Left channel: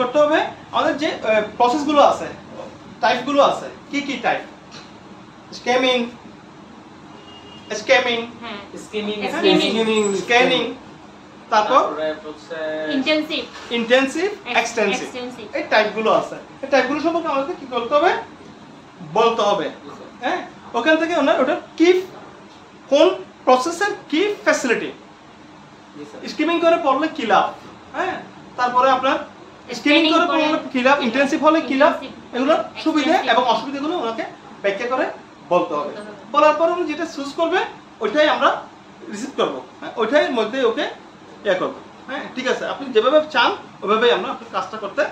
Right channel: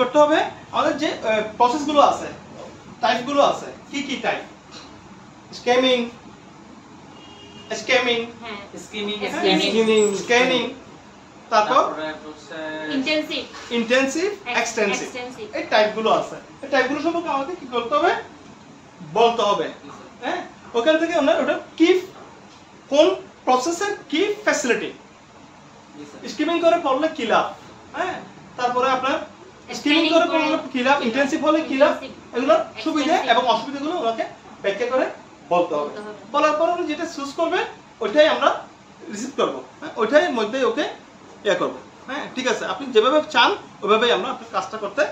করতে হবে আমাদের যে প্রসেসগুলো আছে টাইপগুলো আছে কি টাইপ স্ক্যানিং তারপর ইন্টেনসিভ এক্সটেনসিভ এই টাইপগুলো আছে এই টাইপগুলো সম্পর্কে আমাদের কি করতে হবে বলতে হবে হ্যাঁ ওখান থেকে আমরা ওটা কি কোন প্রসেসের কি ফ্যাসিলিটি স্কিমিং করে পড়লে কি লাভ হ্যাঁ তারপরে আপনার স্ক্রিনিং করে পড়লে কি লাভ ইন্টেনসিভ হলে কি লাভ এগুলো সুবিধা এবং অসুবিধাগুলো ওনাকে ব্যাখ্যা করে বলতে হবে বলার পর উনি যেটা চুজ করবে ওইটাই আমরা রিসিভ করব হ্যাঁ ওইটাই মধ্যে ওকে ইয়ে করব হ্যাঁ ঠিক আছে আপনি যেভাবে চান ওইভাবেই আমরা আপনার কাজটা করতে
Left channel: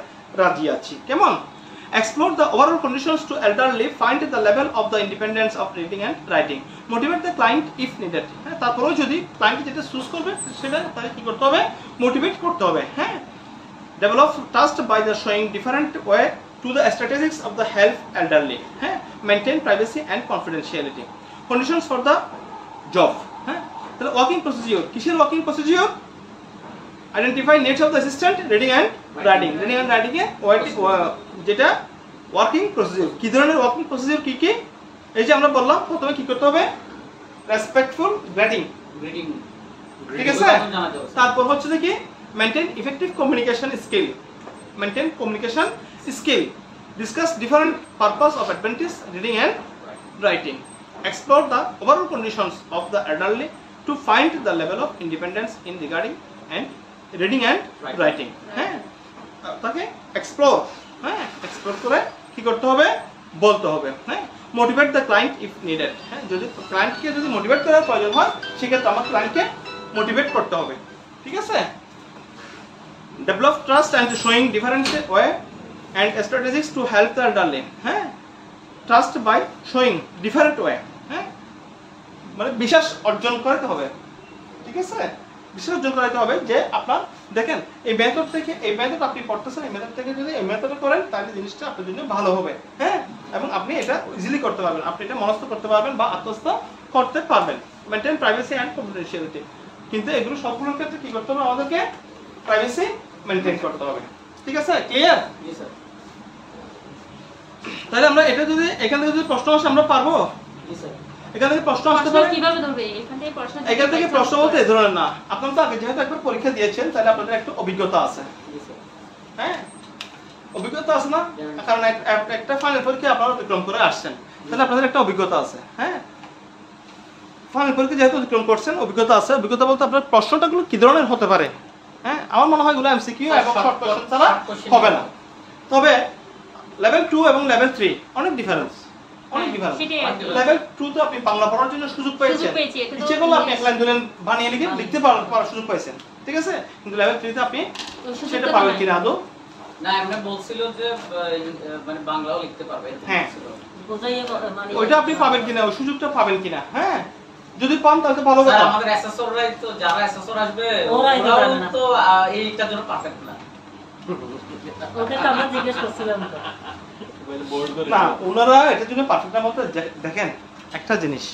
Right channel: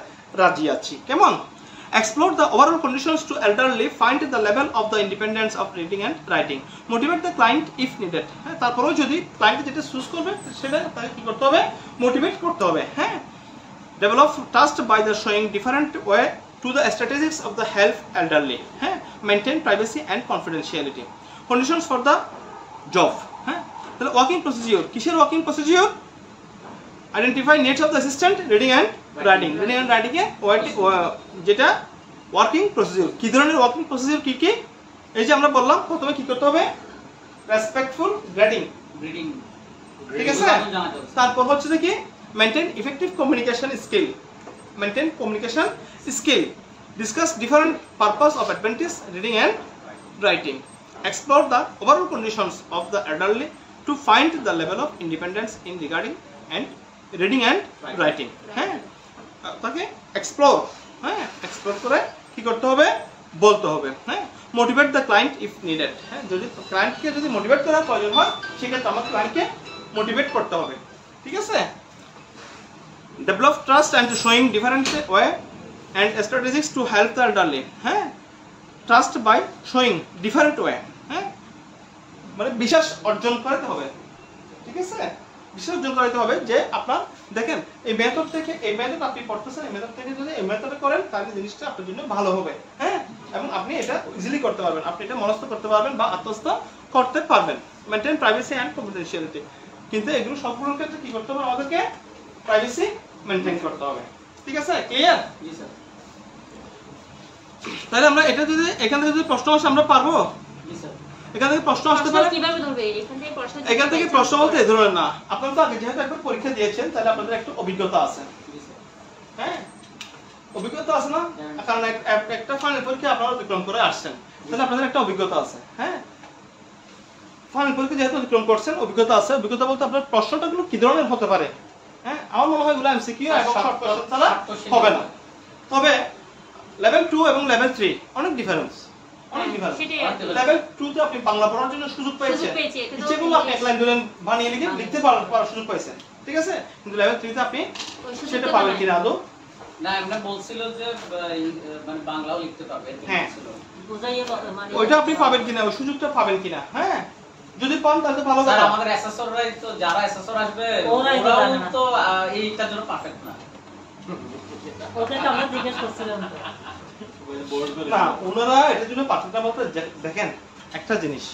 রাজি আছি কেমন Explore the overall conditions to elderly, find the level of the independence of reading and writing. Motivate the client if needed. হ্যাঁ তারপরেও যদি ক্লায়েন্ট যেটা চুজ করবে সেটা তাকে কি করতে হবে মোটিভেট করতে হবে হ্যাঁ Develop trust by the showing different way to the strategies of the help elderly. হ্যাঁ Maintain privacy and confidentiality. Conditions for the job. হ্যাঁ তাহলে ওয়ার্কিং প্রসিডিউর কিসের working procedure Identify needs of the assistant reading and writing. Reading and writing এ যেটা working procedure কি ধরনের working procedure কি এই যে আমরা বললাম প্রথমে কি করতে হবে রেসপেক্টফুল গ্রেডিং ঠিক আছে তারপর হচ্ছে কি maintain effective communication skill discuss different purpose of advantage reading and writing explore the overall conditions of the elderly to find the level of independence in regarding and reading and writing হ্যাঁ তাকে explore হ্যাঁ explore করে কি করতে হবে বলতে হবে হ্যাঁ motivate the client if needed হ্যাঁ যদি ক্লায়েন্টকে যদি মোটিভেট করার প্রয়োজন হয় সেক্ষেত্রে আমার ক্লায়েন্টকে মোটিভেট করতে হবে ঠিক আছে develop trust and showing different way and strategies to help the elderly হ্যাঁ trust by showing different way হ্যাঁ মানে বিশ্বাস অর্জন করতে হবে ঠিক আছে বিশ্বাস অর্জন করতে হবে যে আপনার দেখেন এই মেথড থেকে এই মেথড আপনি পড়তেছেন এই মেথড থেকে যদি এই মেথডে করেন তাহলে জিনিসটা আপনার জন্য ভালো হবে হ্যাঁ এবং আপনি এটা ইজিলি করতে পারবেন আপনি এটা মনস্থ করতে পারবেন বা আত্মস্থ করতে পারবেন মেইনটেইন প্রাইভেসি এন্ড কনফিডেন্সিয়ালিটি কিন্তু এগুলো সবগুলোর ক্ষেত্রে কি করতে হবে আমাদেরকে প্রাইভেসি মেইনটেইন করতে হবে ঠিক আছে ক্লিয়ার জি স্যার তাহলে আমরা এটা যদি এখান থেকে যদি প্রশ্ন আসে আমরা পারবো জি স্যার এখান থেকে প্রশ্ন আসতে পারে কিভাবে হবে এখান থেকে প্রশ্ন বলতে ধরুন না আপনারা তো আগে যেহেতু একবার পরীক্ষা দিয়েছেন তাহলে আপনাদের একটু অভিজ্ঞতা আছে হ্যাঁ অভিজ্ঞতা আছে না কারণ একটা ফাইনাল পরীক্ষা আপনারা অতিক্রম করে আসছেন তাহলে আপনাদের একটা অভিজ্ঞতা আছে হ্যাঁ ফাইনাল পরীক্ষা যেহেতু অতিক্রম করছেন অভিজ্ঞতা আছে অভিজ্ঞতা বলতে আপনার প্রশ্নটাগুলো কি ধরনের হতে পারে হ্যাঁ আমার মনে হয় এগুলো এমসিকিউ এবং শর্ট কোশ্চেন ছাড়া হবে না তবে লেভেল 2 এবং লেভেল 3 অনেক ডিফারেন্স লেভেল 2 তে আপনি বাংলা পড়ার জন্য সুযোগ পেয়েছেন ইচ্ছে করলে আপনি এক লাইন দুলাইন বানিয়ে লিখতে পারার সুযোগ পেয়েছেন ঠিক আছে কিন্তু লেভেল 3 তে আপনি সেটা পাবেন কিনা আদৌ না আমরা বলছিল যে মানে বাংলাও লিখতে পারবেন হ্যাঁ মানে ওইটা আপনি পাবেন কিনা ওই সুযোগটা পাবেন কিনা হ্যাঁ যদি পান তাহলে ভালো কথা আমাদের অ্যাসেসররাই তো যারা অ্যাসেসর আসবে ওরাও তো এইটার জন্য পারফেক্ট না ওটা তো আমরা জিজ্ঞেস করছিলাম তো না ওনারা এটার জন্য পারফেক্ট না বলতে দেখেন একটা জিনিস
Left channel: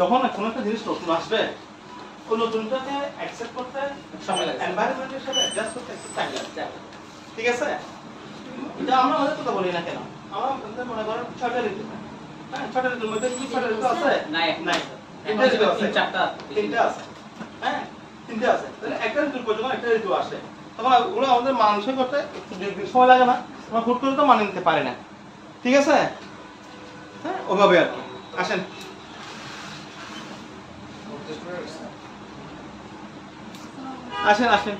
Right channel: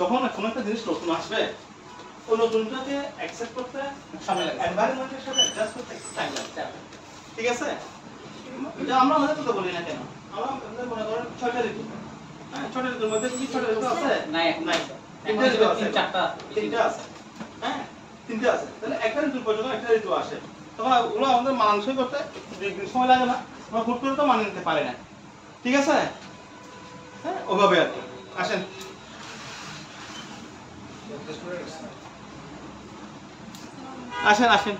যখন কোনো একটা জিনিস নতুন আসবে ওই নতুনটাকে অ্যাকসেপ্ট করতে সময় লাগে এনভায়রনমেন্টের সাথে অ্যাডজাস্ট করতে একটু টাইম লাগে ঠিক আছে এটা আমরা মনে করতে বলি না কেন আমরা মনে করেন 6টা ঋতু হ্যাঁ 6টা ঋতুর মধ্যে কি 6টা ঋতু আছে নাই তিনটা আছে হ্যাঁ তিনটা আছে তাহলে একটা ঋতু পর্যন্ত একটা ঋতু আসে তখন ওগুলো আমাদের মানসিক করতে সময় লাগে না আমরা হুট করে তো মানিয়ে নিতে পারি না ঠিক আছে হ্যাঁ ওভাবে আর কি আসেন আসেন আসেন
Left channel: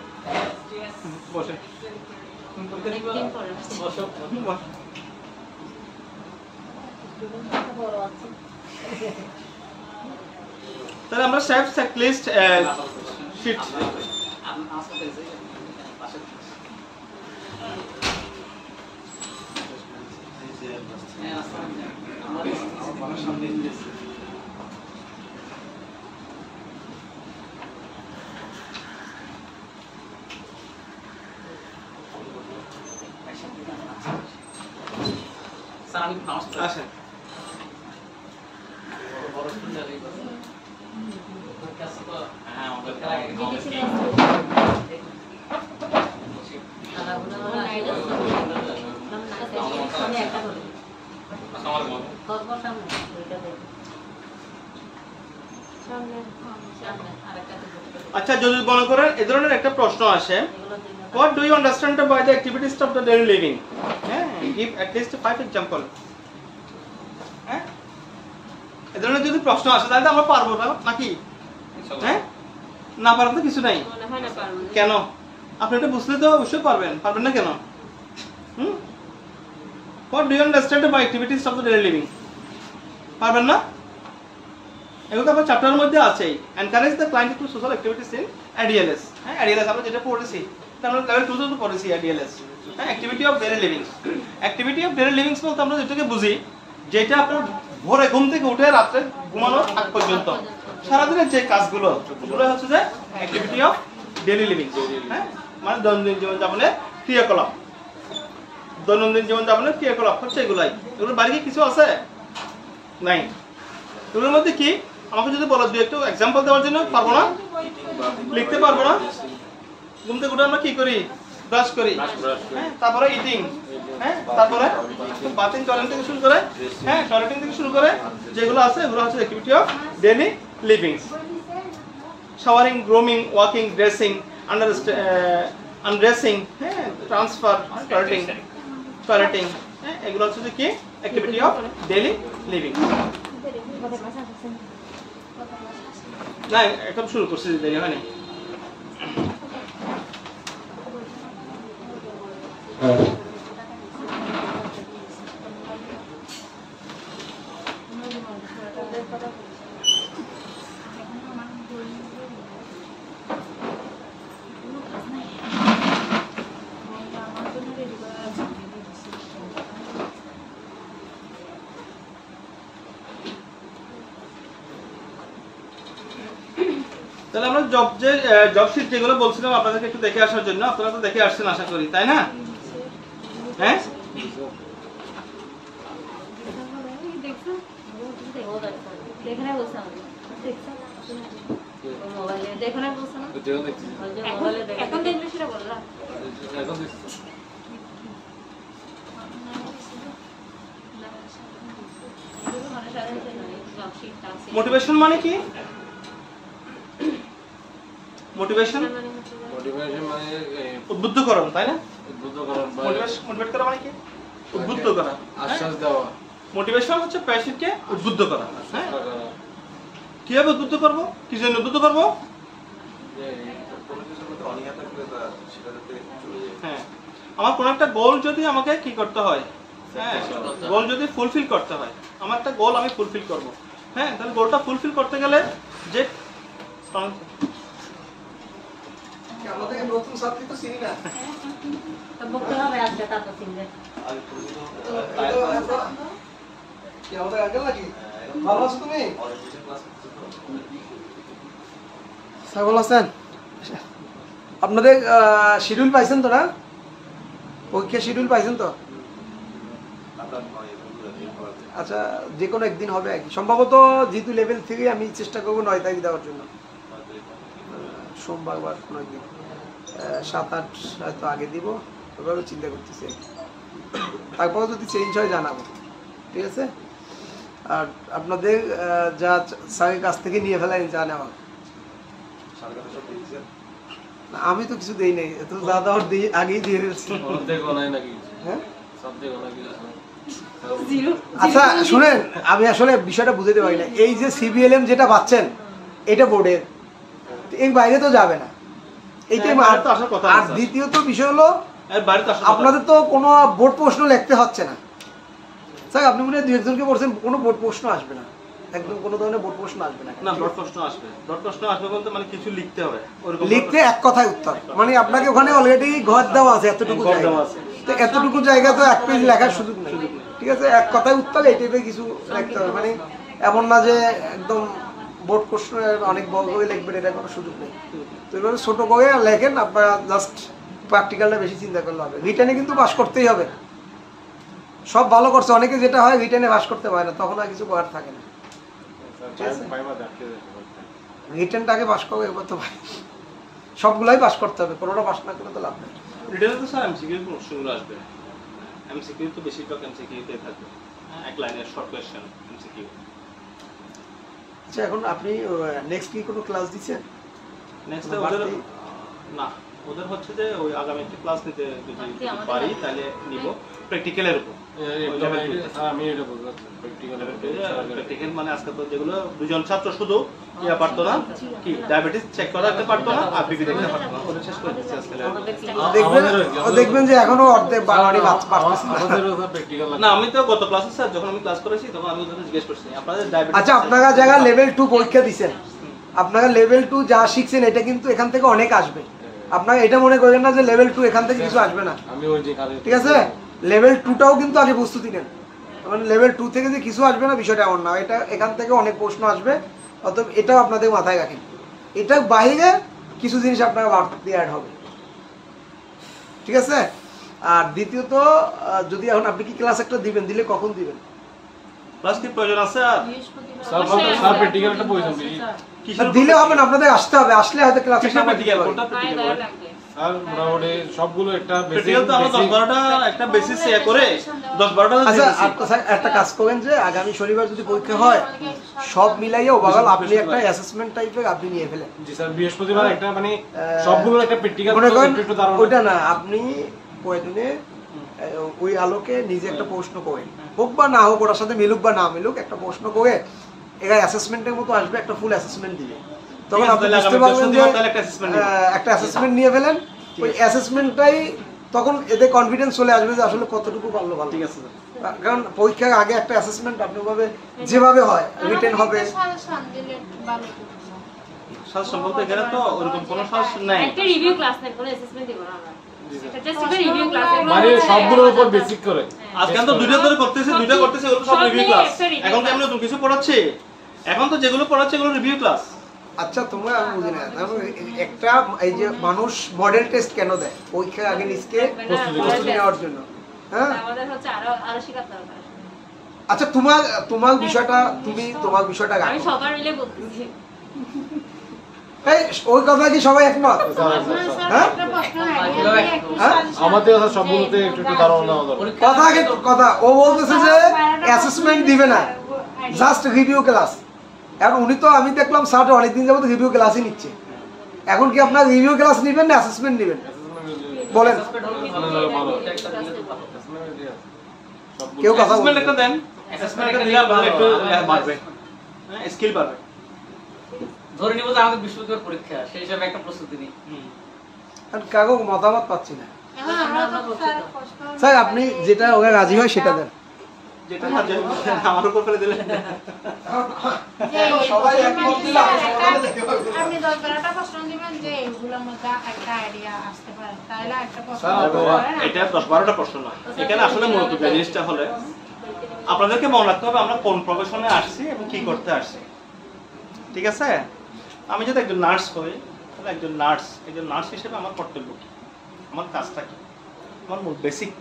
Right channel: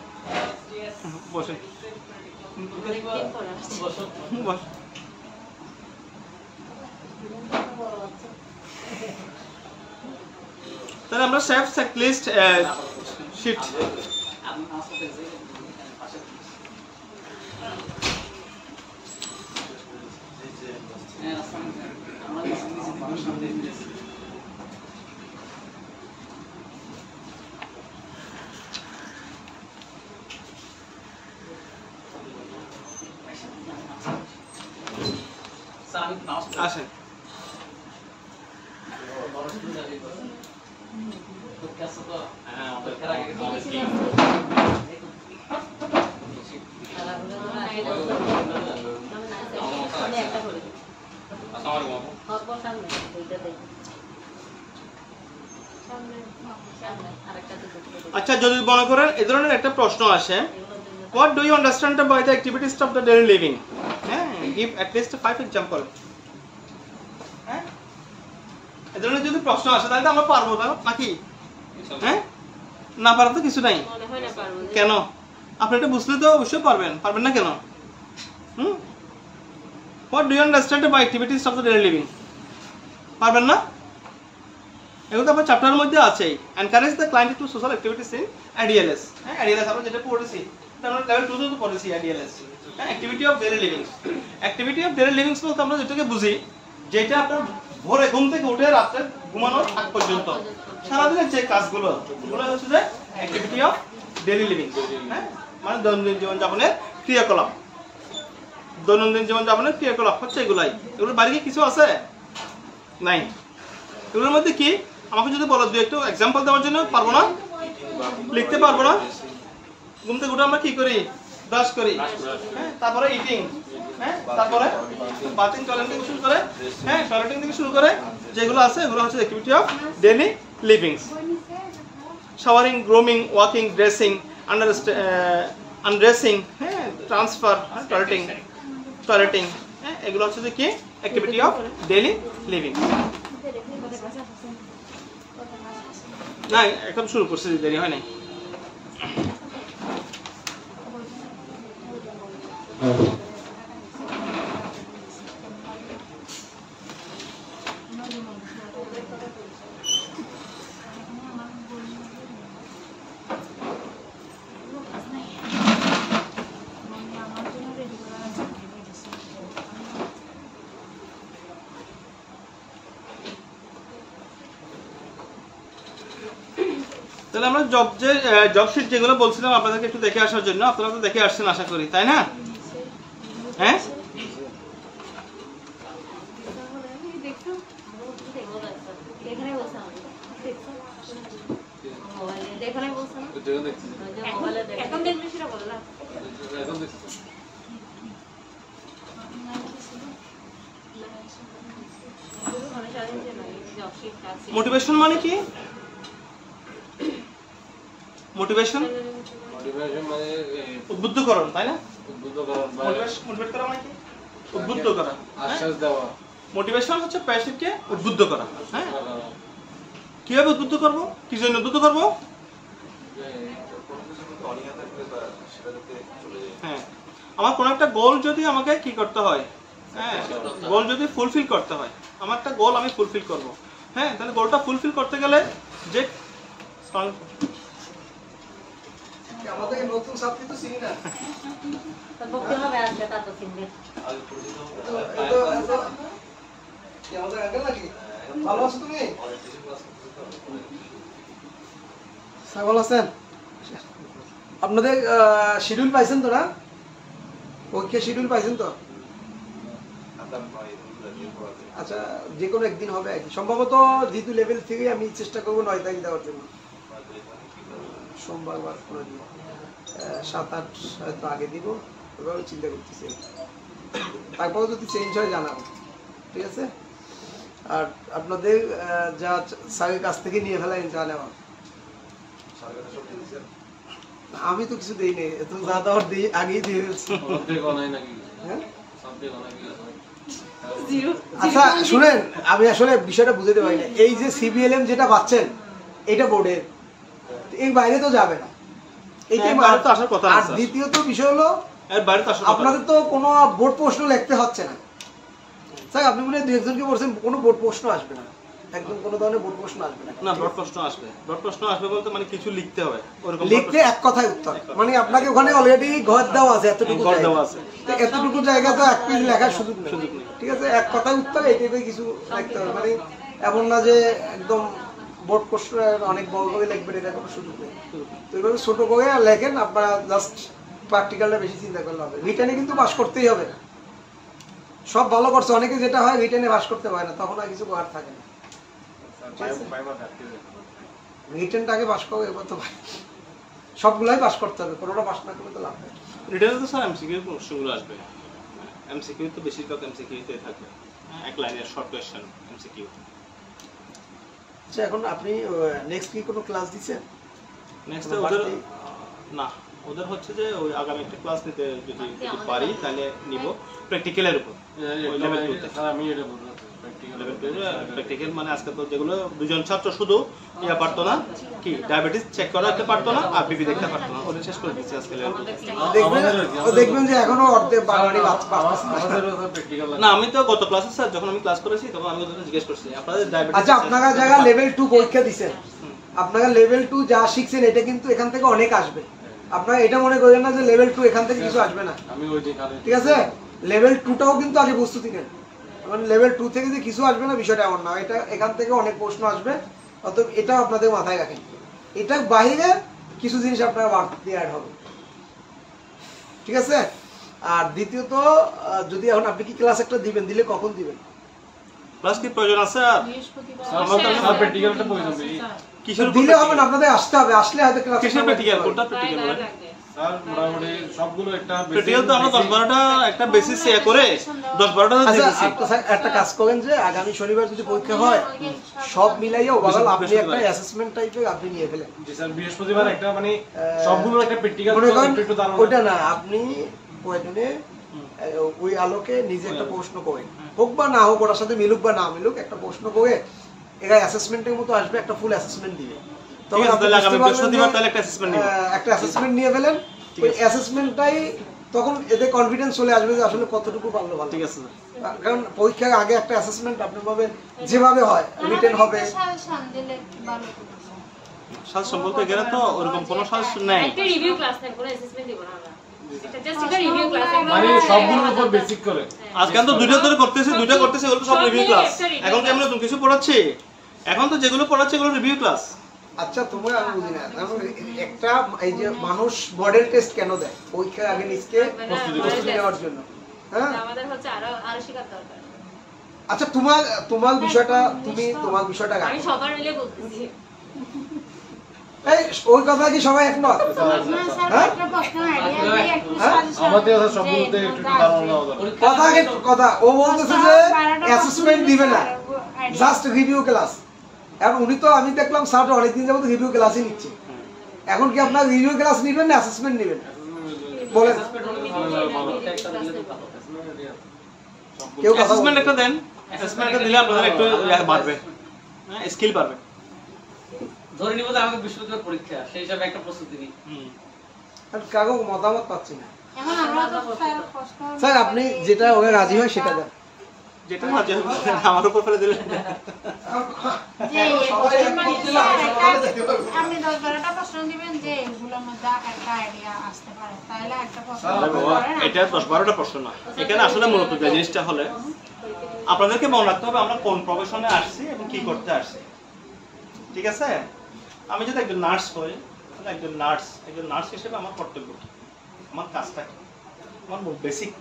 বসে তাহলে আমরা সেভ চেকলিস্ট শীট আসেন আচ্ছা যদি মনে করেন এই ধরনের একটা প্রশ্ন আসে, what do you understand by the activities of the daily living? Give at least 5 example. এই ধরনের যদি প্রশ্ন আসে তাহলে আমরা পারবো না নাকি? না পারার তো কিছু নাই। কেন? আপনি এটা বুঝলে তো অবশ্যই পারবেন না কেন? What do you understand by activities of the daily living? পারবেন না? এগুলো তো আপনার চ্যাপ্টারের মধ্যে আছেই। Encourage the client to social activities in ADLS. ADLS আমরা যেটা পড়েছি, আমরা লেভেল 2 তে তো পড়েছি ADLS। Activity of daily living. Activity of daily livings বলতে আমরা যেটাকে বুঝি, যেটা আপনার ভোরে ঘুম থেকে উঠে রাতে ঘুমানোর আগ পর্যন্ত সারাদিনের যে কাজগুলো, এগুলো হচ্ছে যে অ্যাক্টিভিটি অফ ডেইলি লিভিং। মানে দৈনন্দিন জীবনযাপনের ক্রিয়াকলাপ। দৈনন্দিন জীবনযাপনের ক্রিয়াকলাপ হচ্ছে এগুলাই। এগুলোর বাইরে কি কিছু আছে? নাই। এগুলোর মধ্যে কি আমাকে যদি বলো দুই একটু এক্সাম্পল দেওয়ার জন্য পারবো না, লিখতে পারবো না। ঘুম থেকে উঠে আমরা কি করি? ব্রাশ করি, তারপরে ইটিং, তারপরে বাথিং, টয়লেটিং থেকে শুরু করে, টয়লেটিং থেকে শুরু করে যেগুলো আছে এগুলো হচ্ছে activity of daily livings. Showering, grooming, walking, dressing, undressing, transfer, toileting, এগুলো হচ্ছে কি অ্যাক্টিভিটি অফ ডেইলি লিভিং। না একদম শুরু করছি, দেরি হয় নাই। তাহলে আমরা জব শিট যেগুলো বলছিলাম আপনাদেরকে একটু দেখে আসার জন্য, আপনারা তো দেখে আসছেন আশা করি, তাই না? মোটিভেশন মানে কি? মোটিভেশন মানে উদ্বুদ্ধকরণ, তাই না? মোটিভেট করা মানে কি? উদ্বুদ্ধ করা, আশ্বাস দেওয়া। মোটিভেশন হচ্ছে পেশেন্টকে উদ্বুদ্ধ করা। কিভাবে উদ্বুদ্ধ করব? কি জন্য উদ্বুদ্ধ করব? আমার কোন একটা গোল যদি আমাকে কি করতে হয়, গোল যদি ফুলফিল করতে হয়, আমার একটা গোল আমি ফুলফিল করব, তাহলে গোলটা ফুলফিল করতে গেলে যে আমাদের নতুন ছাত্রী তো চিনি না, ভালো আছো তুমি? ভালো আছেন? আপনাদের শিডিউল পাইছেন তো না? পরীক্ষা শিডিউল পাইছেন তো? আচ্ছা, যে কোনো একদিন হবে আর কি, সম্ভবত যেহেতু লেভেল থেকে আমি চেষ্টা করবো 9 তারিখ দেওয়ার জন্য। সোমবার বা কোনো দিন 7-8 হয়তো আগে দিব, ওভাবে চিন্তা করতেছি। তারপরে যদি চেঞ্জ হয় জানাবো, ঠিক আছে? আর আপনাদের যা স্যারের কাছ থেকে নিয়ে ফেলাই জানাবো। আমি তো কিছু দেই নাই, তো যা দেওয়ার আগেই দিয়ে ফেলছি। আচ্ছা শুনেন, আমি আসলে বিষয়টা বুঝতে পারি না। এই যে সিবিএলএম যেটা পাচ্ছেন এটা বোর্ডের, এই বাইরে তো যাবে না, এইটাই আসার কথা। আর দ্বিতীয়ত বিষয় হলো আপনাদের তো কোনো বোর্ড প্রশ্ন লিখতে হচ্ছে না। স্যার আপনি মনে হয় 2-1জনকে বলছেন কোনো বোর্ড প্রশ্ন আসবে না, একদম কোনো ধরনের বোর্ড প্রশ্ন আসবে না। না বোর্ড প্রশ্ন আসবে, বোর্ড প্রশ্ন আসবে বলতে মানে কিছু লিখতে হবে, লিখতে এক কথায় উত্তর, মানে আপনাকে ওখানে অলরেডি ঘর দেওয়া আছে, এতটুকু দেওয়া আছে, তো এতটুকু জায়গা তো এক পেজ লেখার সুযোগ নেই, ঠিক আছে? এক কথায় উত্তর, এই টাইপের কিছু লিখতে হবে, মানে এমন না যে একদম বোর্ড প্রশ্ন অনেক বড় করে লিখবেন, এটা কোনো সুযোগ নেই। তো এভাবে ছোট করে লেখেন, আপনারা জাস্ট প্র্যাকটিক্যালটা বেশি চিন্তা করলে হবে। রিটেনে কিন্তু পাস করতেই হবে, সব ভালো করছে, অনেকে যেটা হয় রিটেনে পাস করতে পারে না, তখন আর কিছু করার থাকে না। রিটেনটাকে পাস করবে, এবার তো সবগুলাই পাস করতে হবে, কোনোটা পাস না করলে তো লাভ নেই। রিটেনে তো স্যার এমসিকিউ প্রশ্নগুলো আসবে, এমসিকিউ তো বেশিরভাগ এমসিকিউতে থাকবে, এক লাইনের শর্ট কোয়েশ্চেন এমসিকিউ। আচ্ছা এখন আপনি নেক্সট কি কোনো ক্লাস দিচ্ছেন? নেক্সট ওদের না, ওদের হচ্ছে যে ওই আগামী একটা ক্লাস নিতে যদি পারি তাহলে নিব প্র্যাকটিক্যালের উপর। আমি এটা বলতে প্র্যাকটিক্যাল মানে আজকে তো যেগুলো দুজন ছাত্র শুধু ইয়া পারতো না, কি ডায়াবেটিস চেক করাতে পারতো না আর বিপি দেখতে পারতো না, ওদের শেষ করে দিচ্ছি আজকে। দেখবেন যে এখনো অর্ধেক বাঙালি পারতেছে না। আমি তো গত ক্লাসে স্যার যখন আমি ক্লাস করেছি তখন আমি জিজ্ঞেস করছি আপনাদের ডায়াবেটিস। আচ্ছা আপনারা যারা লেভেল 2 পরীক্ষা দিবেন, আপনারা লেভেল 2 যা শিখছেন এটা কিন্তু এখান থেকে অনেক আসবে। আপনারা এটা মনে করেন না যে লেভেল 2 এখান থেকে কিছু আসবে না, ঠিক আছে? লেভেল 2টাও কিন্তু আগে প্রস্তুতি নেন, কারণ লেভেল 2 থেকে যে কিছু আসবে না বিষয়টা এমন না, এটা এখান থেকে অনেক প্রশ্ন আসবে, অতএব এটাও আপনাদের মাথায় রাখেন। এটা বাইরে কিছু জিনিস আপনারা বাড়তি অ্যাড হবে, ঠিক আছে? আর দ্বিতীয়ত যদি এখন আপনি কি ক্লাস একটা দিবেন, দিলে কখন দিবেন? ক্লাস কি প্রয়োজন আছে? আর স্যার প্র্যাকটিক্যাল একটা প্রয়োজন কিসের দিলে হবে না, আপনাদের আসতে হবে, আসলে হয়তো ক্লাস কিসের প্র্যাকটিক্যাল কোনটা প্র্যাকটিক্যাল বলে স্যার মোটামুটি সবগুলো একটা প্র্যাকটিক্যাল তো আমরা 10-12টা একটা বেসিস এ করে 10-12টা আচ্ছা দিয়েছি। স্যার একটা কাজ করেন যে আগামী শনিবার যদি পরীক্ষা হয় সব মিলাইয়া ওভারঅল আপনি একটা অ্যাসেসমেন্ট টাইপের আপনি নিয়ে ফেলেন। জি স্যার বৃহস্পতিবার একটা মানে সবগুলো একটা প্র্যাকটিক্যাল মনে করেন একটু দাঁড়ানো ওটা না, আপনি কয়েকদিনে ওই আলোকে নিজে একটা প্রশ্ন করেন, হোক বা না হোক, ওটার সাথে মিলুক বা না মিলুক, একটা প্রশ্ন করে এটা অ্যাসেসমেন্টের মতো আসবে, একটা ফুল অ্যাসেসমেন্ট দিবে, তখন আপনি বুঝতে পারবেন যে একটা অ্যাসেসমেন্ট নিয়ে ফেলেন। ওই অ্যাসেসমেন্টটাই তখন এদের কনফিডেন্স চলে আসবে যে আসলে কতটুকু পারলো ভালো, ঠিক আছে? কারণ পরীক্ষার আগে একটা অ্যাসেসমেন্ট আপনি ভাবে যেভাবে হয় রিটেন হবে, সাজেশন বলতে গেলে তো ওরকম কোনো সাজেশন নাই, একটা রিভিউ ক্লাস না, কোনো অ্যাসেসমেন্ট দিব না আমরা, এটা জাস্ট একটা রিভিউ ক্লাস, মানে সবগুলোর উপর বেসিক করে। আজকে তো দুইটা ধরে করতেছি, দুইটা করতেছি, ওগুলো সব রিভিউ ক্লাস। এখন তো আমরা নতুন কিছু পড়াচ্ছি, এখন তো যেগুলো পড়াচ্ছি এগুলো রিভিউ ক্লাস। আচ্ছা তোমরা আমি বুঝি না, একটা এই যে মানুষ মডেল টেস্ট কেন দেয়? পরীক্ষার আগে নিজকে প্রস্তুতি নেওয়ার জন্য, হ্যাঁ? আমাদের হচ্ছে আরো শিখার দরকার। আচ্ছা তোমার বিষয়টা, তুমি তোমার বিষয়টা আমি সবার মিলে বলতেছি, এই ওই কথা কি সবাই একমত? হ্যাঁ আমাদের স্যার সবগুলোতে একটু দাঁড়ানো কথা ও বলতেছে যে অ্যাসেসমেন্ট দিবে না, জাস্ট রিভিউ ক্লাস। এখন উনি তো আমি দেখলাম স্যার অনেকদিন যাবত রিভিউ ক্লাসই নিচ্ছে, এখন কি আপনার রিভিউ ক্লাস নেবেন না অ্যাসেসমেন্ট নেবেন বলেন? কেউ কথা অ্যাসেসমেন্ট একটা দেন, অ্যাসেসমেন্ট একটা দিলে আপনাদের একটু বাড়বে, হ্যাঁ স্কিল বাড়বে। ধরে নিব যে আমাদের বিশ্ববিদ্যালয়ের পরীক্ষা, সেই হিসাবে একটা প্রস্তুতি নিই। কাগো মতামত পাচ্ছি না। এখন আমরা তো স্যার আপনি যেটা ওকে রাজি হয় সেটা দেন, যেটা রাজি হবে আমার উপর ফেলে দিলেন। সবাই একমত দিলে আমি সমাধানে যেতে পারবো। আপনি 10-12টা প্রশ্ন দিবেন যে এগুলোর মধ্যে একটা আইডিয়া আসতে পারে, তাহলে একটা প্রশ্ন এটা 10-12টা প্রশ্ন না, এখানে আসলে মূলত যে জিনিসটা হলে আপনাদেরকে মনে রাখতে হবে আমরা কোন প্রফেশনে আসছি এবং কি করতে আসছি, ঠিক আছে? আমি যদি একজন নার্স হই তাহলে একজন নার্স হিসেবে আমার কর্তব্য কি, আমার কাজটা কি, আমার মূল বেসিক,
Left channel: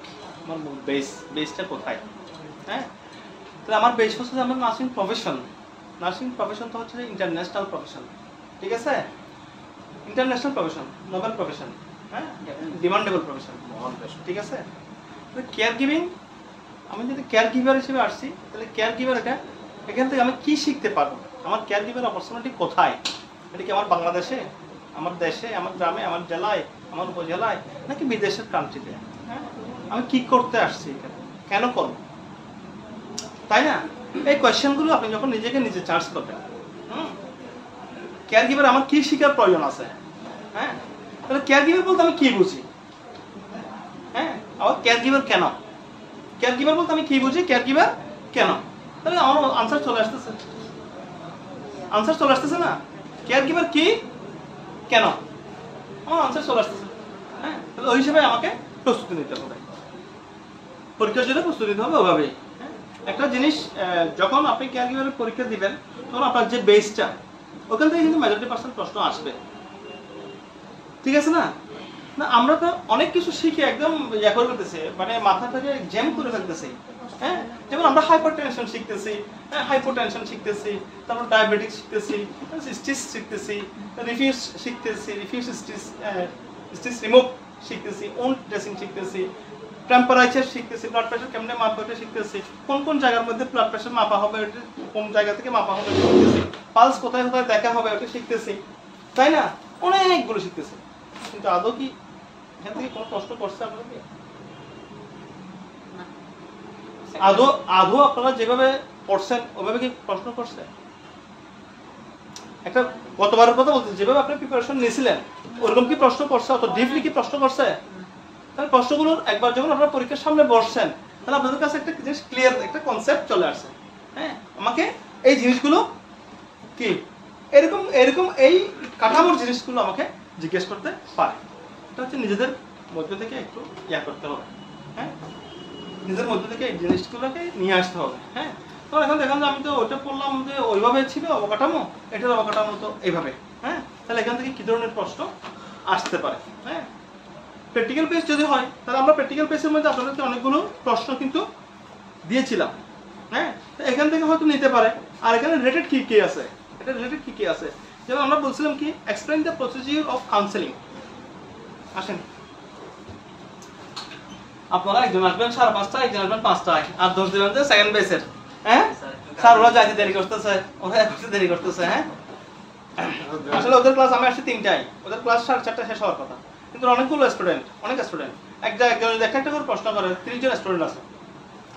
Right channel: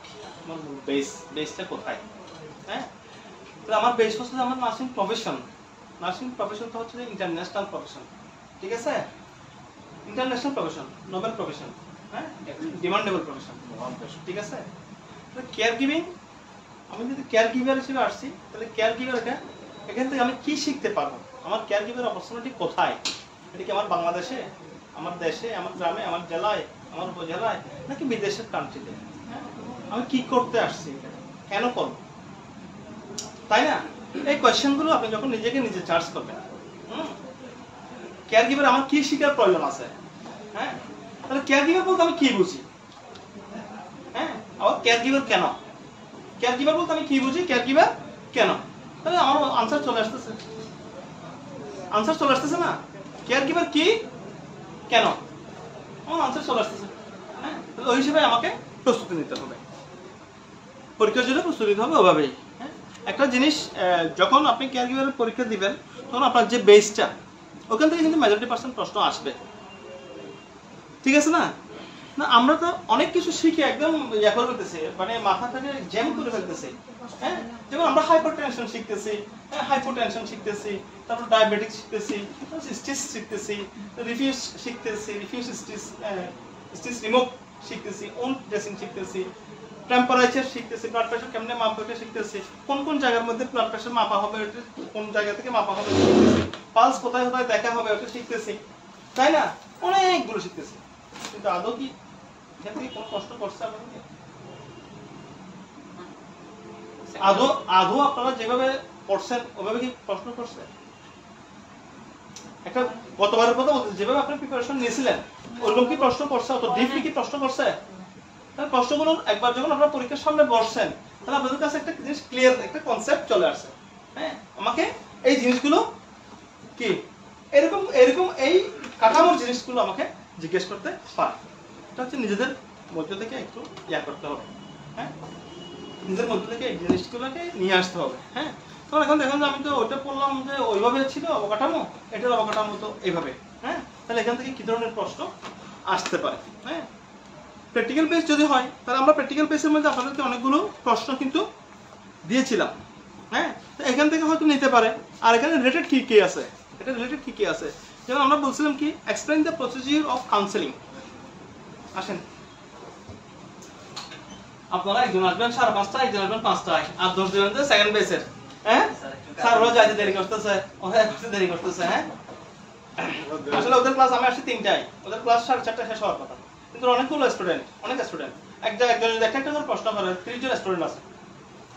আমার মূল বেসটা কোথায়, হ্যাঁ? তাহলে আমার বেস হচ্ছে আমার নার্সিং প্রফেশন তো হচ্ছে ইন্টারন্যাশনাল প্রফেশন, ঠিক আছে? ইন্টারন্যাশনাল প্রফেশন, নোবেল প্রফেশন, হ্যাঁ, ডিমান্ডেবল প্রফেশন, ঠিক আছে? কেয়ার গিভিং, আমি যদি কেয়ার গিভার হিসেবে আসছি তাহলে কেয়ার গিভার এখান থেকে আমি কি শিখতে পারবো, আমার কেয়ার গিভার অপরচুনিটি কোথায়, এটা কি আমার বাংলাদেশে, আমার দেশে, আমার গ্রামে, আমার জেলায়, আমার উপজেলায়, নাকি বিদেশের কান্ট্রিতে, হ্যাঁ? আমি কি করতে আসছি, কেন করব, তাই না? এই কোয়েশ্চেনগুলো আপনি যখন নিজেকে নিজে চার্জ করবেন, কেয়ার গিভার আমার কি শিখার প্রয়োজন আছে, হ্যাঁ? তাহলে কেয়ার গিভার বলতে আমি কি বুঝি, হ্যাঁ? আবার কেয়ার গিভার কেন, কেয়ার গিভার বলতে আমি কি বুঝি, কেয়ার গিভার কেন, তাহলে আমার আনসার চলে আসতেছে না? কেয়ার গিভার কি, কেন, আমার আনসার চলে আসতেছে, হ্যাঁ? তাহলে ওই হিসেবে আমাকে প্রস্তুতি নিতে হবে, পরীক্ষার জন্য প্রস্তুতি নিতে হবে ওভাবেই। একটা জিনিস যখন আপনি কেয়ার গিভারের পরীক্ষা দিবেন তখন আপনার যে বেসটা ওখান থেকে কিন্তু মেজরিটি পার্সেন্ট প্রশ্ন আসবে, ঠিক আছে না? না আমরা তো অনেক কিছু শিখে একদম ইয়া করে ফেলতেছি, মানে মাথা থেকে জ্যাম করে ফেলতেছি, হ্যাঁ? যেমন আমরা হাইপারটেনশন শিখতেছি, তারপর ডায়াবেটিস শিখতেছি, স্টিচ শিখতেছি, রিফিউজ শিখতেছি, রিফিউজ স্টিচ রিমুভ শিখতেছি, উন্ড ড্রেসিং শিখতেছি, টেম্পারেচার শিখতেছি, ব্লাড প্রেশার কেমনে মাপা ওটা শিখতেছি, কোন কোন জায়গার মধ্যে ব্লাড প্রেশার মাপা হবে ওটা কোন জায়গা থেকে মাপা হবে শিখতেছি, পালস কোথায় কোথায় দেখা হবে ওটা শিখতেছি, তাই না? অনেকগুলো শিখতেছি। কিন্তু আদৌ কি এখান থেকে কোনো কষ্ট করছে আপনাদের? আদৌ আপনারা যেভাবে পড়ছেন ওইভাবে কি প্রশ্ন করছে? একটা গতবারের কথা বলতে যেভাবে আপনি প্রিপারেশন নিয়েছিলেন ওরকম কি প্রশ্ন করছে? অত ডিপলি কি প্রশ্ন করছে? তাহলে প্রশ্নগুলো একবার যখন আপনারা পরীক্ষার সামনে বসছেন তাহলে আপনাদের কাছে একটা জিনিস ক্লিয়ার, একটা কনসেপ্ট চলে আসছে। হ্যাঁ, আমাকে এই জিনিসগুলো কি এরকম এরকম এই কাঠামোর জিনিসগুলো আমাকে জিজ্ঞেস করতে পারে। এটা হচ্ছে নিজেদের মধ্য থেকে একটু ইয়া করতে হবে। হ্যাঁ, নিজের মধ্যে থেকে এই জিনিসগুলোকে নিয়ে আসতে হবে। হ্যাঁ, তখন এখন দেখেন যে আমি তো ওইটা পড়লাম যে ওইভাবে ছিল অবকাঠামো, এটার অবকাঠামো তো এইভাবে। হ্যাঁ, তাহলে এখান থেকে কি ধরনের প্রশ্ন আসতে পারে? হ্যাঁ, প্র্যাকটিক্যাল বেস যদি হয় তাহলে আমরা প্র্যাকটিক্যাল বেসের মধ্যে আপনাদেরকে অনেকগুলো প্রশ্ন কিন্তু দিয়েছিলাম। হ্যাঁ, তো এখান থেকে হয়তো নিতে পারে। আর এখানে রিলেটেড কি কি আছে, এটা রিলেটেড কি কি আছে, যেমন আমরা বলছিলাম কি explain the procedure of counselling. আসেন, আপনারা একজন আসবেন 5:30, একজন আসবেন 5টায়, আর 10 জন আছে সেকেন্ড বেসের। হ্যাঁ স্যার, ওরা যাইতে দেরি করতেছে, ওরা একটু দেরি করতেছে। হ্যাঁ, আসলে ওদের ক্লাস আমি আসছি 3টায়, ওদের ক্লাস 4:30 শেষ হওয়ার কথা, কিন্তু অনেকগুলো স্টুডেন্ট, অনেক স্টুডেন্ট একজন একটা করে প্রশ্ন করে, 30 জন স্টুডেন্ট আছে।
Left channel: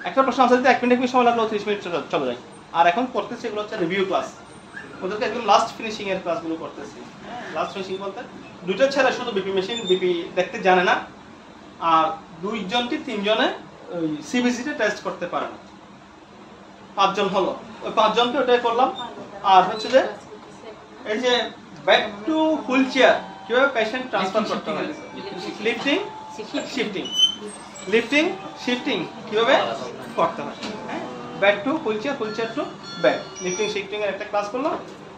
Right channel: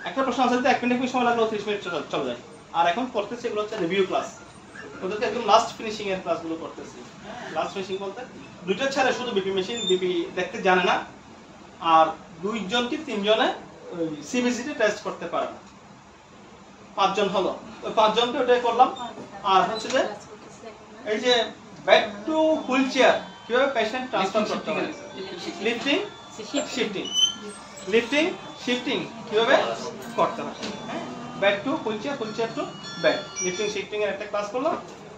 একটা প্রশ্ন আনসার দিতে 1 মিনিট সময় লাগলো, 30 মিনিট চলে যায়। আর এখন করতেছি এগুলো হচ্ছে রিভিউ ক্লাস, ওদেরকে একদম লাস্ট ফিনিশিং এর ক্লাসগুলো করতেছি। লাস্ট ফিনিশিং বলতে দুইটা ছেলে শুধু বিপি মেশিন বিপি দেখতে জানে না, আর 2 জন কি 3 জনে ওই সিবিসিতে টেস্ট করতে পারে না। 5 জন হলো, ওই 5 জনকে ওটাই করলাম। আর হচ্ছে যে এই যে ব্যাক টু হুইল চেয়ার কিভাবে পেশেন্ট ট্রান্সফার করতে হয়, লিফটিং শিফটিং, লিফটিং শিফটিং কিভাবে করতে হয়। হ্যাঁ, back to wheel chair to back, lifting shifting এর একটা ক্লাস করলাম।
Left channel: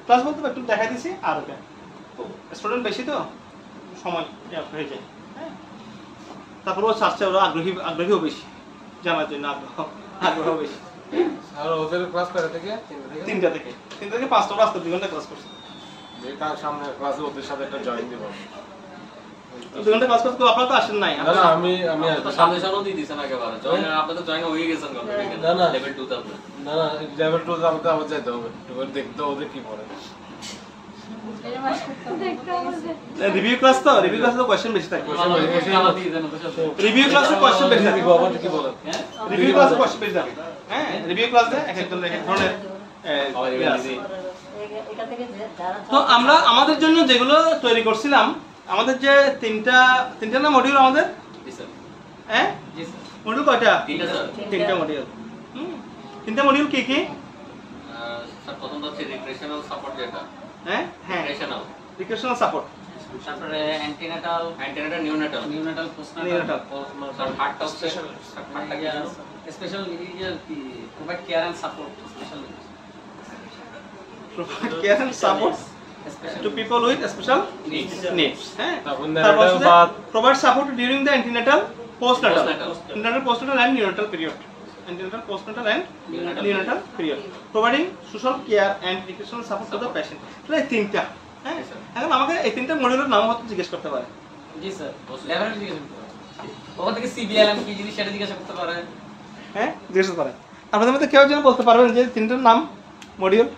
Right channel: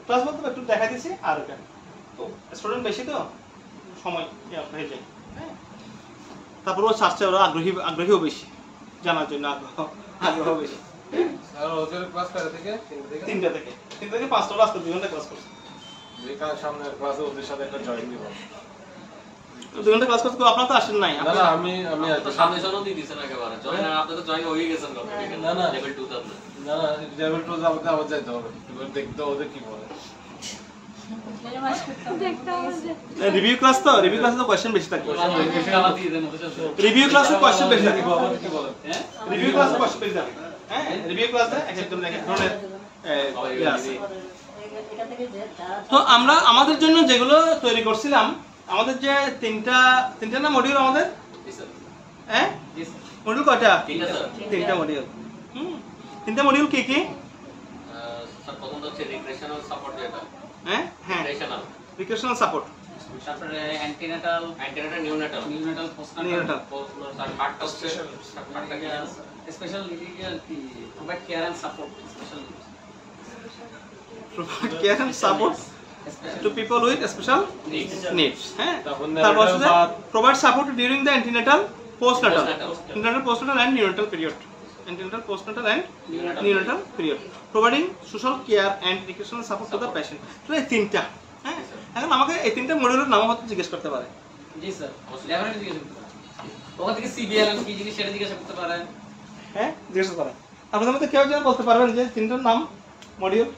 ক্লাস বলতে একটু দেখা দিছি। আর ওটা তো স্টুডেন্ট বেশি তো সময় হয়ে যায়। হ্যাঁ, তারপর ও চাচ্ছে, ওরা আগ্রহীও বেশি, জানার জন্য আগ্রহ বেশি। আর ওদের ক্লাস কয়টা থেকে? 3টা থেকে 5টা, রাস্তা 2 ঘন্টা ক্লাস করছে। যে কার সামনে ক্লাসে ওদের সাথে একটা জয়েন দিব। 2 ঘন্টা ক্লাস করতে আপনারা তো আসেন নাই। না, আমি তো সামনে জানো দি দিছেন একেবারে জয়েন, আর আপনি তো জয়েন হয়ে গেছেন কত? না লেভেল 2 তে আপনি। না, লেভেল 2 যাবতে আবার যাইতে হবে, একটু দেখতে ওদের কি করে। রিভিউ ক্লাস তো কোশ্চেন বেশি থাকে। আমার দিয়ে দেন ওদের সাথে। রিভিউ ক্লাসে কোশ্চেন বেশি থাকে। কি বলে? হ্যাঁ, রিভিউ ক্লাসে কোশ্চেন বেশি থাকে। হ্যাঁ, রিভিউ ক্লাসে এক এক ধরনের ইয়ে আছে। তো আমরা আমাদের জন্য যেগুলো তৈরি করছিলাম, আমাদের যে তিনটা না মডিউল আমাদের। হ্যাঁ, মডিউল কয়টা? 3টা মডিউল। 3টা মডিউল কি কি? স্যার প্রথমটা হচ্ছে রিগ্রেশনাল সাপোর্ট যেটা। হ্যাঁ, রিগ্রেশনাল সাপোর্ট, তারপরে অ্যান্টিনাটাল নিউনাটাল পোস্টনাটাল, স্যার হার্টটা স্পেশাল হার্টটা কি জানো? স্পেশাল ইলিজিয়াল কি provide care and support, special provide care and support to people with special needs. হ্যাঁ, তারপর provide support during the antenatal, postnatal, and neonatal period. Antenatal, postnatal and neonatal period. Providing social care and educational support to the patient. তো এই 3টা। হ্যাঁ, এখন আমাকে এই 3টা মডিউলের নাম হয়তো জিজ্ঞেস করতে পারে। জি স্যার, লেভেল জিজ্ঞেস করতে পারে। ওখান থেকে সিবিএলএম কি জিনিস সেটা জিজ্ঞাসা করতে পারে। হ্যাঁ, জিজ্ঞেস করতে পারে। আপনাদের মধ্যে কেউ যেন বলতে পারবেন যে 3টার নাম মডিউল?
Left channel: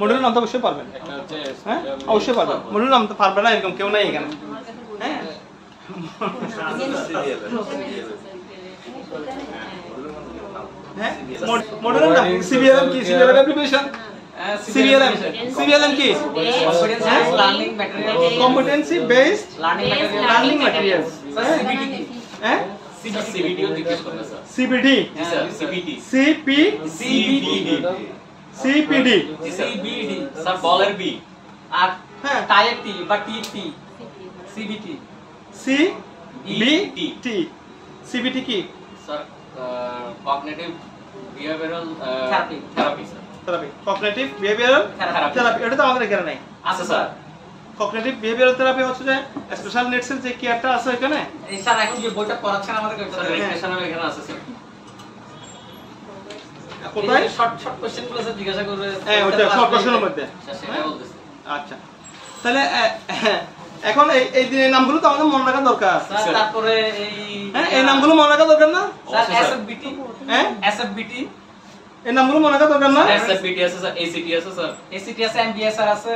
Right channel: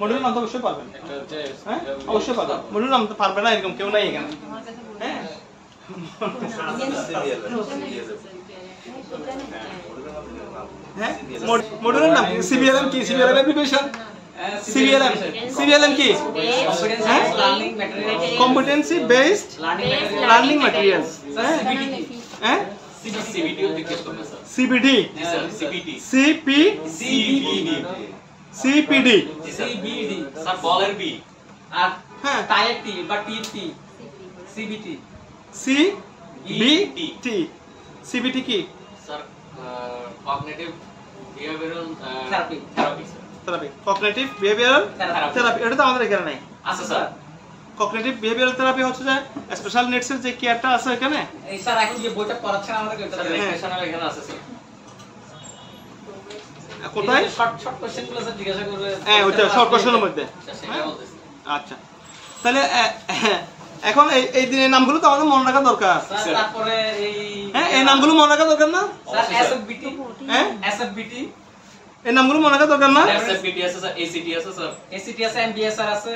মডিউলের নাম তো অবশ্যই পারবেন। হ্যাঁ, অবশ্যই পারবেন। মডিউলের নাম তো পারবে না এরকম কেউ নাই এখানে। হ্যাঁ, মডিউলের নাম সিবিএলএম কি? সিবিএলএম অ্যাপ্লিকেশন। সিবিএলএম কি? Competency based learning materials. হ্যাঁ, সিবিডি জিজ্ঞেস করবে স্যার। সিবিডি, সিপিডি, স্যার বলের বি আর হ্যাঁ, টাইয়ের টি বা টির টি, সিবিটি। সিবিটি, সিবিটি কি? Sir cognitive behavioural therapy sir. Therapy, cognitive behavioural therapy, এটা তো আমাদের এখানে নাই। আচ্ছা স্যার, কগনিটিভ বিহেভিয়ারাল থেরাপি হচ্ছে যে স্পেশাল নিডস এর যে কেয়ারটা আছে এখানে। এই স্যার এখন যে বইটা পড়াচ্ছেন আমাদের ওইটা রিগ্রেশনাল এখানে আছে স্যার। কোথায়? শর্ট কোশ্চেনগুলো স্যার জিজ্ঞাসা করবে। হ্যাঁ, ওটা শর্ট কোশ্চেনের মধ্যে। সেটা বলতেছি। আচ্ছা, তাহলে এখন এই দিনের নামগুলো তো আমাদের মনে রাখা দরকার। স্যার তারপরে এই নামগুলো মনে রাখা দরকার না? স্যার এসএফবিটি, এসএফবিটি এই নামগুলো মনে রাখা দরকার না? এসএফবিটি আছে স্যার, এসিটি আছে স্যার, এসিটি আছে, এমবিএসআর আছে।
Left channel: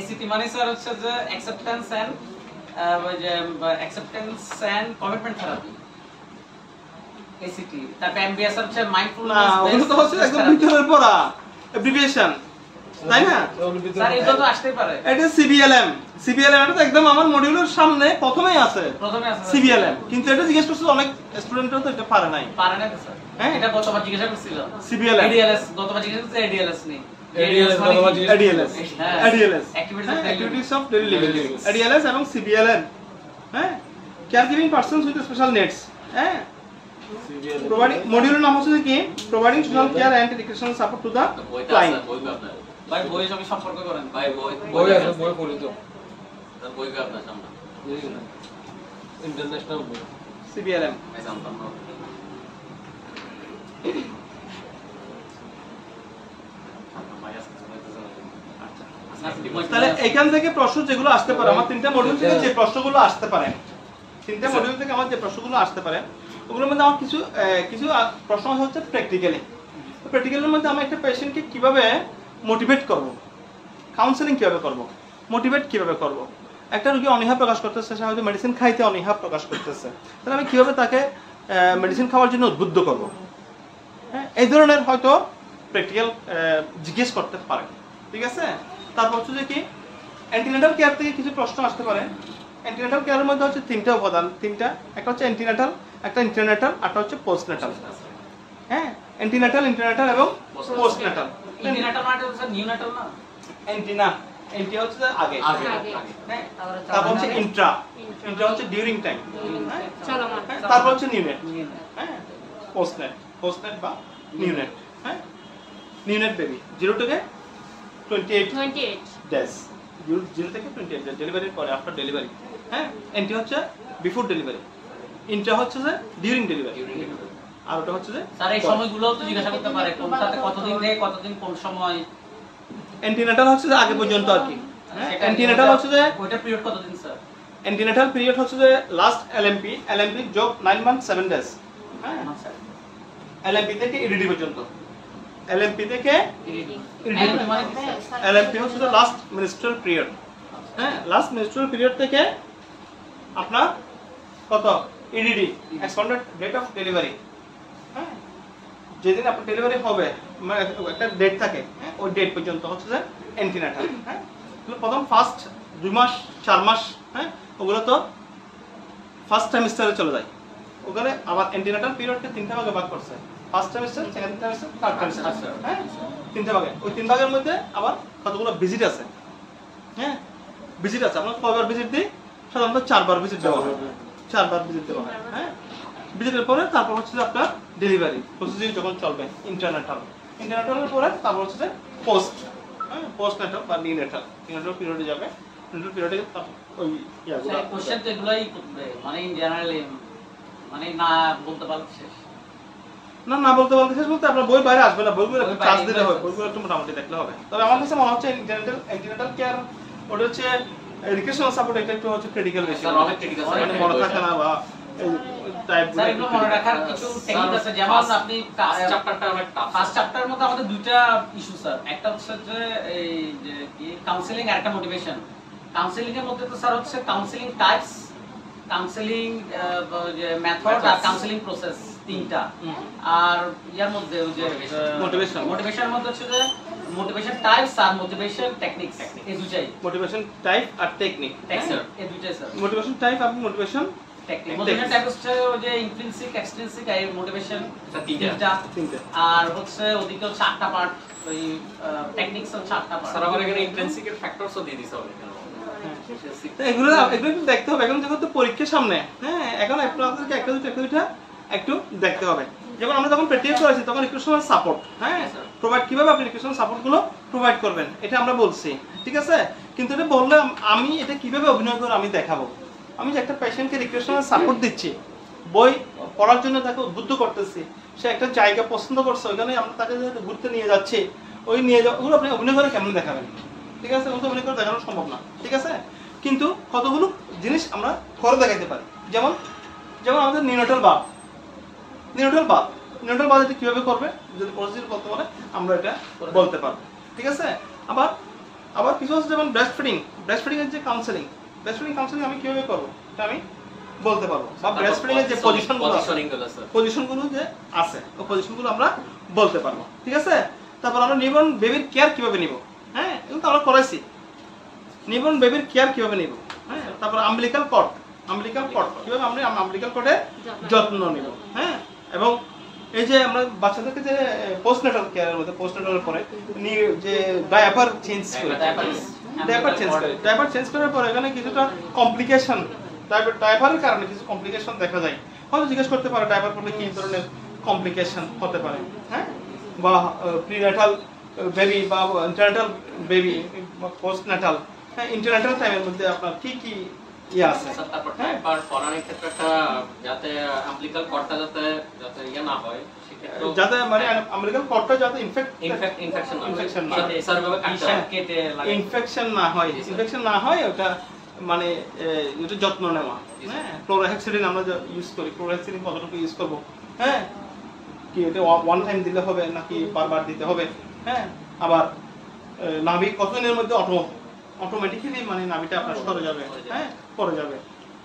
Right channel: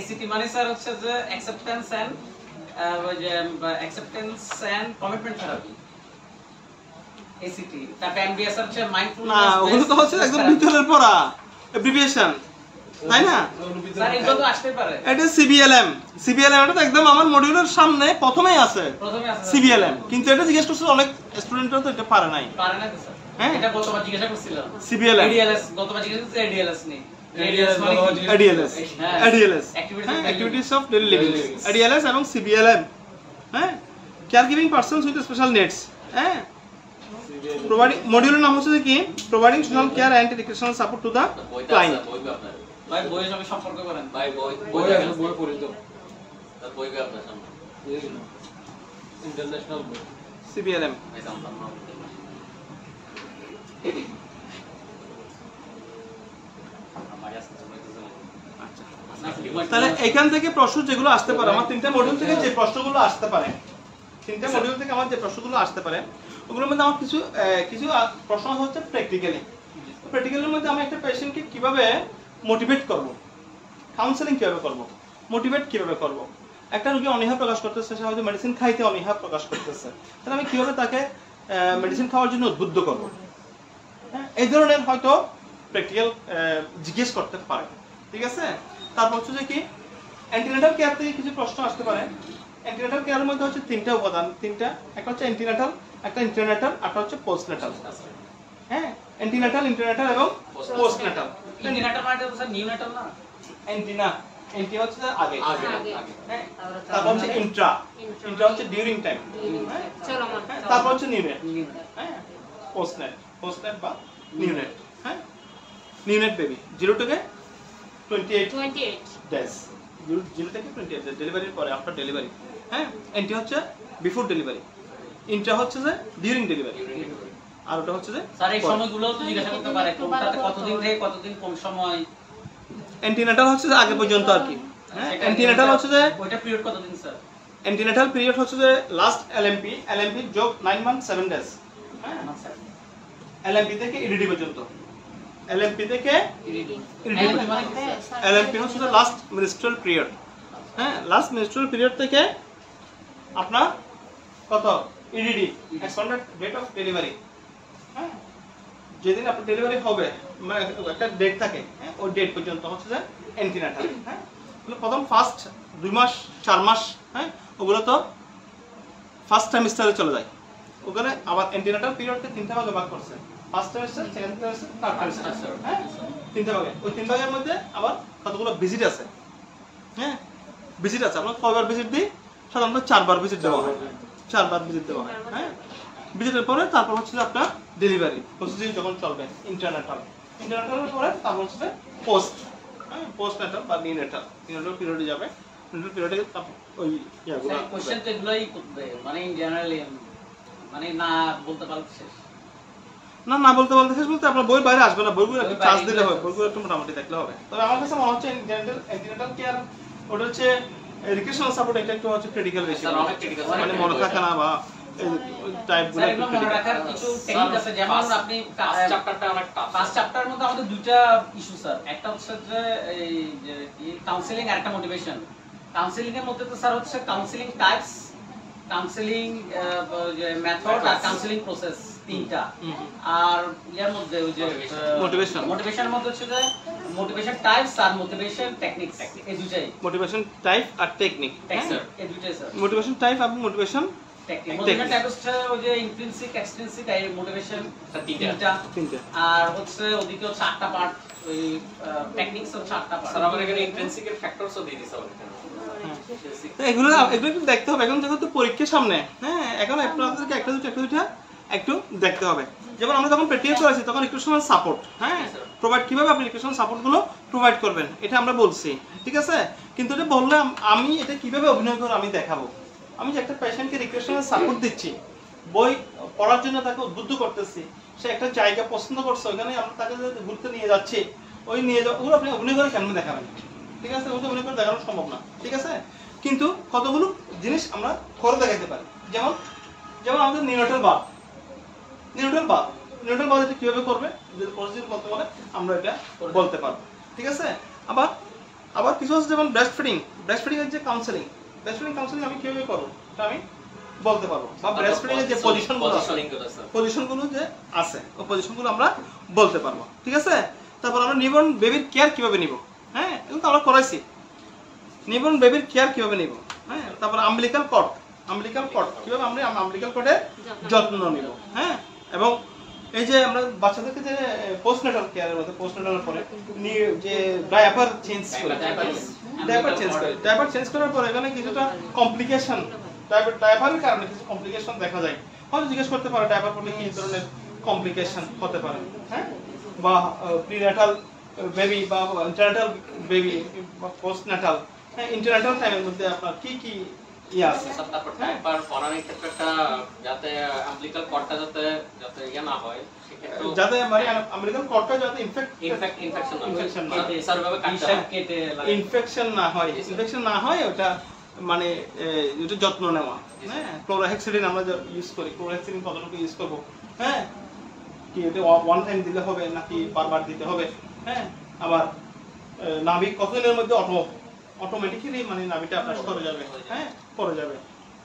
এসিটি মানে স্যার হচ্ছে যে অ্যাকসেপ্টেন্স এন্ড কমিটমেন্ট থেরাপি। এসিটি তারপর এমবিএসআর হচ্ছে মাইন্ডফুলনেস। না, ওগুলো তো হচ্ছে একদম ভিতরের পড়া অ্যাব্রিভিয়েশন, তাই না? স্যার এটা তো আসতে পারে। এটা সিবিএলএম, সিবিএলএম এটা তো একদম আমার মডিউলের সামনে প্রথমেই আছে, প্রথমে আছে সিবিএলএম। কিন্তু এটা জিজ্ঞেস করছে অনেক স্টুডেন্টরা তো এটা পারে নাই। পারে না তো স্যার। হ্যাঁ, এটা গতবার জিজ্ঞাসা করছিল সিবিএলএম, এডিএলএস গতবার জিজ্ঞাসা করছে, এডিএলএস নেই। ADLS মানে কি? এডিএলএস, হ্যাঁ। ADLS Activities activities of daily living, ADLS এবং সিবিএলএম। হ্যাঁ, care giving persons with special needs. হ্যাঁ, প্রোভাইডিং, মডিউলের নাম হচ্ছে কি providing social care and educational support to the client. ভাই বইয়ের সঙ্গে সম্পর্ক করেন ভাই, বই আছে, বই পড়ি তো বই কার না সামনে ইন্টারন্যাশনাল সিবিএলএম। তাহলে এখান থেকে প্রশ্ন যেগুলো আসতে পারে, আমার তিনটা মডিউল থেকে যে প্রশ্নগুলো আসতে পারে, তিনটা মডিউল থেকে আমার যে প্রশ্নগুলো আসতে পারে, ওগুলোর মধ্যে আমার কিছু প্রশ্ন হচ্ছে প্র্যাকটিক্যালি। প্র্যাকটিক্যালের মধ্যে আমি একটা পেশেন্টকে কিভাবে মোটিভেট করব, কাউন্সেলিং কিভাবে করব, মোটিভেট কিভাবে করব। একটা রোগী অনীহা প্রকাশ করতেছে, সে হয়তো মেডিসিন খাইতে অনীহা প্রকাশ করতেছে, তাহলে আমি কিভাবে তাকে মেডিসিন খাওয়ার জন্য উদ্বুদ্ধ করব। হ্যাঁ, এই ধরনের হয়তো প্র্যাকটিক্যাল জিজ্ঞেস করতে পারে। ঠিক আছে, তারপর হচ্ছে যে কি অ্যান্টিনেটাল কেয়ার থেকে কিছু প্রশ্ন আসতে পারে। অ্যান্টিনেটাল কেয়ারের মধ্যে হচ্ছে তিনটা উপাদান, একটা হচ্ছে অ্যান্টিনেটাল, একটা ইন্টারনেটাল, একটা হচ্ছে পোস্টনেটাল। হ্যাঁ, অ্যান্টিনেটাল, ইন্টারনেটাল এবং পোস্টনেটাল। ইন্টিনেটাল মানে তো স্যার নিউনেটাল না? অ্যান্টি হচ্ছে আগে, হ্যাঁ, তারপর হচ্ছে ইন্ট্রা হচ্ছে ডিউরিং টাইম, তারপর হচ্ছে নিউনেট। হ্যাঁ, পোস্টনেট বা নিউনেট। হ্যাঁ, নিউনেট বেবি 0 থেকে 28 ডেজ, 0 থেকে 28 ডেজ ডেলিভারির পরে, আফটার ডেলিভারি। হ্যাঁ, এন্টি হচ্ছে বিফোর ডেলিভারি, ইন্ট্রা হচ্ছে যে ডিউরিং ডেলিভারি, আর ওটা হচ্ছে যে স্যার এই সময়গুলো তো জিজ্ঞাসা করতে পারে কোনটাতে কতদিন থেকে কতদিন কোন সময়। অ্যান্টিনেটাল হচ্ছে যে আগে পর্যন্ত আর কি। হ্যাঁ, অ্যান্টিনেটাল হচ্ছে যে ওইটা পিরিয়ড কতদিন স্যার? অ্যান্টিনেটাল পিরিয়ড হচ্ছে যে লাস্ট এলএমপি যোগ 9 মান্থ 7 ডেজ। হ্যাঁ, এলএমপি থেকে ইডিডি পর্যন্ত, এলএমপি থেকে ইডিডি এলএমপি হচ্ছে যে লাস্ট মেনস্ট্রুয়াল পিরিয়ড। হ্যাঁ, লাস্ট মেনস্ট্রুয়াল পিরিয়ড থেকে আপনার কত EDD, expanded date of delivery. হ্যাঁ, যেদিন আপনার ডেলিভারি হবে মানে একটা ডেট থাকে, হ্যাঁ, ওই ডেট পর্যন্ত হচ্ছে যে অ্যান্টিনেটাল। হ্যাঁ, প্রথম ফার্স্ট 2 মাস 4 মাস, হ্যাঁ, ওগুলো তো ফার্স্ট সেমিস্টারে চলে যায়। ওখানে আবার অ্যান্টিনেটাল পিরিয়ডকে 3টা ভাগে ভাগ করছে, first semester, second semester, third semester. হ্যাঁ, 3টা ভাগে, ওই 3 ভাগের মধ্যে আবার কতগুলো ভিজিট আছে। হ্যাঁ, ভিজিট আছে, আমরা কয়বার ভিজিট দিই? সাধারণত 4 বার ভিজিট দেওয়া হয়, 4 বার ভিজিট দেওয়া হয়। হ্যাঁ, ভিজিটের পরে তারপর হচ্ছে যে আপনার ডেলিভারি প্রসিডিউর যখন চলবে, ইন্টারনেটালের পরে তারপর হচ্ছে যে পোস্টনেটাল বা নিউনেটাল পিরিয়ডে যাবে। নিউনেটাল পিরিয়ডে তারপর ওই ইয়াগুলো কোশ্চেন তো এগুলাই করতে মানে ইন জেনারেলি মানে না বলতে পারলে শেষ না বলতে শেষ বলতে আপনার বই বাইরে আসবে না, বইগুলো একটু চার্জ দিলে হবে, বইগুলো একটু মোটামুটি দেখলে হবে। তবে আমার কাছে মনে হচ্ছে অ্যান্টিনেটাল কেয়ার ওটা হচ্ছে এডুকেশনাল সাপোর্ট, এটা একটু হচ্ছে ক্রিটিক্যাল বেশি, মানে মনে থাকে না বা টাইপগুলো মনে রাখার কিছু টেকনিক আছে। যেমন আপনি ফার্স্ট চ্যাপ্টারের মধ্যে আমাদের দুইটা ইস্যু স্যার, একটা হচ্ছে যে এই যে কাউন্সেলিং আর একটা মোটিভেশন। কাউন্সেলিং এর মধ্যে তো স্যার হচ্ছে কাউন্সেলিং টাইপস, কাউন্সেলিং মেথড আর কাউন্সেলিং প্রসেস, তিনটা। আর ইয়ার মধ্যে ওই যে মোটিভেশনের মধ্যে হচ্ছে যে মোটিভেশন টাইপস আর মোটিভেশন টেকনিক্স, এই দুটাই। মোটিভেশন টাইপ আর টেকনিক, এই দুটাই স্যার। মোটিভেশন টাইপ আর মোটিভেশন টেকনিক। মোটিভেশন টাইপ হচ্ছে ওই যে ইন্ট্রিনসিক, এক্সট্রিনসিক, আর মোটিভেশন তিনটা। আর হচ্ছে ওদিকে হচ্ছে 8টা পার্ট, ওই টেকনিক্স হচ্ছে 8টা পার্ট। স্যার আমার এখানে ইন্ট্রিনসিক এর ফ্যাক্টরসও দিয়ে দিছে হবে। তো এগুলো একটু দেখতে হবে, এখন যেহেতু পরীক্ষার সামনে। হ্যাঁ, এখন আপনাদেরকে একটা দুইটা একটু দেখতে হবে। যেমন আমরা যখন প্র্যাকটিস করেছি তখন রিক্রুটমেন্ট সাপোর্ট, হ্যাঁ, প্রোভাইড কিভাবে আপনি রিক্রুটমেন্ট সাপোর্টগুলো প্রোভাইড করবেন এটা আমরা বলছি, ঠিক আছে। কিন্তু এটা বললে আমি এটা কিভাবে অভিনয় করে আমি দেখাবো। আমি যে একটা পেশেন্টকে রিক্রুটমেন্ট সাপোর্ট দিচ্ছি, বই পড়ার জন্য তাকে উদ্বুদ্ধ করতেছি, সে একটা জায়গা পছন্দ করছে, ওইখানে আমরা তাকে ঘুরতে নিয়ে যাচ্ছি, ওই নিয়ে যাওয়া ওগুলো আপনি অভিনয় করে কেমন দেখাবেন? ঠিক আছে, ওগুলো অভিনয় করে দেখানো সম্ভব না। ঠিক আছে, কিন্তু কতগুলো জিনিস আমরা করে দেখাইতে পারি। যেমন যেমন আমাদের নিউনাটাল বাথ এটা কিভাবে করবে যদি প্রসিডিউর করতে পারে আমরা এটা বলতে পারবো, ঠিক আছে। আবার কিছু আছে যেমন ব্রেস্ট ফিডিং এর যে কাউন্সেলিং আমি কিভাবে করবো এটা আমি বলতে পারবো, বা ব্রেস্ট ফিডিং এর যে পজিশনগুলো যে আছে ওই পজিশনগুলো আমরা বলতে পারবো, ঠিক আছে। তারপর আমরা নিউবর্ন বেবির কেয়ার কিভাবে নিব, হ্যাঁ এগুলো তো আমরা করাইছি। নিউবর্ন বেবির কেয়ার কিভাবে নিব, হ্যাঁ। তারপর আম্বিলিকাল কর্ড কিভাবে আমরা আম্বিলিকাল কর্ডের যত্ন নিব, হ্যাঁ। এবং এই যে আমরা বাচ্চাদেরকে যে পোস্টনেটাল কেয়ারের মধ্যে পোস্টনেটাল পরে যে ডায়াপার চেঞ্জ করার পরে এখানে কিছুটা কমপ্লিকেশন ডায়াপারের কারণে কিছু কমপ্লিকেশন দেখা যায়। হয়তো জিজ্ঞেস করতে পারে ডায়াপার পরলে কি ধরনের কমপ্লিকেশন হতে পারে, হ্যাঁ। বা প্রিনেটাল বেবি বা ইন্টারনেটাল বেবি বা পোস্টনেটাল ইন্টারনেটাল টাইমের মধ্যে আপনার কি কি ইয়ে আছে। তারপর ডায়াপার পরানোর ক্ষেত্রে যাতে আম্বিলিকাল কর্ডটা যাতে ইয়ে না হয়, যাতে মানে আম্বিলিকাল কর্ডটা যাতে ইনফেকশন না হয় ওটা মানে এটা যত্ন নেওয়া, হ্যাঁ। ক্লোরোহেক্সিডিন আমরা ইউজ করি, ক্লোরোহেক্সিডিন কতটুকু ইউজ করব, হ্যাঁ। কি এটা ওয়ান টাইম দিলে হবে নাকি বারবার দিতে হবে, হ্যাঁ। আবার নাভি কতদিনের মধ্যে অটোমেটিক্যালি মানে নাভিটা আপনার সরে যাবে, হ্যাঁ পড়ে যাবে।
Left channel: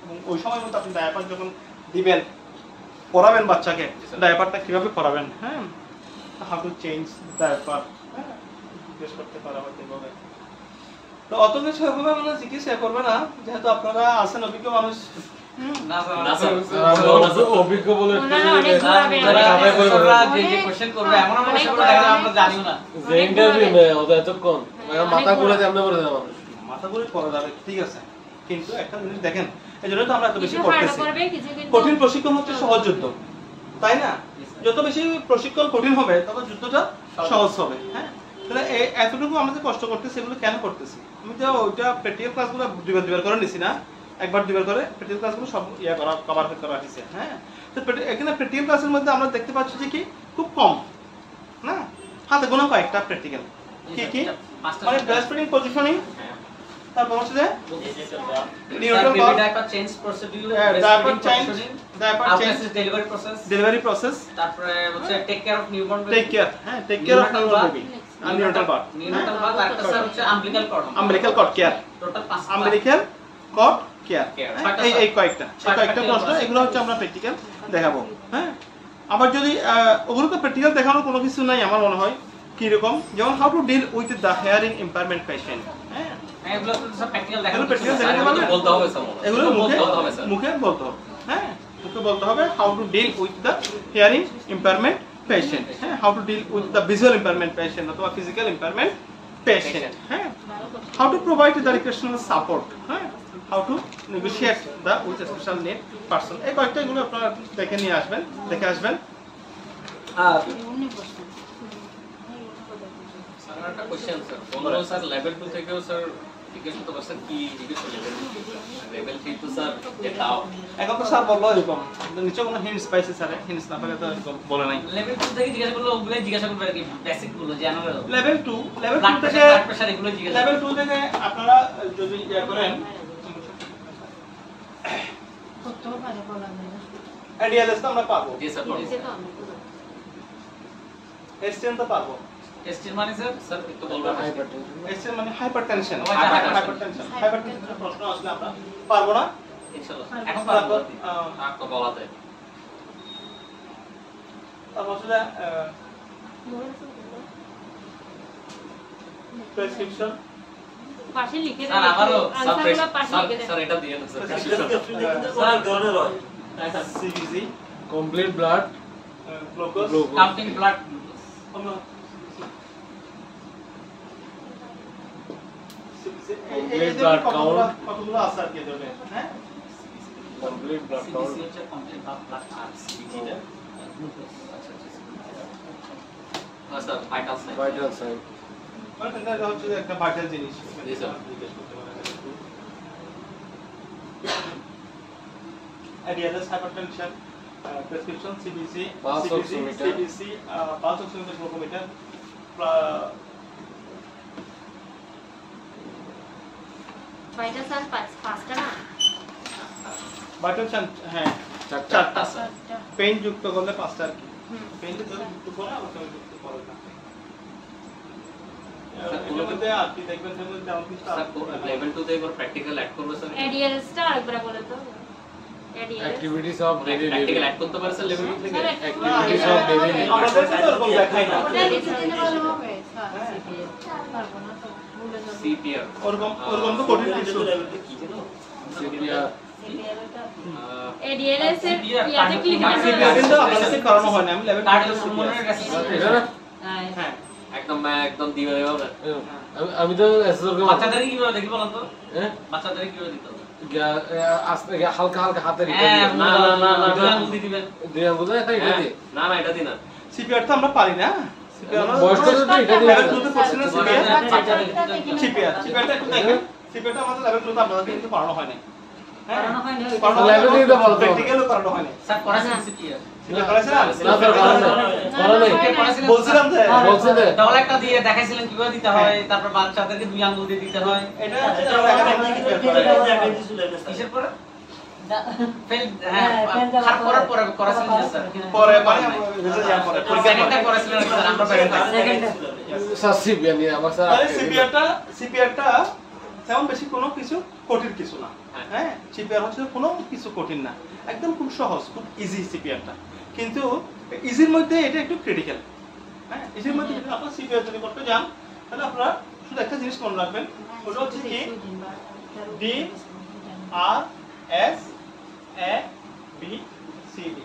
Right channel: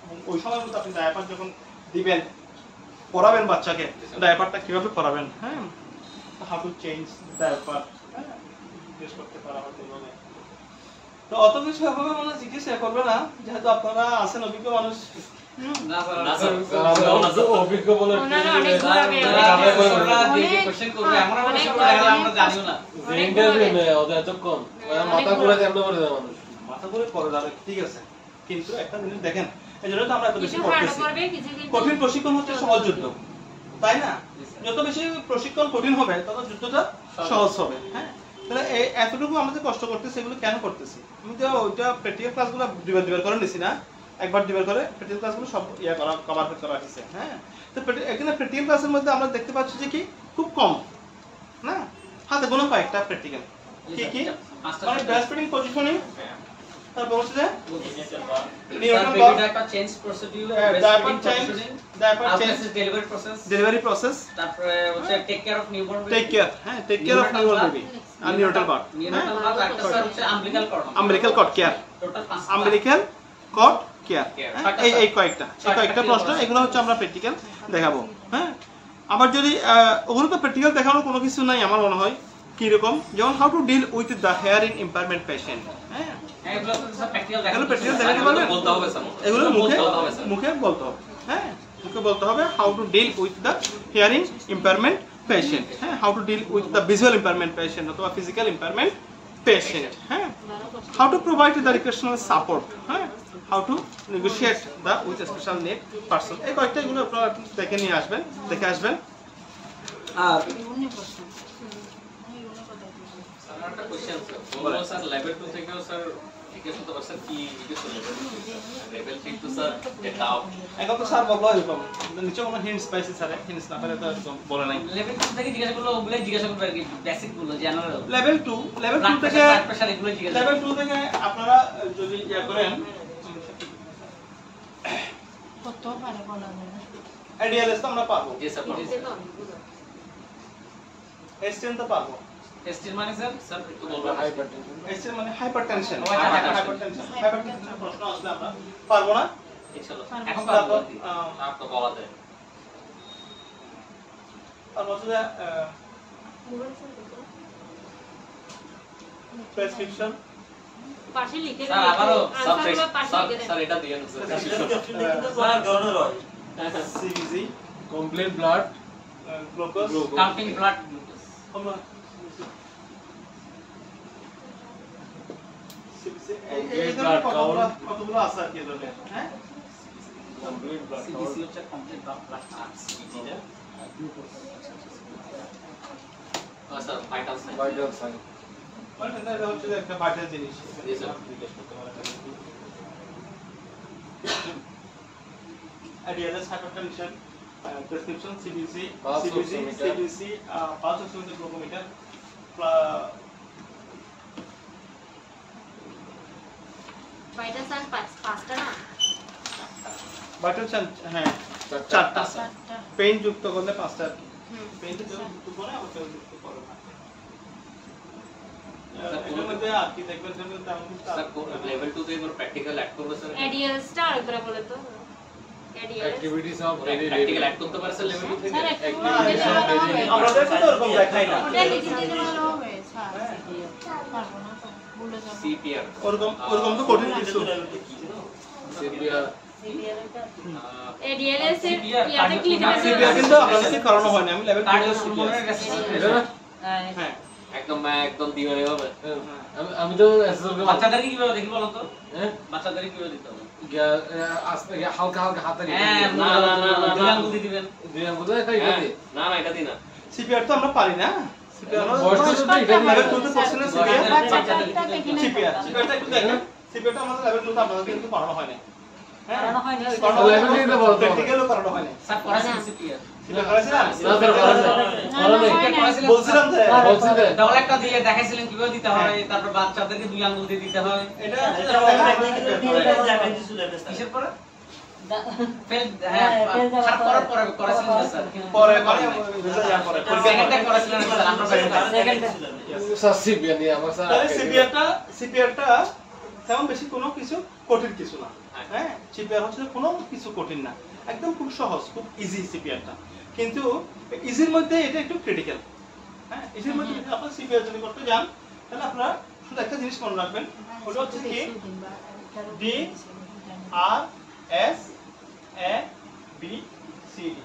এবং ওই সময় মতো আপনি ডায়াপার যখন দিবেন পরাবেন বাচ্চাকে, ডায়াপারটা কিভাবে পরাবেন, হ্যাঁ। হাউ টু চেঞ্জ ডায়াপার, হ্যাঁ জিজ্ঞেস করতে পারবেন কিভাবে। তো অত কিছু হবে মানে জিজ্ঞেস করবে না, যেহেতু আপনারা আছেন অভিজ্ঞ মানুষ। অভিজ্ঞ বলে মাথা করে করা যাবে, ঠিক আছে। কিন্তু একটা জিনিস দেখেন, এই জন্য তো আমরা এত বেশি করতেছি। কঠিন প্রশিক্ষণ হচ্ছে সহজ যুদ্ধ, তাই না? যত বেশি প্রশিক্ষণ কঠিন হবে তত যুদ্ধটা সহজ হবে, হ্যাঁ। তাহলে এতটুকু আমাদের কষ্ট করতেছি, এগুলো কেন করতেছি? আমি তো ওইটা প্র্যাকটিক্যাল ক্লাসগুলো দুইবার করে নিছি না, একবার দুইবার করে প্র্যাকটিক্যাল ক্লাসগুলো সব কভার করা হয়েছে, হ্যাঁ। তো এখানে প্র্যাকটিক্যাল ক্লাসের মধ্যে আমরা দেখতে পাচ্ছি যে কি খুব কম না, হাতে গোনা কয়েকটা প্র্যাকটিক্যাল। কি মানে ব্রেস্ট ফিডিং পজিশনিং, তারপর হচ্ছে যে neonatal bath, diaper change procedure, delivery process, তারপরে হচ্ছে take care of newborn baby, take care baby, আর নিউনাটাল বাথ আর একটা হচ্ছে umbilical cord care, total 5 umbilical cord care. এই কয়েকটা প্রশ্ন, এগুলো হচ্ছে আমরা প্র্যাকটিক্যাল দেখাবো, হ্যাঁ। আবার যদি ওগুলোকে প্র্যাকটিক্যাল দেখানোর কোনো কিছু নাই আমার মনে হয়, কি রকম, যেমন how to deal with the hearing impairment patient, হ্যাঁ। এগুলো তো সব প্র্যাকটিক্যাল দেখাতে পারবেন, বলতে হবে স্যার, এগুলো মুখে বলতে হবে, হ্যাঁ। মুখে বলতে হবে how to deal with the hearing impairment patient, হ্যাঁ। How to deal with the visual impairment patient অথবা ফিজিক্যাল ইম্পায়ারমেন্ট পেশেন্ট, হ্যাঁ। How to provide the recreational support, হ্যাঁ। How to negotiate the with special need person. এই কয়েকটা এগুলো আপনারা দেখে আসবেন। আর একটা কোশ্চেন স্যার, বললো স্যার লেভেল 2 থেকেও স্যার জিজ্ঞেস করতে পারছেন কি জিজ্ঞেস করলেন, লেভেল 3 তো স্যার এটা এখন তো স্যার বললো এরকম, নিচে কোনো হিন্টস পাইছি স্যার, হিন্টস না পেলে তো এরকম বলে নাই। লেভেল 2 থেকে জিজ্ঞাসা করলো, ওগুলাই জিজ্ঞাসা করবে আর কি, বেসিক গুলো জেনারেল। লেভেল 2 থেকে প্রেসার এগুলো জিজ্ঞাসা, লেভেল 2 থেকে আপনারা যদি ইয়া করেন কত পারে বলা যায় না। এডিএলএস তো আমরা পারবো, জি স্যার এসটিএন তো পারবো। এসটির মানে স্যার একটু বলবেন? এসটিএন মানে হাইপারটেনশন, হাইপারটেনশন প্রশ্ন আসলে আমরা পারবো না ইনশাআল্লাহ। এখন পারবো, তো বলা যায়। তারপর হচ্ছে প্রেসক্রিপশন পাশে লিখে স্যার আবারও আনসারগুলো পাশে লিখে দেন স্যার এটা দিয়ে দেন স্যার। স্যার ধরনের হয় CBG complete blood glucose, counting blood কতগুলো আছে আর কি ধরনের, হ্যাঁ। কমপ্লিট ব্লাড সিবিসি হচ্ছে কমপ্লিট ব্লাড আর্টস, সিবিজিটা sir vital sign, vital sign মানে এটা হচ্ছে একটা ভাইটাল জিনিস, জি স্যার। জিজ্ঞেস করতে পারেন। আইডিয়ালেস hypertension, prescription CBC, pulse oximeter, glucometer, vital sign পাঁচটা না ভাইটাল সাইন হ্যাঁ চারটা পেইন যুক্ত করলে পাঁচটা আর কি পেইন যুক্ত করে আবার কেউ যুক্ত করে না এর মধ্যে আর কি দেখবেন তাহলে তেমন কিছু লেভেল 2 তে এবার প্র্যাকটিক্যাল অ্যাড করবে স্যার এডিএলসটা আরেকবার বলে তো activities of daily practical add করতে পারে স্যার লেভেল 2 থেকে অ্যাক্টিভিটিস অফ ডেইলি আমাদের তো এরকম দেখাই না ওটা লিখে দিতে ভালো হবে স্যার পারবো না তো ভুলে যাব সিপিআর ওরকম তো কঠিন কিছু সিপিআর এডিএলএস এর ইয়াতে ক্লিক সিপিআর কিন্তু আমাদের করানো হয় না আমি লেভেল 2 কার্ডিওপালমোনারি রেসিপিয়ার হ্যাঁ একদম দিবে হবে আমি তো এসএসওর কে বাচ্চাদের কিভাবে দেখি বলুন তো বাচ্চাদের কিভাবে দিতে হবে আস্তে হালকা হালকা হাতে হ্যাঁ না দুই আঙ্গুল দিবেন দুই আঙ্গুল এটা দি না এটা দি না সিপিআর তো আমরা পারি না সিপিআর বয়স তো এটা দি লেভেল 2 তে পড়ছে না সিপিআর বাচ্চাদের দিতে সিপিআরটা একটু দেখেন সিপিআরটা আমাদের লেভেল 2 তে আপনাদের কিন্তু পড়ানো হয় না হ্যাঁ লেভেল 2 তে বলতে প্র্যাকটিক্যালও করানো হয় না স্যার পড়াছেন সিপিআর সিপিআর করেছিলাম না স্যার বলো না বলছিলাম যে বলছে যে ডবল একটা দিয়ে দেখাইছিলেন কিভাবে দিতে হয় তারপর বাচ্চাদেরকে দুই আঙ্গুল দিয়ে দিতে হয় এটা কিসের পরে ফেল হ্যাঁ খারাপ করার পরে করেছিলেন স্যার পরে রেজাল্ট যা পরে সেকেন্ডটা করেছিলেন স্যার আমরা সেকেন্ডটা স্যার সিপিআর নিয়ে আমার স্যার তাহলে সিপিআরটা তেমন বেশি কোনো কিছু কঠিন কিছু না হ্যাঁ সিপিআর হচ্ছে কোনো কিছু কঠিন না একদম খুব সহজ খুব ইজি সিপিআরটা কিন্তু ইজির মধ্যে এটা একটু ক্রিটিক্যাল হ্যাঁ ইজির মধ্যে যদি আপনারা সিপিআর যদি করতে যান তাহলে আপনারা শুধু একটা জিনিস মনে রাখবেন ওটা হচ্ছে কি D R S A B C D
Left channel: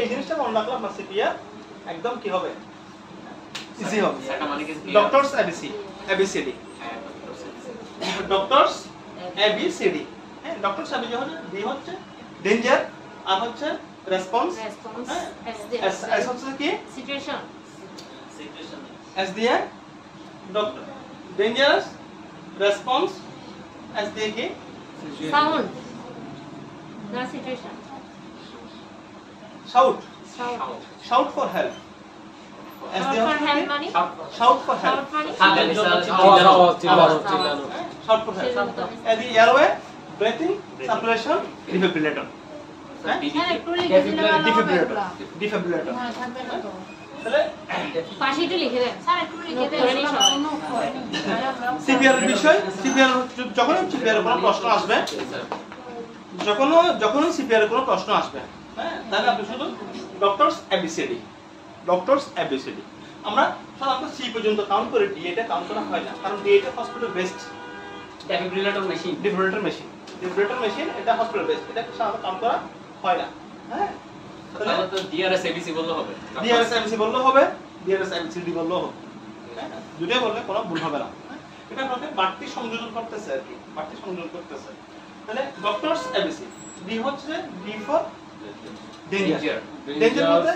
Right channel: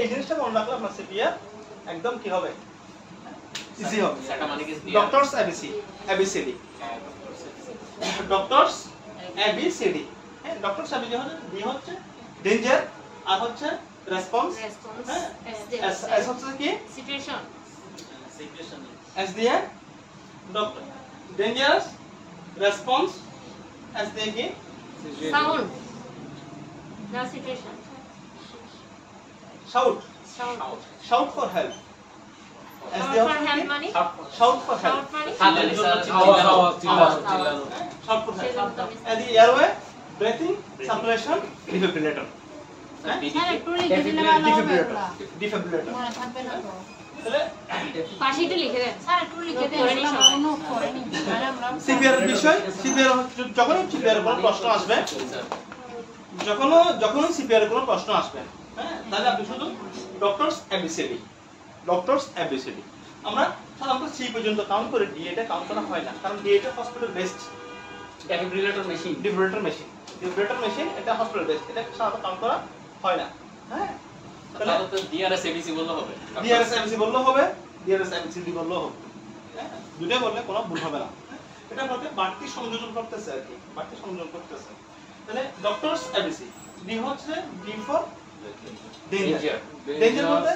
এই জিনিসটা মনে রাখলে আপনার সিপিআর একদম কি হবে ইজি হবে সেটা মানে কি ডক্টরস এবিসিডি ডক্টরস এবিসিডি হ্যাঁ ডক্টরস এবিসিডি হচ্ছে ডি হচ্ছে ডেঞ্জার আর হচ্ছে রেসপন্স এস হচ্ছে কি সিচুয়েশন এস দিয়ে ডক্টর ডেঞ্জারাস রেসপন্স এস দিয়ে কি সাউন্ড না situation shout sound shout for help S দিয়ে ফর হচ্ছে হেল্প কি মানে শাউট ফর হেল্প শাউট মানে আওয়াজ চিল্লানো shout for help S the airway breathing circulation defibrillator sir একটু লিখে দিলে ভালো হবে এগুলা। ডিফিব্রিলেটর মনে থাকবে না তো তাহলে পাশে একটু লিখে দেন স্যার একটু লিখে দেন করে নিই সবাই। কোনো করে নিই তাহলে আমরা সিপিআর এর বিষয় সিপিআর যখন সিপিআর এর কোনো প্রশ্ন আসবে যখন সিপিআর এর কোনো প্রশ্ন আসবে হ্যাঁ তাহলে আপনি শুধু ডক্টরস এবিসিডি আমরা সাধারণত সি পর্যন্ত কাউন্ট করে ডি এটা কাউন্ট করা হয় না কারণ ডি এটা hospital based defibrillator machine defibrillator machine এটা হসপিটাল বেসড এটা সাধারণত কাউন্ট করা হয় না হ্যাঁ তাহলে তো ডিআরএস এবিসি বললে হবে ডিআরএস এমসি বললেও হবে ডিআরএস এমসিডি বললেও হবে হ্যাঁ দুটো বললে কোনো ভুল হবে না এটা আপনাকে বাড়তি সংযোজন করতেছে আর কি বাড়তি সংযোজন করতেছে তাহলে ডক্টরস এবিসি ডি হচ্ছে ডি ফর ডেঞ্জার ডেঞ্জার বলতে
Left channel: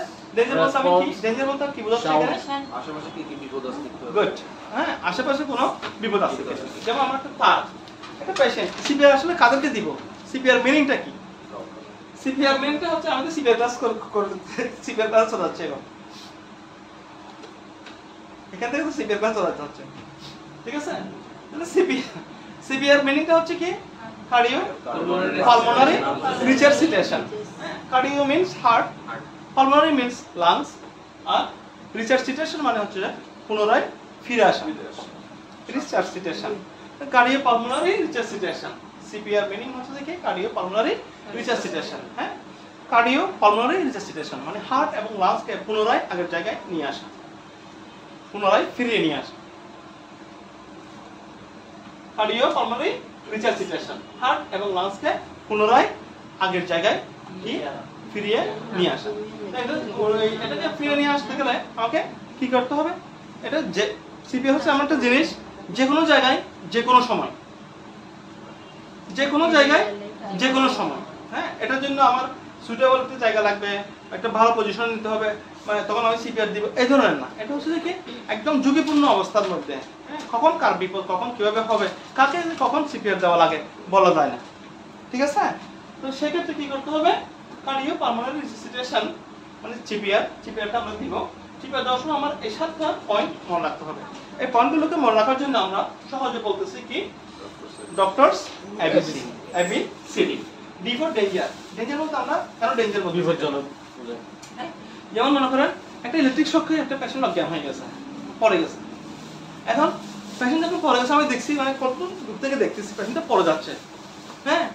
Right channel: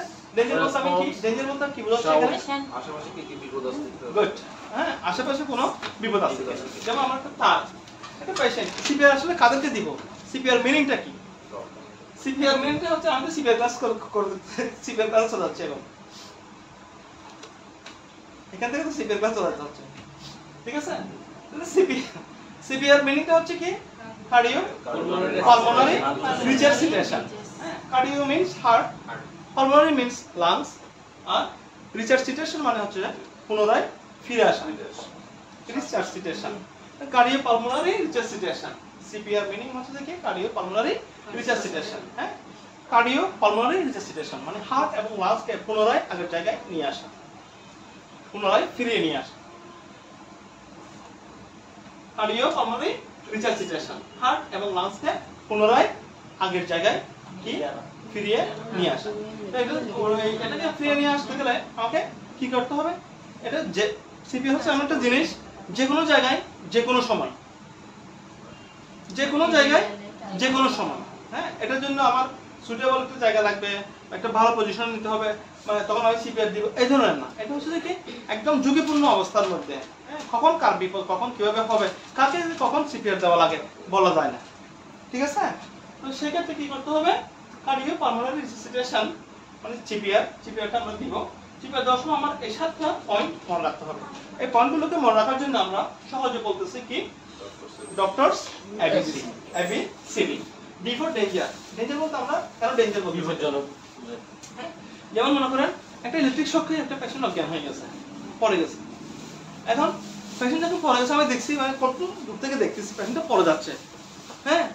আমি কি ডেঞ্জার বলতে কি বোঝাচ্ছি এখানে আশেপাশে কি কি বিপদ আছে গুড হ্যাঁ আশেপাশে কোনো বিপদ আছে যেমন আমার একটা তার একটা পেশেন্ট সিপিআর আসলে কাদেরকে দিব সিপিআর মিনিংটা কি সিপিআর মিনিংটা হচ্ছে আমাদের সিপিআর ক্লাস সিপিআর ক্লাস চলে যাচ্ছে এখন এখান থেকে তো সিপিআর ক্লাস চলে যাচ্ছে ঠিক আছে তাহলে সিপিআর মিনিংটা হচ্ছে কি cardio pulmonary resuscitation cardio means heart pulmonary means lungs আর রিসার্সিটেশন মানে হচ্ছে পুনরায় ফিরে আসা resuscitation cardio pulmonary resuscitation CPR meaning হচ্ছে কি কার্ডিও পালমোনারি রিসার্সিটেশন হ্যাঁ কার্ডিও পালমোনারি রিসার্সিটেশন মানে হার্ট এবং লাংসকে পুনরায় আগের জায়গায় নিয়ে আসা পুনরায় ফিরিয়ে নিয়ে আসা কার্ডিও পালমোনারি রিসার্সিটেশন হার্ট এবং লাংসকে পুনরায় আগের জায়গায় ফিরিয়ে নিয়ে আসা এটাকে ফিরিয়ে নিয়ে আসতে গেলে আমাকে কি করতে হবে এটা যে সিপি হচ্ছে এমন একটা জিনিস যে কোনো জায়গায় যে কোনো সময় হ্যাঁ এটার জন্য আমার সুইটেবল একটা জায়গা লাগবে একটা ভালো পজিশন নিতে হবে মানে তখন আমি সিপিআর দিব এই ধরনের না এটা হচ্ছে কি একদম ঝুঁকিপূর্ণ অবস্থার মধ্যে হ্যাঁ কখন কার বিপদ কখন কিভাবে হবে কাকে কখন সিপিআর দেওয়া লাগে বলা যায় না ঠিক আছে তো সেক্ষেত্রে কি করতে হবে কার্ডিও পালমোনারি রিসার্সিটেশন মানে সিপিআরটা আমরা দিব সিপিআর দেওয়ার সময় আমার এই 7টা পয়েন্ট মনে রাখতে হবে এই পয়েন্টগুলোকে মনে রাখার জন্য আমরা সহজে বলতেছি কি doctors ABCD D for danger danger বলতে আমরা কারণ ডেঞ্জার বলতে বিপজ্জনক যেমন মনে করেন একটা ইলেকট্রিক শকে একটা পেশেন্ট অজ্ঞান হয়ে গেছে পড়ে গেছে এখন পেশেন্ট যখন পড়ে গেছে আমি দেখছি মানে কত দূর থেকে দেখতেছি পেশেন্টটা পড়ে যাচ্ছে হ্যাঁ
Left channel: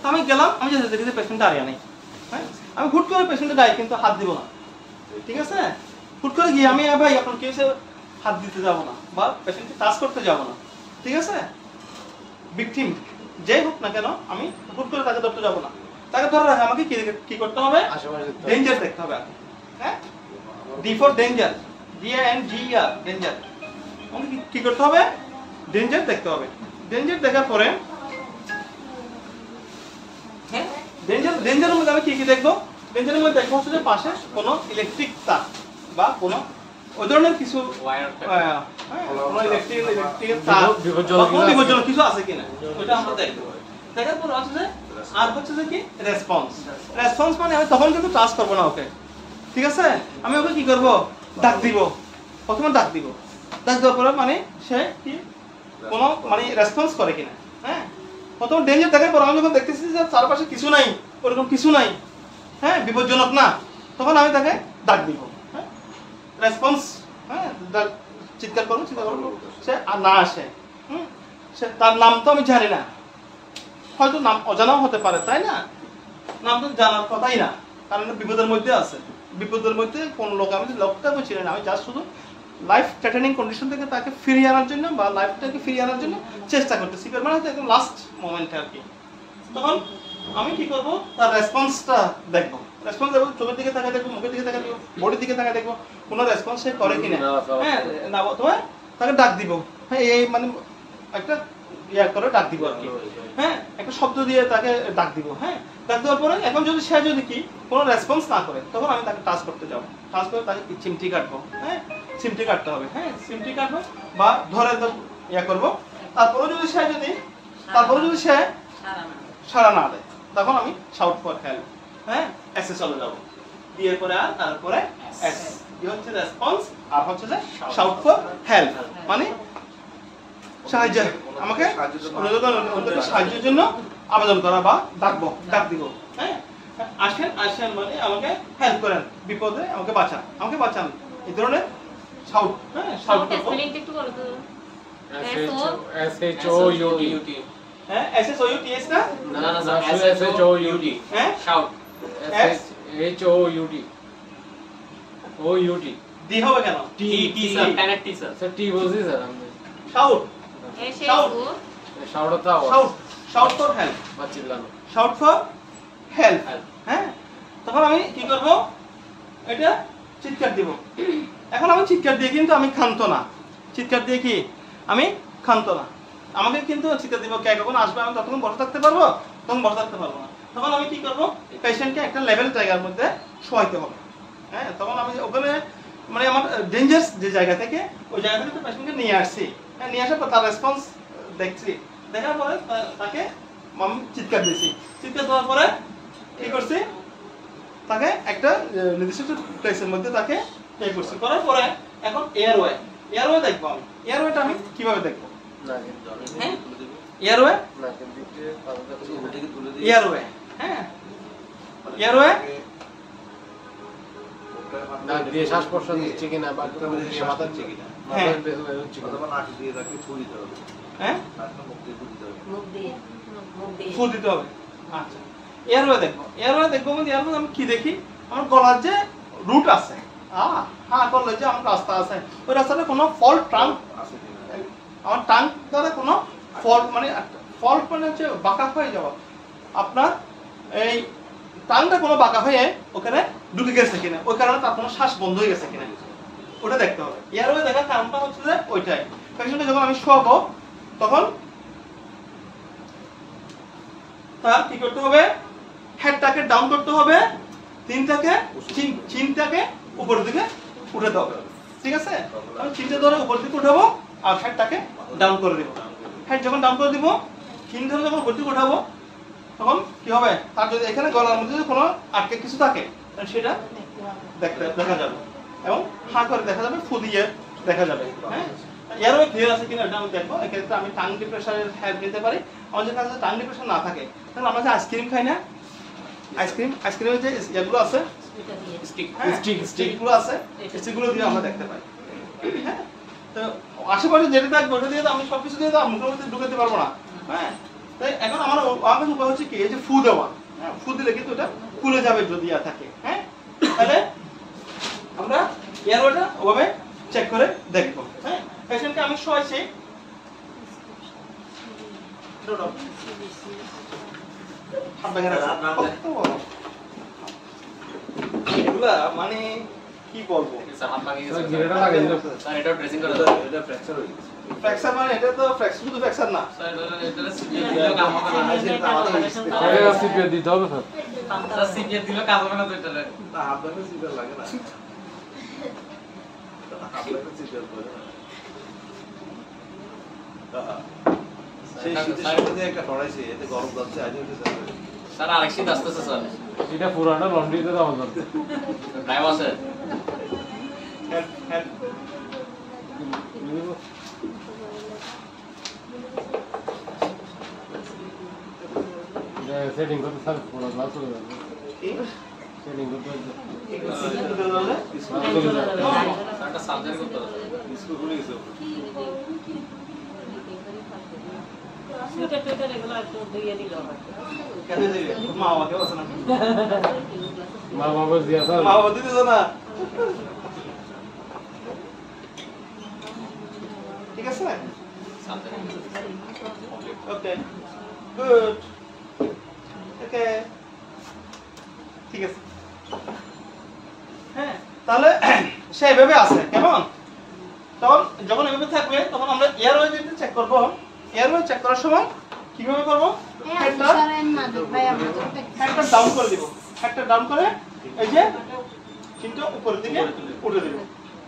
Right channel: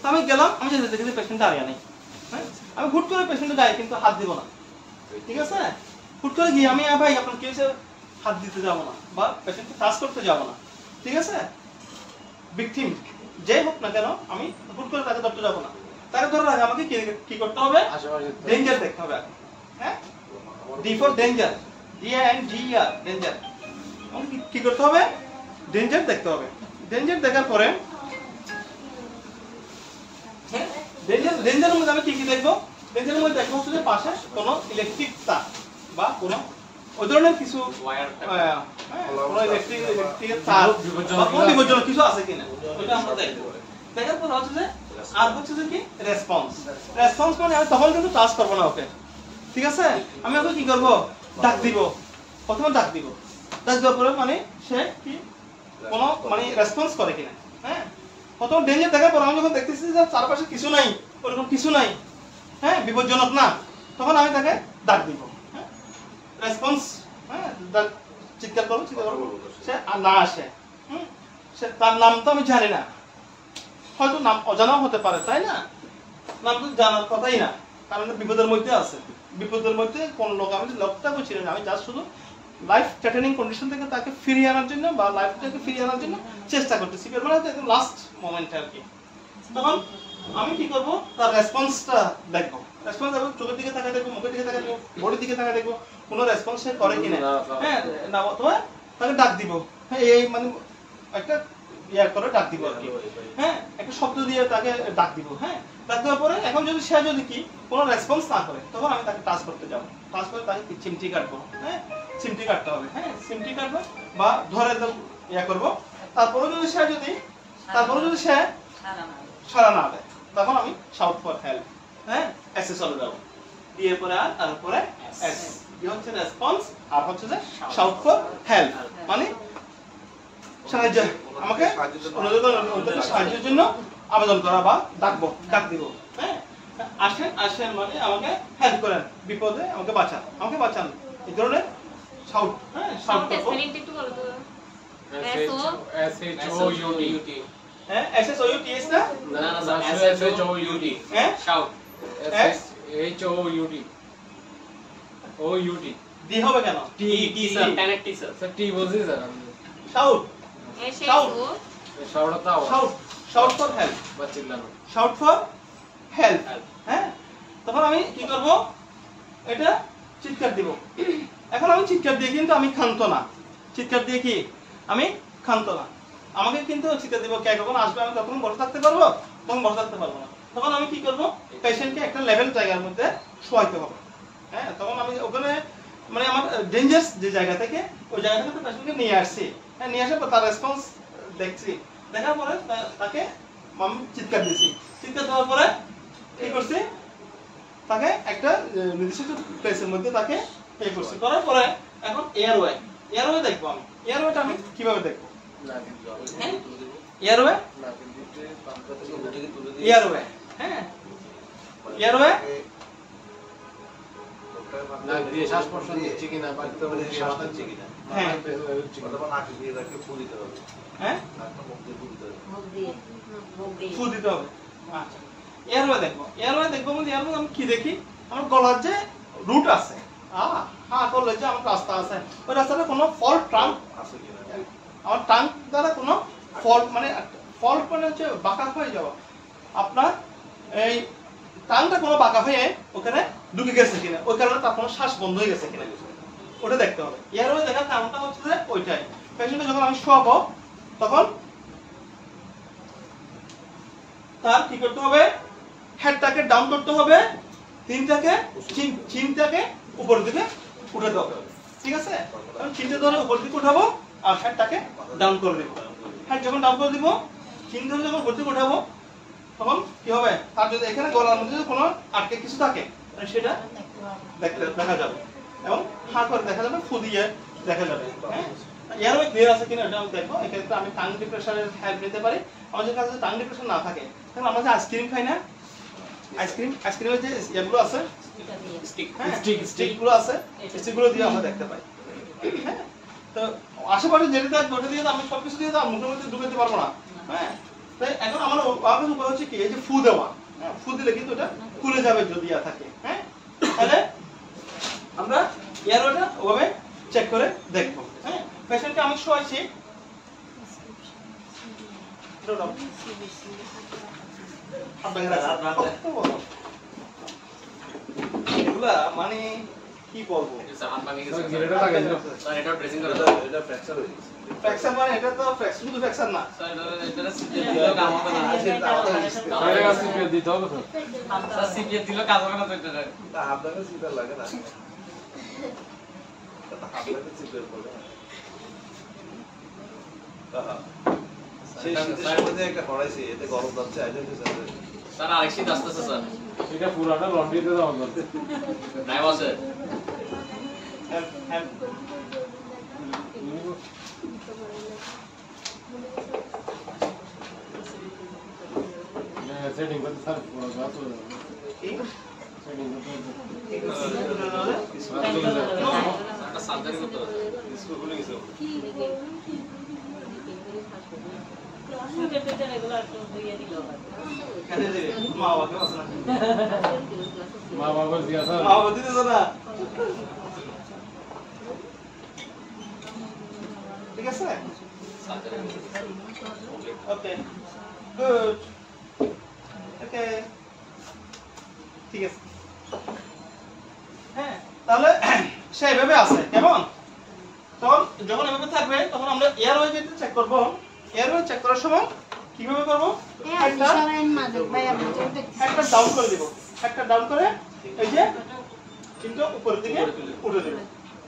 তো আমি গেলাম আমি যেতে দেখি পেশেন্ট দাঁড়িয়ে নেই হ্যাঁ আমি হুট করে পেশেন্টের গায়ে কিন্তু হাত দিব না ঠিক আছে হুট করে গিয়ে আমি ভাই আপনার কেসে হাত দিতে যাব না বা পেশেন্টকে টাচ করতে যাব না ঠিক আছে ভিকটিম যেই হোক না কেন আমি হুট করে তাকে ধরতে যাব না তাকে ধরে রাখা আমাকে কি করতে হবে ডেঞ্জার দেখতে হবে হ্যাঁ D for danger DANGER danger আমাকে কি করতে হবে ডেঞ্জার দেখতে হবে ডেঞ্জার দেখার পরে ডেঞ্জারের মধ্যে আমি কি দেখবো ডেঞ্জারের মধ্যে দেখবো হচ্ছে যে পাশে কোনো ইলেকট্রিক তার বা কোনো ওই ধরনের কিছু কোনো ইলেকট্রিক তার বা কোনো বিপজ্জনক কিছু আছে কিনা ওইটা আমরা দেখবো দেখার পর হচ্ছে যে আর হচ্ছে যে কি রেসপন্স মানে আমি তখন কিন্তু টাচ করবো না ওকে ঠিক আছে আমি ওকে কি করবো ডাক দিব প্রথমে ডাক দেওয়ার পরে মানে সে কি কোনো মানে রেসপন্স করে কিনা হ্যাঁ প্রথম ডেঞ্জার দেখার পর আমি যখন দেখতেছি যে চারপাশে কিছু নাই ওরকম কিছু নাই হ্যাঁ বিপজ্জনক না তখন আমি তাকে ডাক দিব হ্যাঁ রেসপন্স হ্যাঁ চিৎকার করবো সে আর না আসে সে তার নাম তো আমি জানি না হয়তো নাম অজানাও হতে পারে তাই না নাম তো জানার কথাই না কারণ বিপদের মধ্যে আছে বিপদের মধ্যে কোন লোক আমি লোকটাকে চিনি না আমি জাস্ট শুধু লাইফ থ্রেটেনিং কন্ডিশন থেকে তাকে ফিরিয়ে আনার জন্য বা লাইফটাকে ফিরিয়ে আনার জন্য চেষ্টা করতেছি মানে একদম লাস্ট মোমেন্ট আর কি তখন আমি কি করব তার রেসপন্সটা দেখবো রেসপন্স দেখবো চোখের দিকে তাকায় দেখবো মুখের দিকে তাকায় দেখবো বডির দিকে তাকায় দেখবো কোনো রেসপন্স সে করে কিনা হ্যাঁ না অথবা তাকে ডাক দিব হ্যাঁ এই মানে একটা করে ডাক দিব আর কি হ্যাঁ একটা শব্দ দিয়ে তাকে ডাক দিব হ্যাঁ ডাক দেওয়ার পরে এখন যদি সে যদি কি কোনো রেসপন্স না করে তখন আমি তাকে টাচ করতে যাবো টাচ করে তাকে চিমটি কাটবো হ্যাঁ চিমটি কাটতে হবে হ্যাঁ চিমটি কাটবো বা ধরে করবো তারপরে যদি সে সাড়া না দেয় তখন আমি শাউট ফর হেল্প হ্যাঁ এসে চলে যাবো দিয়ে পরে আর তারপরে এস কি হচ্ছে রেসপন্স আর হচ্ছে যে শাউট ফর হেল্প মানে সাহায্য আমাকে সাহায্যের জন্য আবেদন করা বা ডাক দিব হ্যাঁ আসেন মানে আমাকে হেল্প করেন বিপদে আমাকে বাঁচান এই ধরনের শাউট হ্যাঁ শাউট করব একটু বলো তো SHOUT হ্যাঁ SHOUT না না SHOUT হ্যাঁ শাউট HOUT OUT দি হবে কেন T sir connect T sir sir টি বলছি স্যার আপনি শাউট শাউট ফর হেল্প বা চিল্লানো শাউট ফর হেল্প হ্যাঁ তখন আমি কি করব এটা চিৎকার দিব এখন আমি চিৎকার দিয়ে কিন্তু আমি ক্ষান্ত না চিৎকার দিয়ে কি আমি ক্ষান্ত না আমাকে কিন্তু চিৎকার দিব কে কখন আসবে আমি তখন বসে থাকতে পারবো তখন বসে থাকতে পারবো না তখন আমি কি করব পেশেন্টকে একটা লেভেল জায়গার মধ্যে শোয়াইতে হবে হ্যাঁ তখন আমি ওখানে মানে আমার ডেঞ্জারাস যে জায়গা থেকে ওই জায়গা থেকে পেশেন্টকে নিয়ে আসছি হ্যাঁ নিয়ে আসার পর তার রেসপন্স দেখছি দেখার পরে তাকে আমি চিৎকার দিয়েছি চিৎকার দেওয়ার পরে কি করছি তাকে একটা নির্দিষ্ট প্লেসের মধ্যে তাকে পে করছি করার পরে এখন এয়ারওয়ে দেখবো আমি এয়ারওয়েটা আমি কিভাবে দেখবো এয়ারওয়ে হ্যাঁ এয়ারওয়ে না দিয়ে শ্বাস প্রশ্বাস দিচ্ছে কিনা বা হ্যাঁ অথবা নাকি দিয়ে তাকে ফুল দিতে হবে হ্যাঁ মুখ দিয়ে ফুল দিতে হবে আচ্ছা এয়ারওয়ে দেখবো মানে এয়ারওয়ে আমি কি দেখি আমার গলার যে রুট আছে হ্যাঁ গলার যে আমার রাস্তা আছে ওই রাস্তাতে কোনো ফল্ট ট্রাঙ্ক আছে কিনা আমার টাঙ্ক দ্বারা কোনো ফল্ট মানে হচ্ছে বাঁকা হয়ে যাওয়া আপনার এই টাঙ্কটা কোনো বাঁকা হয়ে ওখানে ঢুকে গেছে কিনা ওই কারণে তার কোনো শ্বাস বন্ধ হয়ে গেছে কিনা ওটা দেখতে হবে এয়ারওয়ে দেখার কারণটা হচ্ছে যে ওইটাই পেশেন্টকে যখন আমি শোয়াবো তখন তার কি করতে হবে হেডটাকে ডাউন করতে হবে চিনটাকে উপরের দিকে উঠে দেবো ঠিক আছে আমি চিনটা ধরে উপরের দিকে উঠাবো আর হেডটাকে ডাউন করে দেবো হেড যখন ডাউন করে দিব চিন ধরে যখন উপরের দিকে উঠাবো তখন কি হবে তার যদি এখানে গলার মধ্যে যদি কোনো আটকে কিছু থাকে সেটা দেখা যাবে এবং হা করে দেখা যাবে ফু দিয়ে দেখা যাবে হ্যাঁ এয়ারওয়ে ক্লিয়ার আছে কিনা এটা আমি দেখবো। এক্ষেত্রে আমি টাং ডিপ্রেশনের হেল্প নিতে পারি। আমাদের কাছে টাং ডিপ্রেশন না থাকে তাহলে আমরা যে আইসক্রিম খাই না, আইসক্রিমের যে এগুলো আছে স্টিকগুলো আছে, স্টিকগুলো দিয়ে আমরা দেখতে পাই। হ্যাঁ, তো আশেপাশে যেটা দেখবো ওটা দিয়ে আমি সবকিছু দিয়ে তো মুখের মধ্যে ঢুকাতে পারবো না। হ্যাঁ, তাই এখন আমার উপায় হচ্ছে কি, এই যে ফু দেওয়া। হ্যাঁ, ফু দিলে কিন্তু এটা খুলে যাবে যদি থাকে। হ্যাঁ, তাহলে আমরা এয়ারওয়েটা ওভাবে চেক করে দেখবো। হ্যাঁ, পেশেন্টকে আমি শোয়াইছি, এগুলা মানে কি বলবো, ফ্র্যাকচার মানে এটা তো ফ্র্যাকচার, শুধু ফ্র্যাকচার না দিতে হবে স্যার সিপিএ দিলে কাজ হবে না তো এটা আপনাকে সিটার লাগে না, আপনাকে সিটার করে সেই শীতের মধ্যে একটা পড়াইছে, এতে গরম যাচ্ছে আইতে স্যার আরেক শীত আসতেছে স্যার, এটা পুরাটা লন্ড্রিতে দাও না ড্রাইভ আছে সেটিং করতে স্যার পুরো দাও তো সেটিং করতে একটা সার্জারি করতে হবে স্কুল খুলে গেছে। মা বাবা দিয়া স্যার মা বাবা দিতেছে না, ঠিক আছে। ওকে, গুড, ওকে, ঠিক আছে। হ্যাঁ, তাহলে সে এভাবে আছে কেমন। তখন যখন এভাবে থাকবে তখন আমরা এয়ারওয়ে যেটা চেক করব, এয়ারওয়ে চেক করার সময় কিভাবে করব, হেডটা ডাউন করে দিব, হেডটা ডাউন করে এই যে কিন্তু উপরের দিকে উঠে দেব।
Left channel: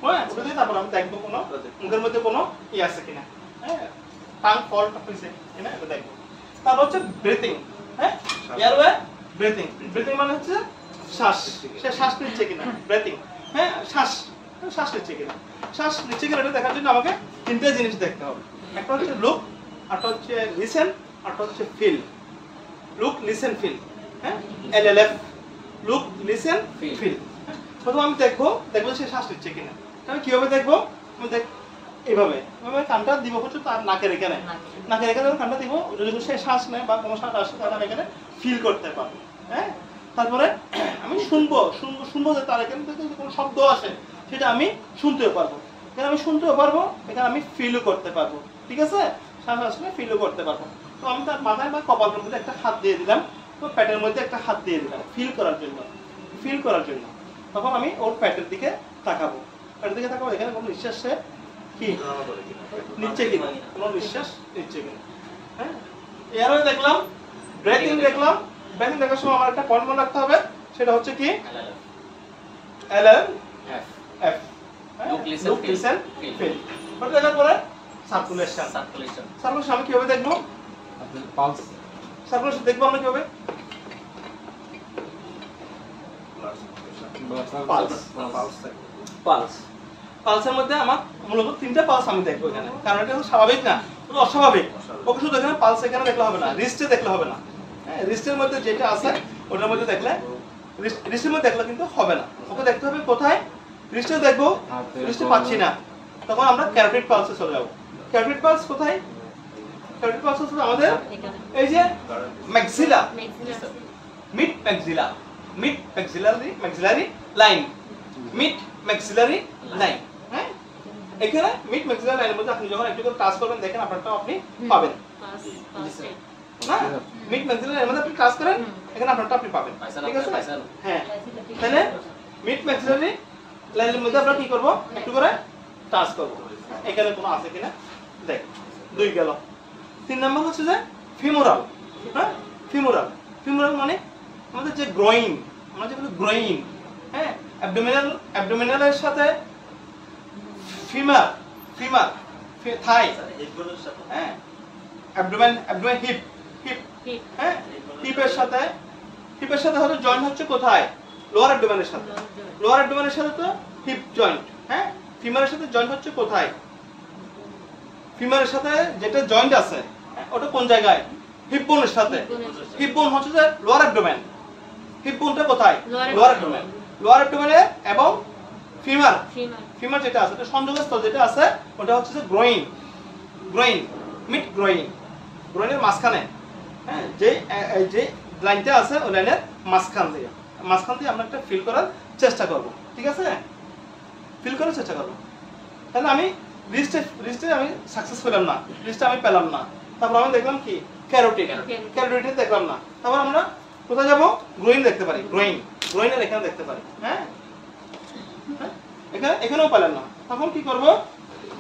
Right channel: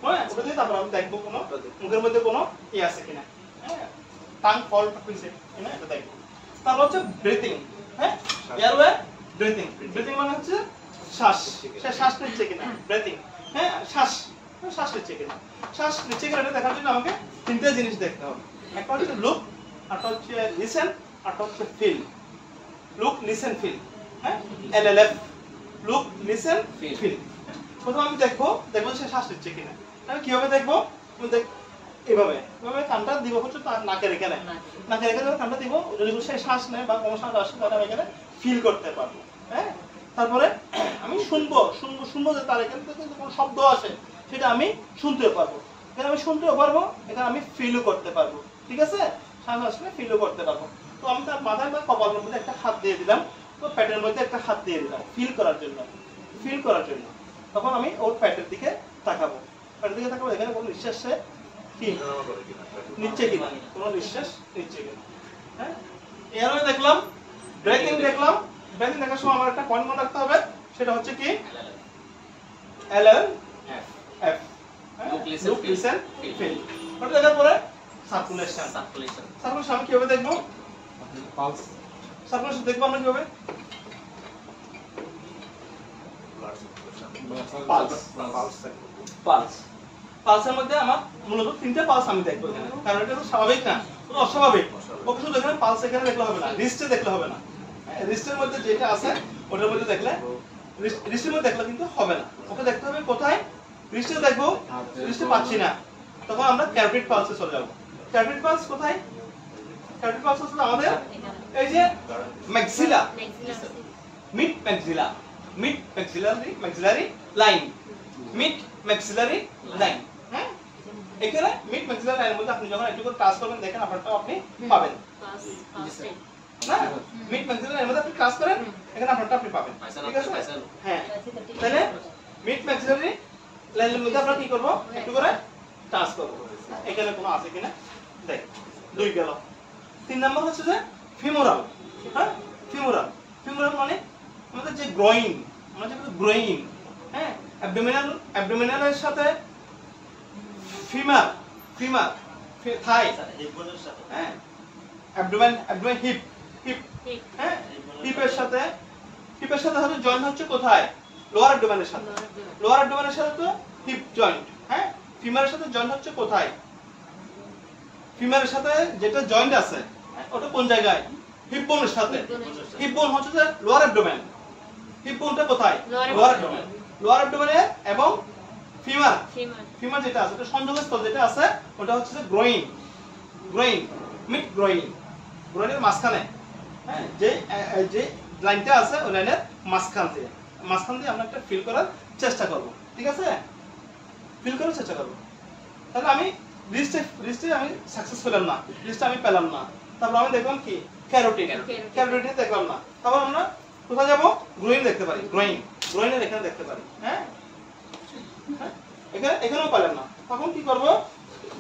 হ্যাঁ, উঠে দিয়ে তারপর আমি দেখবো কোনো মুখের মধ্যে কোনো আছে কিনা। হ্যাঁ, টাং ফল হইছে কিনা এটা দেখবো। তারপর হচ্ছে ব্রিথিং। হ্যাঁ, এয়ারওয়ে ব্রিথিং, ব্রিথিং মানে হচ্ছে শ্বাস, সে শ্বাস নিচ্ছে কিনা, ব্রিথিং। হ্যাঁ, শ্বাস নিচ্ছে কিনা, শ্বাস নিচ্ছে কিনা এটা দেখার জন্য আমাকে তিনটে জিনিস দেখতে হবে। একটা হচ্ছে লুক, একটা হচ্ছে লিসেন, আর একটা হচ্ছে ফিল। Look, listen, feel. হ্যাঁ, এলএলএফ, লুক, লিসেন, ফিল। প্রথমে আমি দেখবো সে শ্বাস নিচ্ছে কিনা। আমি কিভাবে দেখবো, আমি এইভাবে কানটা দিব হচ্ছে তার নাকের এখানে, কানটা দিব, সে শ্বাস নেয় বা কোনো শ্বাস আসে তার এখানে ফিল করতে পারবো। হ্যাঁ, তারপরে আমি শুনবো যে তার এখানে থেকে কোনো শব্দ আসে সেটা আমি শুনতেও পারবো, এখানে আমি শুনতেও পারবো, এখানে আমি ফিলও করতে পারবো। ঠিক আছে, শ্বাস আসলে ফিলও করতে পারবো। তো আমি তার মাথায় বা কপালের মধ্যে একটা হাত দিয়ে দিলাম, তো পেটের মধ্যে একটা হাত দিয়ে দিলাম ফিল করার জন্য। তখন আমি ওর পেটের দিকে তাকাবো, এখানে কোনো নিঃশ্বাস কি নিচ্ছে কিনা, কোনো নিঃশ্বাস নিচ্ছে কিনা। হ্যাঁ, এয়ারওয়ে দেখলাম, ব্রেথিং দেখলাম। ব্রেথিং দেখার সময় আমার একটা পয়েন্ট মনে রাখতে হবে, সেটা হচ্ছে কি এলএলএফ, লুক, লিসেন, ফিল। ওটা দেখার পরে সার্কুলেশন আমি কিভাবে দেখবো, পালস সার্কুলেশন দেখবো আমরা কিভাবে, পালসের মধ্যে আমার মূলত তিনটা পালস আমি দেখবো এখানে, কারণ এটা তো স্বাভাবিক না, এটা অস্বাভাবিক। ওকে শুধু এখানে পালস এখানে দেখলে হবে না, রিস্টে দেখলে হবে না। রিস্টের মধ্যে যেটা আছে ওটার মধ্যে দেখলে, রিস্টের মধ্যে দেখলে কিন্তু হবে না, ওকে দেখতে হবে কোথায়। রিস্টে দেখবো, রিস্টে পাচ্ছি না, তখন আমরা ক্যারোটিড পালসে চলে যাবো। ক্যারোটিড পালস কোথায়, ক্যারোটিড পালস হচ্ছে আমাদের এই যে maxilla, mid maxillary line, mid maxillary line. হ্যাঁ, এখানে মিড ম্যাক্সিলারি লাইনের মধ্যে আপনি যখন একটু করে কাজ করবেন দেখেন আপনারটা আপনি পাবেন না, মিড ম্যাক্সিলারি লাইনের মধ্যে আপনি কাজ করেন এখানে আপনারটা আপনি পাবেন। ঠিক আছে, হ্যাঁ, তাহলে মিড ম্যাক্সিলারি লাইনের মধ্যে আমরা কি করব, একটু করে টাচ করব, এখানে কোনো আছে কিনা দেখ। 2 গেল। 3 নাম্বার হচ্ছে যে ফিমোরাল। হ্যাঁ, ফিমোরাল মানে আমাদের যে গ্রোইং, আমরা যে গ্রোইং। হ্যাঁ, অ্যাবডোমিনালের সাথে ফিমার থাই। হ্যাঁ, অ্যাবডোমেন হিপ। হ্যাঁ, হিপের সাথে হচ্ছে জয়েন্ট হচ্ছে কোথায়, লোয়ার অ্যাবডোমেনের সাথে তো হিপ জয়েন্ট। হ্যাঁ, ফিমারের সাথে জয়েন্ট হচ্ছে কোথায়, ফিমারের সাথে যেটা জয়েন্ট আছে ওটা কোন জায়গায়? হিপ বোনের সাথে। হিপ বোন হচ্ছে যে লোয়ার অ্যাবডোমেন। হিপ বোনটা কোথায়? Lower abdomen. লোয়ার অ্যাবডোমেনে এবং ফিমার ফিমার যেটা আছে এটা সংযোগস্থল যেটা আছে ওটা হচ্ছে যে গ্রোইন। গ্রোইন মিড গ্রোইন, গ্রোইনের মাঝখানে, হ্যাঁ, যে লাইনটা আছে ওই লাইনের মাঝখান দিয়ে আমরা একটা ফিল করার চেষ্টা করব। ঠিক আছে, ফিল করার চেষ্টা করব। তাহলে আমি রিস্টে আমি সাকসেস পেলাম না, রিস্টে আমি পেলাম না। তারপর আমি দেখলাম কি ক্যারোটিড, ক্যারোটিড দেখলাম না। তারপর আমরা কোথায় যাব? গ্রোইন দেখতে পারি, গ্রোইনের এখানে দেখতে পারি। হ্যাঁ, এখানেও পেলাম না। তখন কি করব?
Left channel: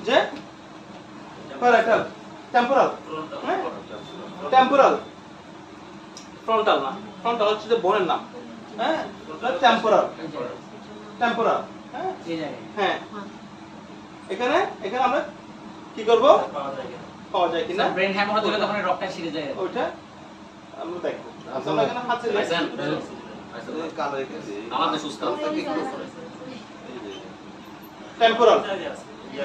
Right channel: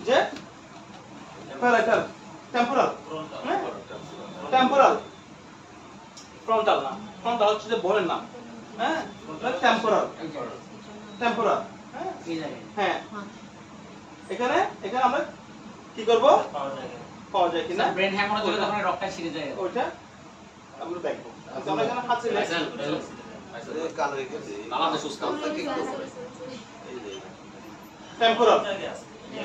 যে প্যারাইটাল, টেম্পোরাল, হ্যাঁ, টেম্পোরাল, ফ্রন্টাল না, ফ্রন্টাল হচ্ছে যে বোনের নাম। হ্যাঁ, টেম্পোরাল, টেম্পোরাল, হ্যাঁ, এখানে আমরা কি করব? পাওয়া যায় কিনা ব্রেন হ্যামর দিলে তখন রক্তটা ছিঁড়ে যায়, ওইটা আমরা দেখব। আমরা এখানে হাতে কালো রেখেছি আমাদের সুস্থ টেম্পোরাল,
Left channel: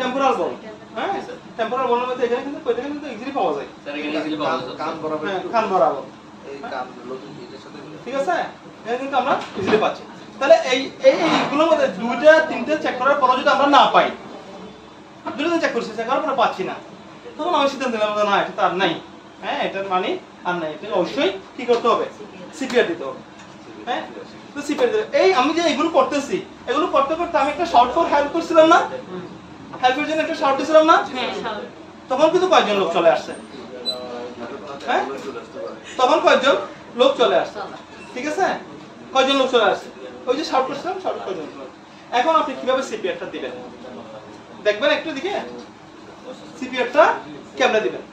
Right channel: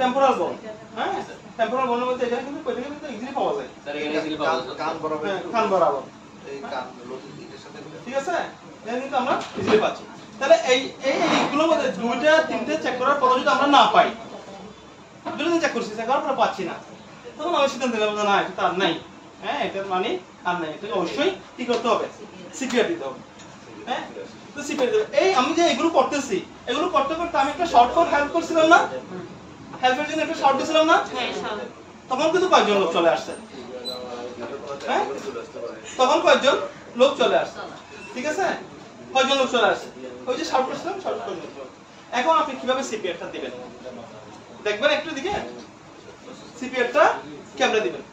টেম্পোরাল বোন। হ্যাঁ, টেম্পোরাল বোনের মধ্যে এখানে কিন্তু এটা কিন্তু ইজিলি পাওয়া যায়। স্যার এখানে ইজিলি পাওয়া যায় কান বরাবর, কান বরাবর, এই কান লতুন এটার সাথে ঠিক আছে, এখানে কিন্তু আমরা ইজিলি পাচ্ছি। তাহলে এইগুলোর মধ্যে দুইটা তিনটে চেক করার পর যদি আমরা না পাই, দুটো চেক করছি, চেক করার পর পাচ্ছি না, তখন আমি সিদ্ধান্ত নিলাম না এটা তো আর নাই। হ্যাঁ, এটার মানে আর নাই, এটা অবশ্যই কি করতে হবে? সিপিআর দিতে হবে। হ্যাঁ, তো সিপিআর দিতে। আমি যে এগুলো করতেছি, এগুলো করতে করতে আমি একটা শর্ট ফর হেল্প করছিলাম না, হেল্পের জন্য একটা শর্ট দিছিলাম না, তখন কিন্তু কয়েকজন লোক চলে আসছে। হ্যাঁ, তখন কয়েকজন লোক চলে আসছে। ঠিক আছে, কয়েকজন লোক চলে আসছে, ওই যে শর্ট করছিলাম, শর্ট কয়েকজন লোক। এখন আপনি কিভাবে সিপিআরটা দিবেন দেখবেন একটু দিকে। সিপিআরটা কেমনে দিবেন?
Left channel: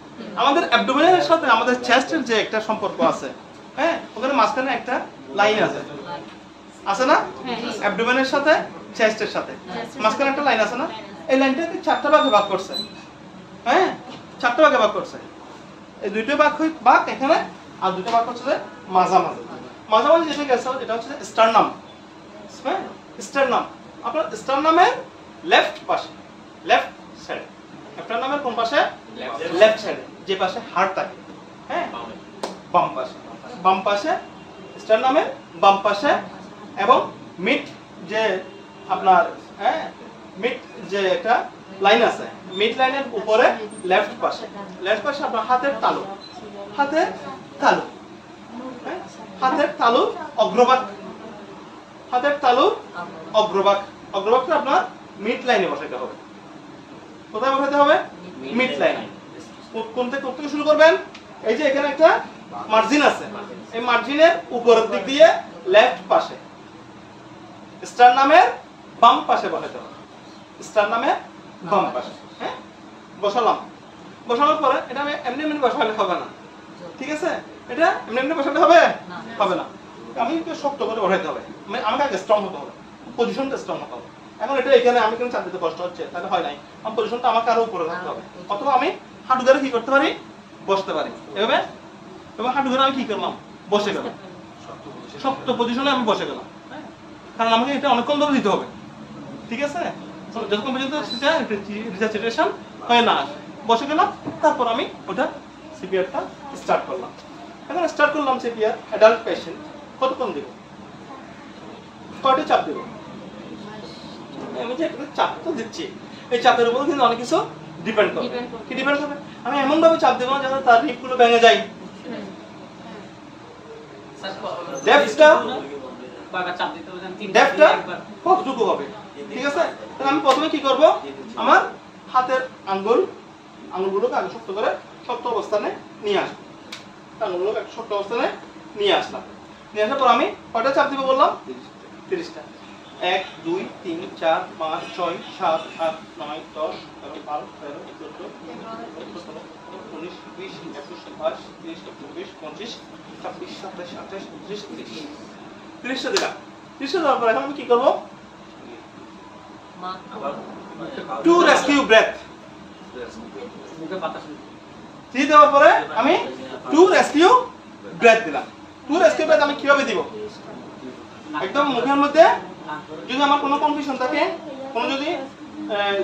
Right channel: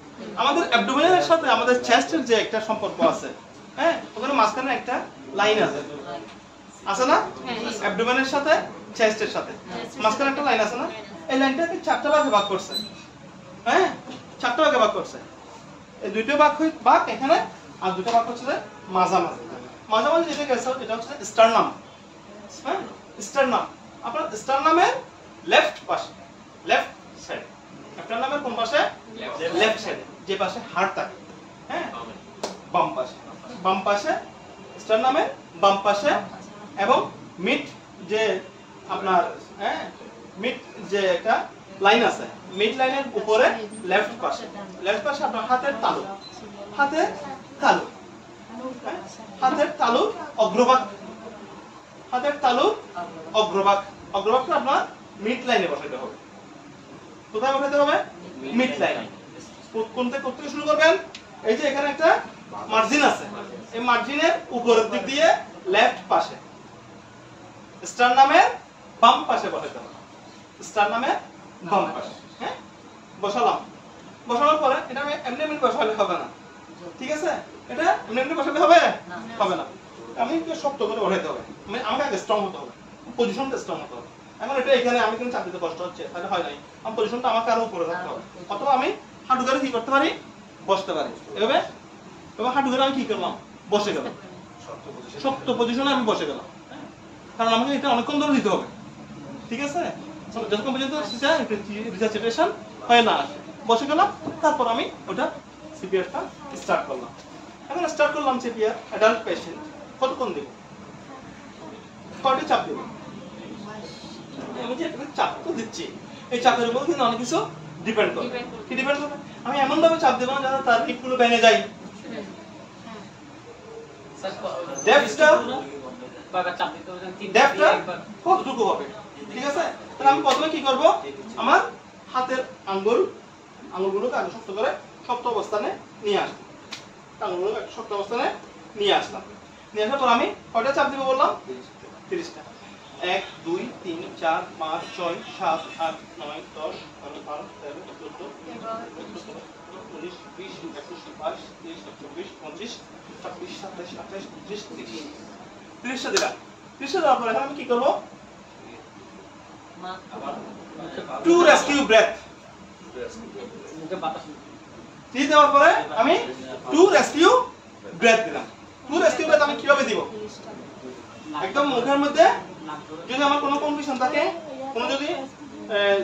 আমাদের অ্যাবডোমেনের সাথে আমাদের চেস্টের যে একটা সম্পর্ক আছে, হ্যাঁ, ওখানে মাঝখানে একটা লাইন আছে, আছে না? অ্যাবডোমেনের সাথে চেস্টের সাথে মাঝখানে একটা লাইন আছে না? এই লাইনটাকে চারটা ভাগে ভাগ করছে। হ্যাঁ, চারটা ভাগে ভাগ করছে। এই দুইটা ভাগ এখানে, আর দুটো ভাগ করছে যে মাঝামাঝি। মাঝামাঝি যেটা গেছে এটা হচ্ছে স্টারনাম। হ্যাঁ, স্টারনাম আপনার স্টারনামের লেফট পাশে, লেফট সাইড। স্টারনামের কোন পাশে? লেফট সাইডে, যে পাশে হাড় থাকে। হ্যাঁ, বাম পাশে, বাম পাশে স্টারনামের বাম পাশে। এবং মিড যে আপনার, হ্যাঁ, মিড যে একটা লাইন আছে, মিড লাইনের উপরে লেফট পাশে, লেফট পাশে আপনার হাতের তালু, হাতের তালু, হাতের তালু অগ্রভাগ, হাতের তালু অগ্রভাগ। অগ্রভাগটা আপনার মিড লাইনে বসাইতে হবে। কোথায় বসাইতে হবে? মিড লাইনে। কোন থেকে শুরু করবেন? এই যে এখানে একটা মার্জিন আছে, এই মার্জিনের উপরের দিক দিয়ে লেফট পাশে স্টারনামের বাম পাশে বসাইতে হবে। স্টারনামের বাম পাশে, হ্যাঁ, বসালাম। বসানোর পরে এটা আমি এমনি এমনি বসালে হবে না, ঠিক আছে? এটা এমনি এমনি বসালে হবে না, আমি একটু শক্ত করে বসাইতে হবে। মানে আমাকে আগে স্ট্রং হতে হবে, পজিশনটা স্ট্রং হতে হবে। এখন এটা এখানে আমি কিন্তু চাপ দিতে কষ্ট হচ্ছে, তাহলে হয় নাই। আমার পজিশনটা আমাকে আরো উপরে রাখতে হবে, অথবা আমি হাঁটু ধরে কি করতে পারি? বসতে পারি। এভাবে এবার হাঁটু ধরে আমি কি করলাম? বসে গেলাম, শক্ত পজিশনে আমি বসে গেলাম। কারণ আমাকে এটা অনেকক্ষণ ধরে দিতে হবে, ঠিক আছে? যতক্ষণ পর্যন্ত রিসার্চেশন হয় না, বসে গেলাম। তারপর আমি ওটা সিপিআরটা স্টার্ট করলাম। এখন স্টার্ট করলাম সিপিআর অ্যাডাল্ট পেশেন্ট। কতক্ষণ দেব? কয়টা চাপ দেব? আমি যে চাপ তো দিচ্ছি, এই চাপের উপর কিন্তু অনেক কিছু ডিপেন্ড করে। কি ডিপেন্ড করবে? আমি এমন ভাবে চাপ দেবো না যেন তার হিপগুলো ভেঙে যায়। ডেপথটা কতটুকু হবে, ঠিক আছে? তাহলে আমি প্রথমে কি করব? আমার হাতের আঙ্গুলগুলোকে আগে শক্ত করে শক্ত অবস্থানে নিয়ে আসবো। আঙ্গুলগুলোকে শক্ত অবস্থানে নিয়ে আসলাম। নিয়ে আসার পর আমি কয়টা চাপ দিব বললাম? 30টা। 1 2 3 4 5 6 7 8 9 10 11 12 13 14 19 20 21 22 23 24 25 26 27 28 29 30। 30টা দিলাম। 30টা দেওয়ার পর এখন আমি কি করবো? Two rescue breath. ঠিক দেওয়ার পরে আমি টু রেস্কিউ ব্রেথ দিলাম। টু রেস্কিউ ব্রেথ আমি কিভাবে দিব? একদম মুখের মধ্যে যদি আমার কোনো কনফিউশন থাকে, কোনো যদি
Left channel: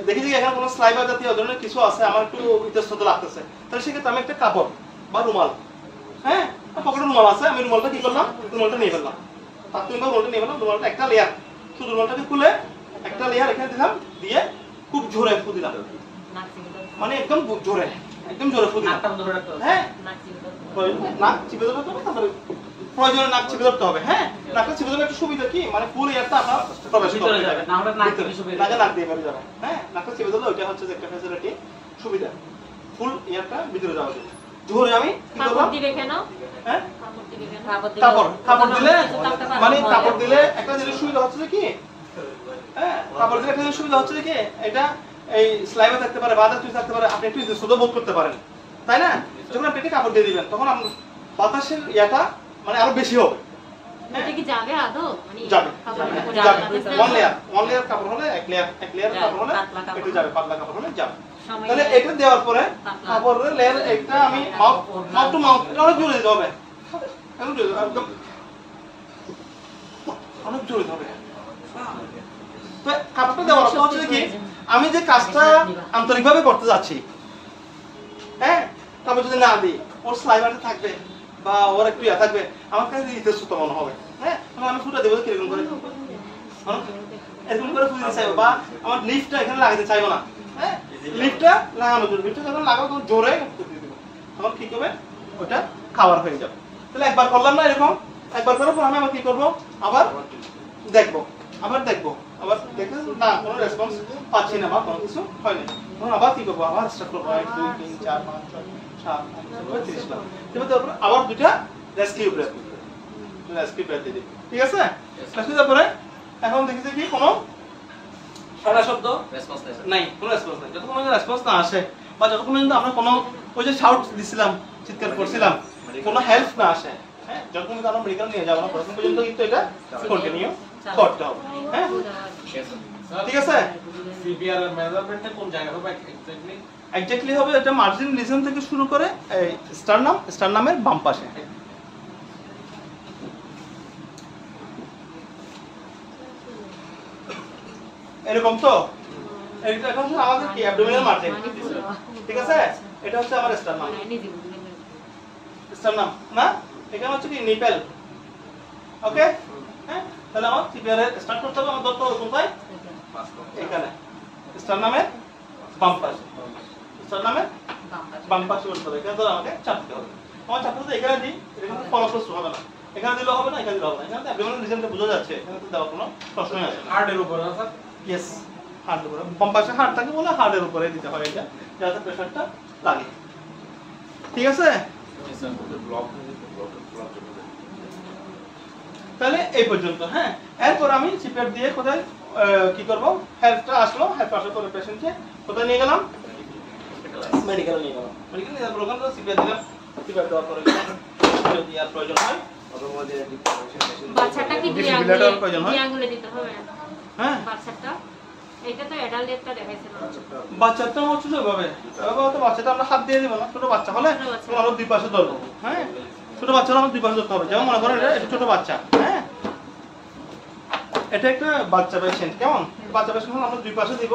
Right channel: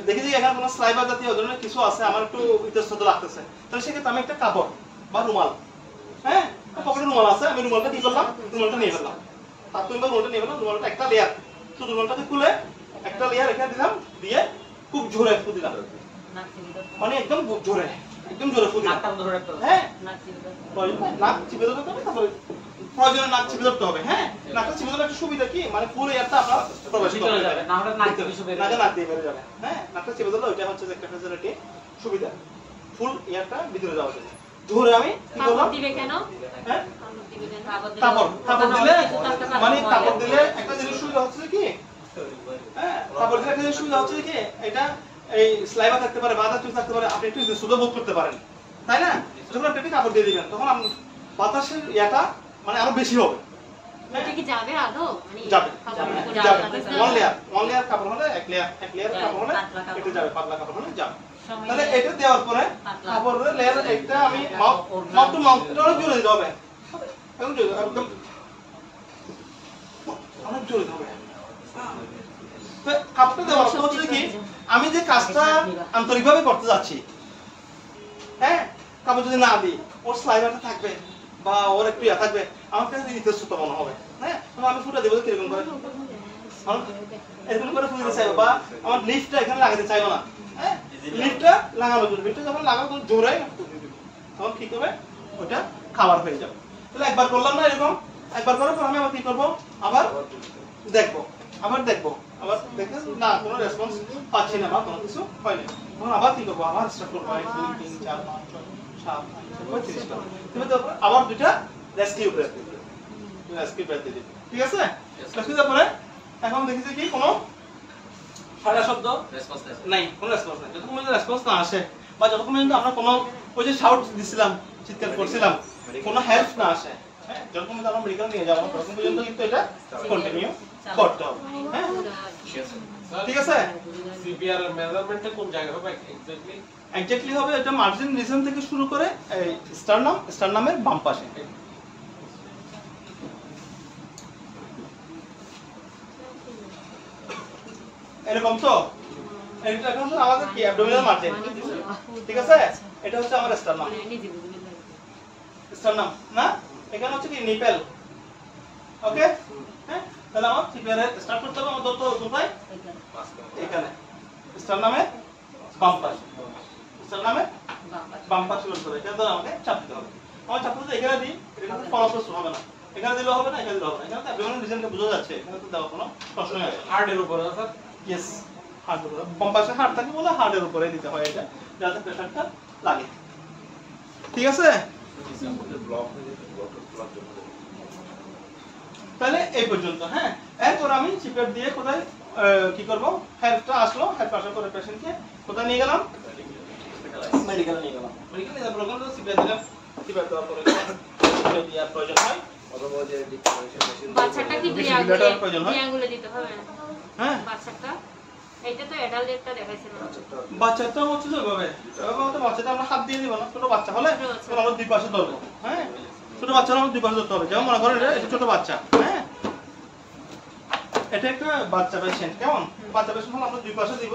দেখি যে এখানে কোনো স্লাইবার জাতীয় ধরনের কিছু আছে, আমার একটু ইতস্তত লাগতেছে, তাহলে সেক্ষেত্রে আমি একটা কাপড় বা রুমাল, হ্যাঁ পকেটে রুমাল আছে, আমি রুমালটা কি করলাম, রুমালটা নিয়ে ফেললাম, তাৎক্ষণিক রুমালটা নিয়ে ফেললাম, রুমালটা একটা লেয়ার, শুধু রুমালটাকে খুলে একটা লেয়ার এখানে দিলাম, দিয়ে খুব জোরে ফু দিলাম, মানে একদম জোরে ফু দিলাম, হ্যাঁ নাক চিপে দেবো, প্রয়োজনে নাক চিপে ধরতে হবে, হ্যাঁ নাকটা চিপে দেবে একটা সুবিধা কি, মানে ফুল এয়ারটা আপনার প্রবেশ করতে যাবে, নাক দিয়ে বেরিয়ে যাবে, হ্যাঁ নাকটা চিপে দিলে ওইটা হচ্ছে একটা ফ্যাসিলিটি সুবিধা, ফুল এয়ারটা ভিতরে যাওয়ার জন্য। ধরে আমি কি করব, কাপড় দিবে কেন, হ্যাঁ কাপড় দিলে মানে কাপড় দিলে একটা জিনিস সুবিধা হচ্ছে কি, হ্যাঁ কাপড় দিলে একটা সুবিধা হচ্ছে কি, এটা এই স্লাইভা থাকতে পারে, বাধা চুল থাকতে পারে, আপনি একটু সুন্দর বোধ করতে পারেন, তাই না? যখন আপনি একটা কাপড় দিয়ে দিবেন তখন বাতাসের ইয়াটা মানে আরো বেশি হবে, এটা কি যাবে আদৌ, মানে যাবে যাবে ওয়ান লেয়ার কাপড় হলে এক লেয়ার কাপড় হলে একটু যাবে, পাতলা কাপড় হলে যাবে। তাহলে এটা দেওয়ার পরে কাপড়ের লেয়ার একটা আমি মাউথ টু মাউথ এটা অনেক জোরে দিতে হবে, একদম অনেক জোরে দিতে হবে। তো কাপড়টা দেওয়ার অর্থ হচ্ছে কি, আমি যে কাজটা আন্তরিকভাবে করতে যাচ্ছি, হ্যাঁ কাপড় যদি না দিই ওর স্লাইভারটা থাকবে বা ওর একটু ইয়া থাকবে, আমার কাছে ইতস্তত মনে হবে, হ্যাঁ আমি ফুটা দেবো কিরকম করে, এরকম করে ফুটে দিতে চাইবো, বা আমার লিফটটা এখানে লাগাতে চাইবো না, হ্যাঁ লিফটটা লাগানোর জন্য, লিফটটা যখন লাগাবো জোরে তখন কি করবে, ওটা খাবার হয়ে যাবে। তাহলে একবার করলাম না এরকম, একবার করার পর আমি আবার কি করবো, আবার দেখবো, আবার দেখে না কোনো রেসপন্স পাচ্ছি না বা কোনো কিছু হয়নি, আবার কি করবো, আবার স্টার্ট করবো 1 2 3 4 5 6 7 8 9 10 তারপর আবার দুইটা রেস্কিউ ব্রেথ দিই, ঠিক আছে? রেস্কিউ তারপরে এখন দেখেছি কি কোনো সারা শব্দ রেসপন্স নাই, কোনো রেসপন্স নাই, যতক্ষণ পর্যন্ত রেসপন্স না আসে বা যতক্ষণ পর্যন্ত আমরা কোনো ওই যে শাউট দিছিলাম, চিৎকার করছিলাম, কোনো হেল্প না আসে, হ্যাঁ যতক্ষণ পর্যন্ত আমরা মেডিকেল নিয়ে যাবো ততক্ষণ পর্যন্ত কিন্তু এটা কন্টিনিউ করতে হবে, হ্যাঁ ঠিক আছে? সিপিআর এর মেজারমেন্টটা কোন জায়গায় হবে এক্স্যাক্টলি হবে এটা মার্জিন রিজন থেকে শুরু করে এই স্টারনামের বাম পাশে, এরকম তো এটা এখন আমাদের কি অ্যাবডোমিনাল মার্জিন, ঠিক আছে? এটা হচ্ছে আমার স্টারনাম না, এখানে হচ্ছে কি নিপেল, ওকে? হ্যাঁ তাহলে আমার সিপিআর স্টার্ট করতে হবে, আমার দত্ত কোথায়, এখানে স্টারনামের বাম পাশে, স্টারনামের বাম পাশে করতে হবে, এখানে তো আমাকে চাপতে হবে, আমার চাপতে তো এখানে দিই, এটা কিন্তু ফলপ্রসূ হবে না, এখানে দিলেও হবে না, এখানে দিলেও হবে না, এখানে তো অ্যাবডোমিনাল রিজনটা বোঝা যাচ্ছে, এখানে তো দেওয়ার কোনো প্রশ্নই আসে না। হার্টের উপর স্যার, ইয়েস হার্টের উপরে, বাম পাশে হার্ট থাকে বলে হার্টের উপরে দিতে হয় এটা, যাতে প্রেসারটা লাগে, ঠিক আছে? তাহলে এই পর্যন্ত, হ্যাঁ এরপর আমি চিপেট দিয়ে কোথায় কি করব, হেল্পটা আসলো, হেল্প আসার পরে পেশেন্টকে কোথায় নিয়ে গেলাম, মেডিকেলে নিয়ে গেলাম, মেডিকেলে নিয়ে প্রোগ্রাম তো চিপেট দিলাম, চিপেট দেওয়ার পরে যদি আর প্রয়োজন হয় বাচ্চাটা কি দুই আঙ্গুলে দিতে হবে, হ্যাঁ বাচ্চাটা এটা তো অ্যাডাল্টটা দেখাইছিল না, বাচ্চাটা হচ্ছে যেভাবে বাচ্চাটা আমরা হাত দিয়ে দিব না, ছোট বাচ্চা হলে আমরা দুই পাশে ধরবো, হ্যাঁ ছোট বাচ্চা আমরা দুই পাশে ধরতে হবে, যেমন মনে করেন এটা ছোট বাচ্চা, হ্যাঁ এটা একটা বাচ্চা পেশেন্ট, কেমন বাচ্চা পেশেন্ট হলে আমরা দুই পাশে দিব,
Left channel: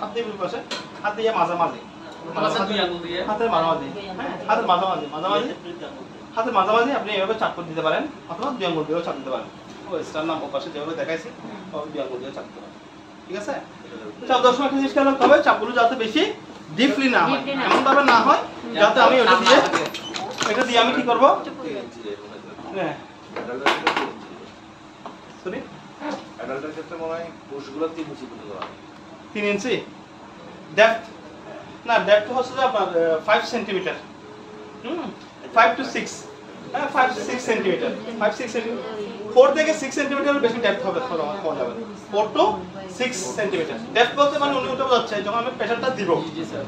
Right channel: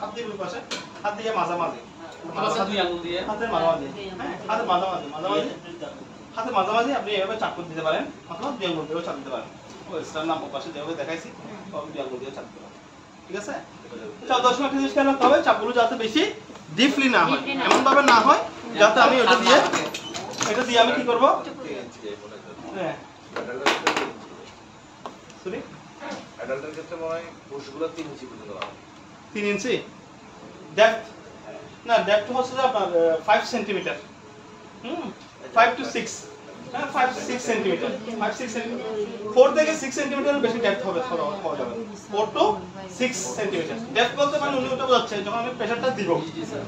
হাত দিয়ে দুই পাশে, হাত দিয়ে মাঝামাঝি, হাতের মাঝামাঝি, হ্যাঁ হাতের মাঝামাঝি আপনি এভাবে চাপ দিতে পারেন, আপনার দুই আঙ্গুল দিয়েও চাপ দিতে পারেন, ওই স্টারনাম পাশে যেভাবে দেখাইছি দুই আঙ্গুল দিয়ে চাপ দিতে পারেন, ঠিক আছে? চাপের সময় একটা জিনিস খেয়াল রাখতে হবে, চাপগুলো যাতে বেশি ডিপলি না হয়, এমন ভাবে না হয় যাতে আমি এটা দিয়ে আমি কি করব, হ্যাঁ সরি অ্যাডাল্টের ক্ষেত্রে মনে হয় পুরুষগুলো 3 ইঞ্চি পর্যন্ত হয়, 3 ইঞ্চি ডেপথ না, ডেপথ হচ্ছে আপনার 5 সেন্টিমিটার, 5 to 6, হ্যাঁ 5 to 6 সেন্টিমিটার, 5-6 সেন্টিমিটার, 4 থেকে 6 সেন্টিমিটার বেশি ডেপথ হবে, 4 to 6 সেন্টিমিটার ডেপথ বলতে মানে উনি ওটা বোঝাচ্ছে যখন আমি প্রেসারটা দিব,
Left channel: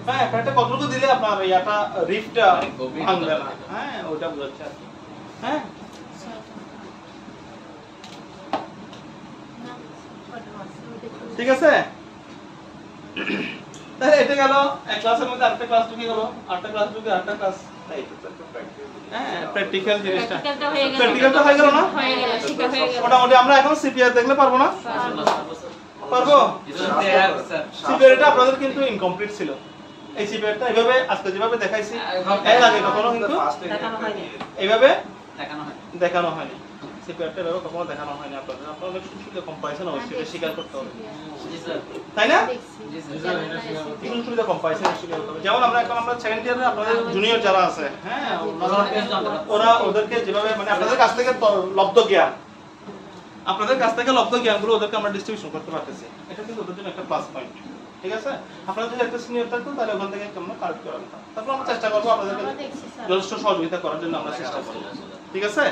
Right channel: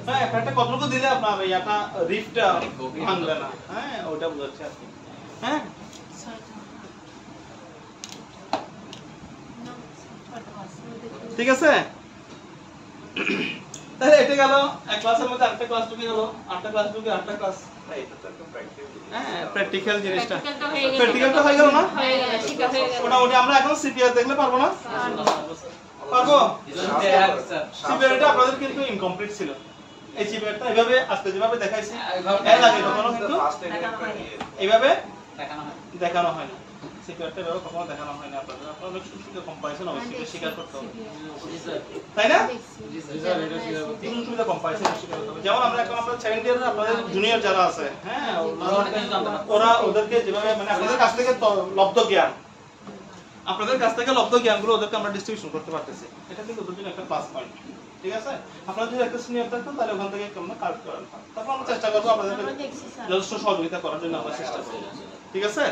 হ্যাঁ প্রেসারটা কতটুকু দিলে আপনার ইয়াটা রিফটা ভাঙবে না, হ্যাঁ ওটা বোঝাচ্ছে আর কি, হ্যাঁ ঠিক আছে? তাহলে এটা গেল এক ক্লাসের মধ্যে, আরেকটা ক্লাস ঢুকে গেল, আরেকটা ক্লাস ঢুকে আরেকটা ক্লাস, হ্যাঁ প্র্যাকটিক্যাল জিনিসটা, প্র্যাকটিক্যালটা হয়ে গেল না, মোটামুটি আমরা এখন সিপিআর দেখলে পারবো না, পারবো স্যার সিপিআরটা আপনাদের কিন্তু ইনকমপ্লিট ছিল এই সিপিআরটা এইভাবে আজকে যেভাবে দেখাইছি এর আগে কখনো কিন্তু এইভাবে দেখানো হয়নি সিপিআরটা এভাবে কখনো দেখানো হয়নি আপনাদের আপনাদের সুন্দর কম্পারিজন অবশ্যই স্বীকার করতে হবে জি স্যার তাই না জি স্যার তিন সুবিধা কম্পারিজন স্বীকার করতে হবে যেমন আমরা এখন আমরা সেকেন্ড ইয়ারে আপনাদের জুনিয়র যারা আছে হ্যাঁ ওরা ওদেরকে যেভাবে মানে আপনাদের কাছ থেকে লব্ধ জ্ঞান আপনাদের কাছ থেকে লব্ধ জ্ঞানগুলো ওদেরকে আমরা ডিস্ট্রিবিউশন করতে পারতেছি এটা কিন্তু ওদের জন্য একটা প্লাস পয়েন্ট ঠিক আছে আপনারা যদি একটা সিনিয়র থাকবেন তাহলে ওখান থেকে আমরা কালেক্ট করে আনতাম তারপর আমরা চেষ্টা করবো আপনাদেরকে যথেষ্ট সহযোগিতা করার জন্য আমরা চেষ্টা করবো ঠিক আছে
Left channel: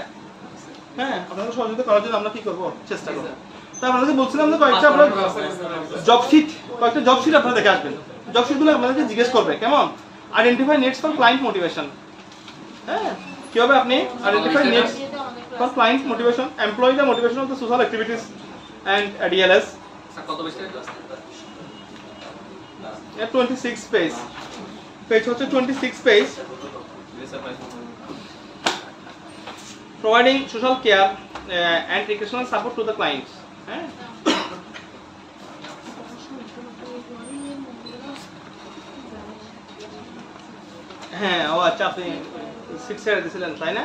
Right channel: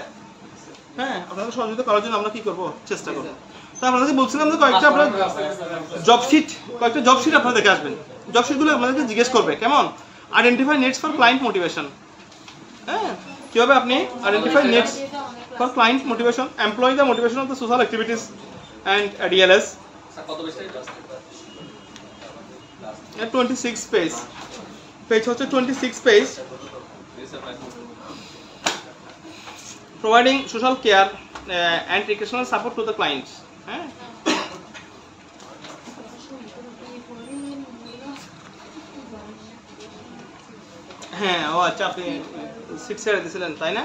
হ্যাঁ আপনাদের সহযোগিতা করার জন্য আমরা কি করবো চেষ্টা করবো তো আপনাদের বলছিলাম যে কয়েকটা আপনার কয়েকটা জব শিট আপনারা দেখে আসবেন জব শিটগুলো আপনাদেরকে জিজ্ঞেস করবে কেমন identify needs for client motivation হ্যাঁ কিভাবে আপনি identify needs for client motivation, employ the motivation of the social activities and ADLS. কত বেশি 26 page. Page হচ্ছে 26 page. Providing social care and recreational support to the clients. হ্যাঁ ও আচ্ছা আপনি 6 এর দিছিলেন তাই না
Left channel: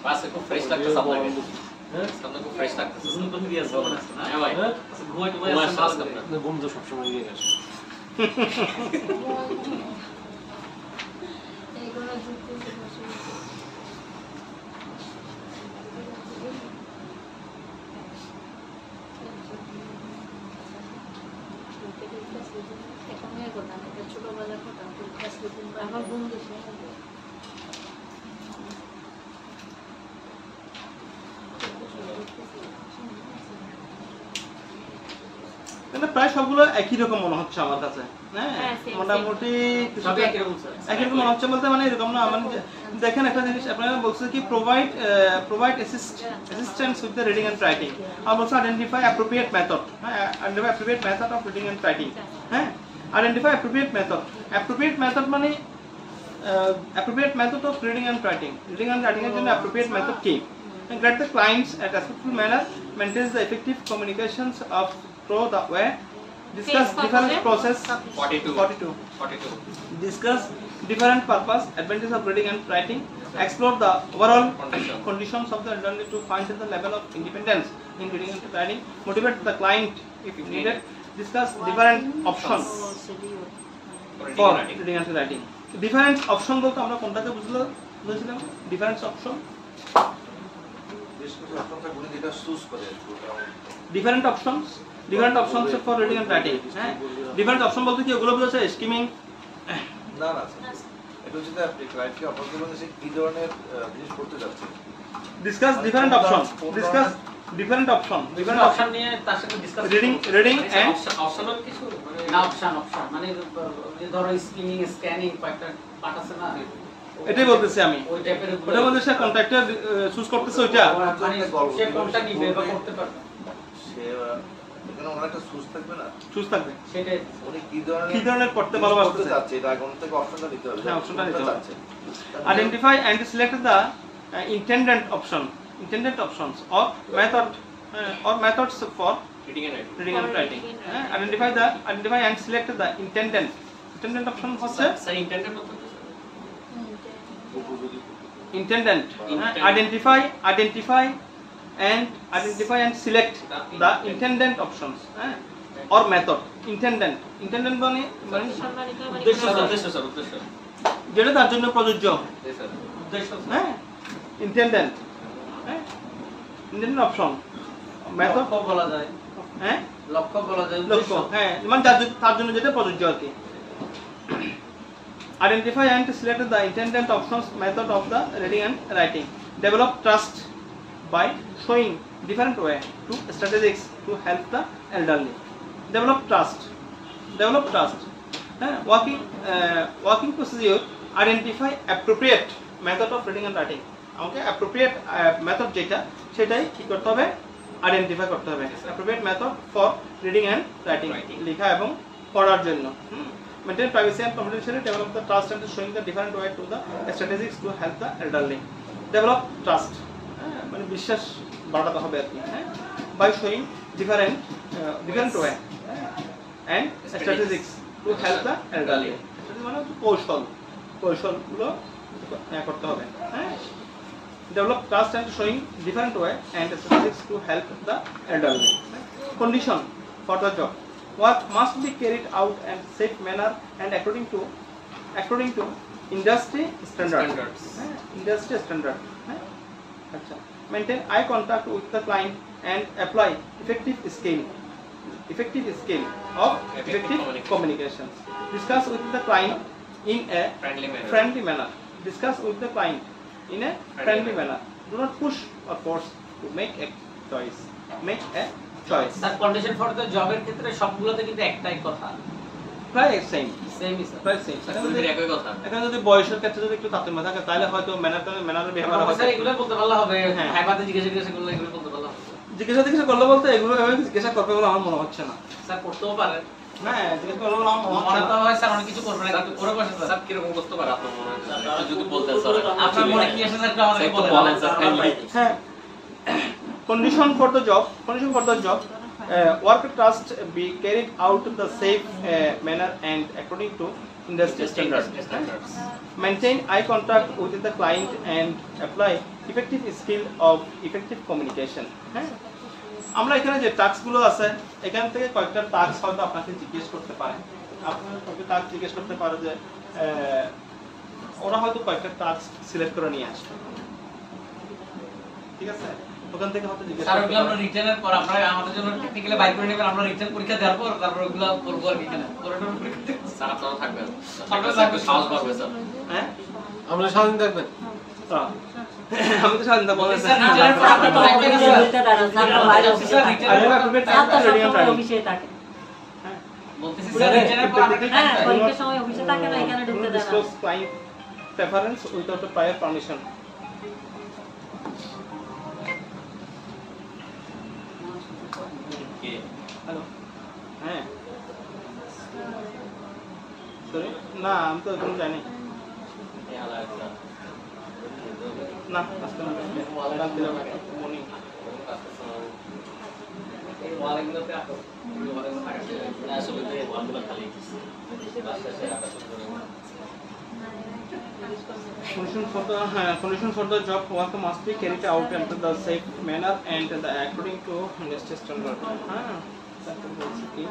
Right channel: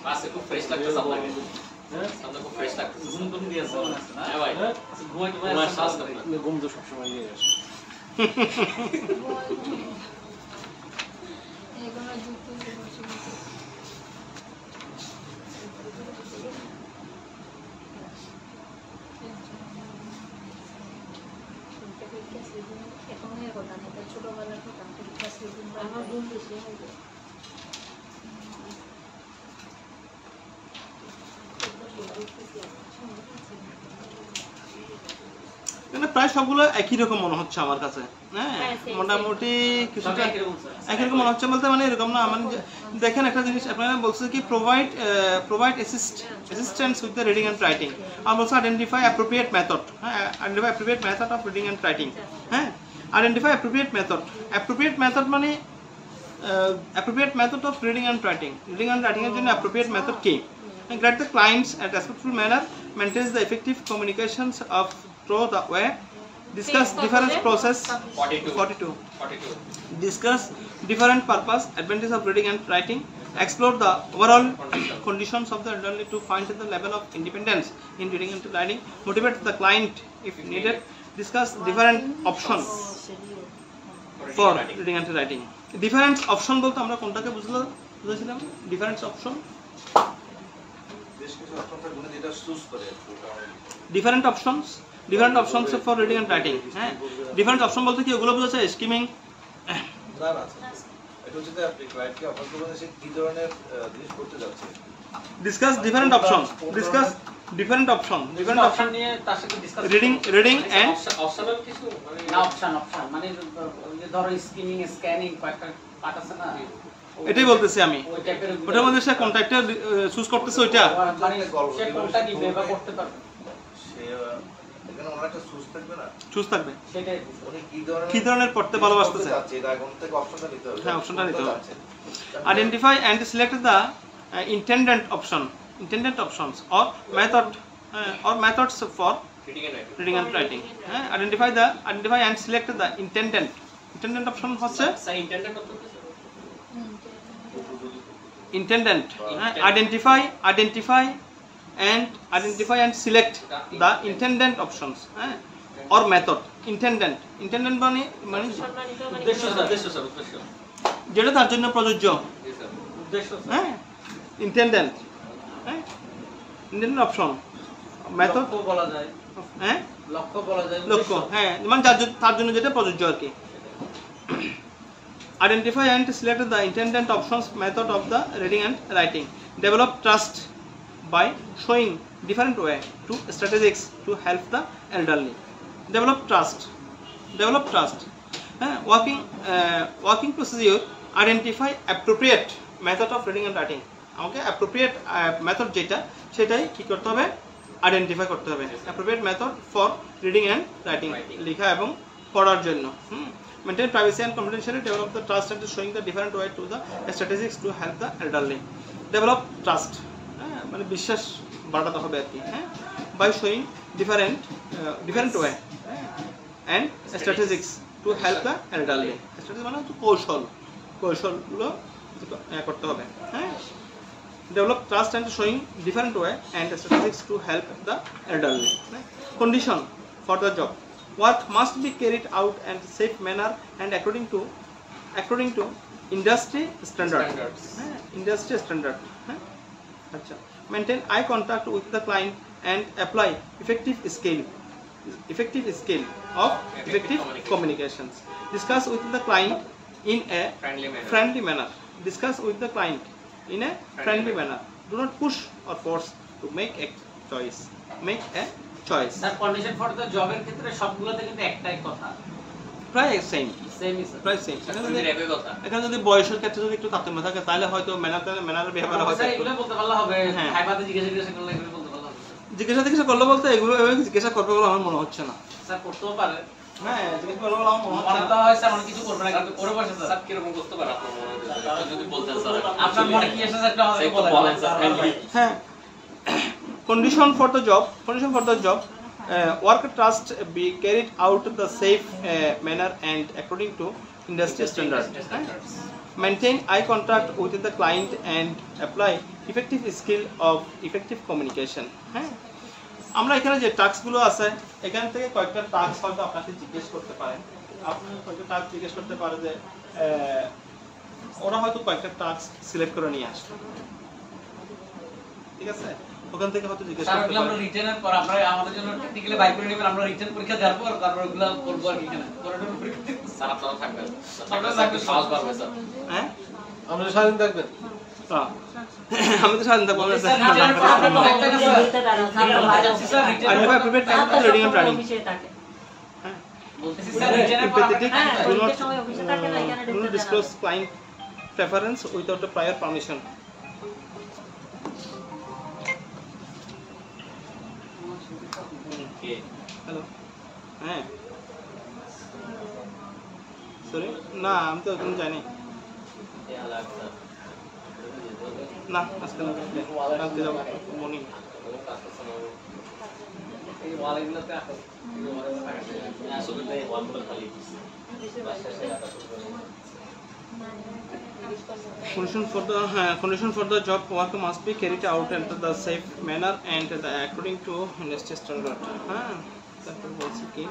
ক্লাসে খুব ফ্রেশ লাগতেছে আপনাকে সামনে খুব ফ্রেশ লাগতেছে সুন্দর দিয়ে আছে না হ্যাঁ ভাই ঘুমাই শ্বাস করতে ঘুম তো সব সময় নিয়ে আসে এগুলো যুক্তি বসে এখনের কথা না এটা ছোটবেলার কথা ক্লাস রুটিন আমার ঘুম বেশি হবে মানে প্রায় সবগুলো একই রকম মনে হচ্ছে আমার কাছে হ্যাঁ মোটামুটি কিছুটা একই রকম মনে হচ্ছে বলতে মানে এরকম না মানে দেখেন একটা জিনিস আপনারা বলছে কি provide assistance with the reading and writing আর অলসো আইডেন্টিফাই অ্যাপ্রোপ্রিয়েট মেথড হ্যাঁ identify appropriate method of reading and writing হ্যাঁ আইডেন্টিফাই অ্যাপ্রোপ্রিয়েট মেথড মানে appropriate method of reading and writing এর জন্য অ্যাপ্রোপ্রিয়েট মেথড কি guide the clients at respectful manner maintains the effective communications of through the way discuss different process 42 discuss different purpose advantages of reading and writing explore the overall conditions of the elderly to find the level of independence in reading and writing motivate the client if needed discuss different options for reading and writing different option বলতে আমরা কোনটাকে বুঝছিলাম different option different options for reading and writing হ্যাঁ different option বলতে কি এগুলো বোঝাচ্ছে skimming না এটা হচ্ছে যে আপনি ক্লায়েন্টকে অফার করবেন যে কি ধরনের জিনিস করতে যাচ্ছে discuss different option নিয়ে তার সাথে ডিসকাস reading and অপশনাল কিছু মানে না অপশন মানে ধরো স্কিমিং স্ক্যানিং পার্ট আছে না এটাই বলতেছি আমি ওই টাইপের ওটার মধ্যে সে কন্ট্রাক্টর চুজ করতেছে ওইটা সে কোনটা কি ব্যবহার করতে পারবে সে এখানে অনেকটা সুস থাকবে না চুজ থাকবে সেটাই উনি কি ধরনের করতে ভালোবাসতে চাচ্ছে এটা এখন থেকে অপশনটা নিতে হবে হ্যাঁ অপশনটা নিতে হবে identify and select the intended options or methods for reading and writing identify and select the intended option হচ্ছে স্যার ইন্টারনেট মত intended identify and select the intended options or method intended মানে উদ্দেশ্য স্যার যেটা তার জন্য প্রযোজ্য উদ্দেশ্য হ্যাঁ intended option method বলা যায় হ্যাঁ লক্ষ্য বলা যায় লক্ষ্য হ্যাঁ মানে তার জন্য যেটা প্রযোজ্য আর কি identify and select the intended options method of the reading and writing develop trust by showing different way to strategies to help the elderly develop trust working procedure identify appropriate method of reading and writing okay appropriate method যেটা সেটাই কি করতে হবে identify করতে হবে appropriate method for reading and writing লেখা এবং পড়ার জন্য maintain privacy and confidentiality, develop the trust and showing the different way to the strategies to help the elderly. Develop trust, মানে বিশ্বাস বাড়াতে হবে আর কি, হ্যাঁ, by showing different way and strategies to help the elderly. strategy মানে হচ্ছে কৌশলগুলো করতে হবে, হ্যাঁ। Develop trust and showing different way and strategies to help the elderly. Condition for the job: work must be carried out in safe manner and according to industry standards. Industry standard. Acha. Maintain eye contact with the client and apply effective skill of effective communications. Discuss with the client in a friendly manner. Discuss with the client in a friendly manner. Do not push or force to make a choice. Sir condition for the জবের ক্ষেত্রে সবগুলোতে কিন্তু একটাই কথা, প্রায় same প্রায় same. একই কথা। এখানে যদি বয়সের ক্ষেত্রে যদি একটু তারতম্য থাকে তাহলে হয়তো ম্যানারের বিহেভিয়ার হবে। স্যার এগুলো বলতে পারলে হবে, হাইবাতে জিজ্ঞাসা করলে এগুলো বলতে পারলে হবে। জিজ্ঞাসা করলে বলতে এগুলো জিজ্ঞাসা করবে বলে আমার মনে হচ্ছে না। স্যার করতেও পারে, হ্যাঁ জিজ্ঞাসা করলে আমার মনে হচ্ছে না। হয় স্যার অনেক কিছু করবে না, কিন্তু করে বসে স্যার কি রকম করতে পারে আপনার মনে হয়? যদি বলতেন স্যার আপনার মনে কি আসে স্যার, আমাদের বলেন স্যার। হ্যাঁ, condition for the job, work trust be carried out in the safe manner and according to industry standards. Maintain eye contact with the client and apply effective skill of effective communication. আমরা এখানে যে টাস্কগুলো আছে এখান থেকে কয়েকটা task হয়তো আপনাকে জিজ্ঞেস করতে পারে, আপনি কয়েকটা টাস্ক জিজ্ঞেস করতে পারে যে ওরা হয়তো কয়েকটা টাস্ক সিলেক্ট করে নিয়ে আসবে, ঠিক আছে, ওখান থেকে হয়তো জিজ্ঞেস করতে পারে। আমরা রিটার্নের পর আমরা আমাদের জন্য টেকনিক্যালি বাইক করে নেবেন, আমরা রিটার্ন পরীক্ষা দেওয়ার পর তারপর ওগুলো করব আর কি না, পরীক্ষা স্যার আপনারা থাকবেন, আপনারা থাকবে সাহস বাড়বে স্যার। হ্যাঁ আমরা স্বাধীন থাকবেন। হ্যাঁ আমি তো স্বাধীন থাকবো স্যার রিটার্নের পর আমরা তো একটা কিছু বলতে দাঁড়ান স্যার, স্যার রিটার্নের পর prepare time ready and planning অফিসে থাকে, বলতেছি স্যার রিটার্নের পর হ্যাঁ পরীক্ষার সময় অফিসে থাকে না, এখানে ঢুকতে দেন না। disclose client preference without a prior permission. Hello, হ্যাঁ সরি না আমি তো ওখানে যাইনি না, আজকে না, কালকে যাবো মর্নিং। এই ওয়ালগুলোতে আসো, আসলে এই ওয়ালগুলো খালি Condition for the job: work must be carried out in the safe manner and according to industry standard. তারপর বলছি কি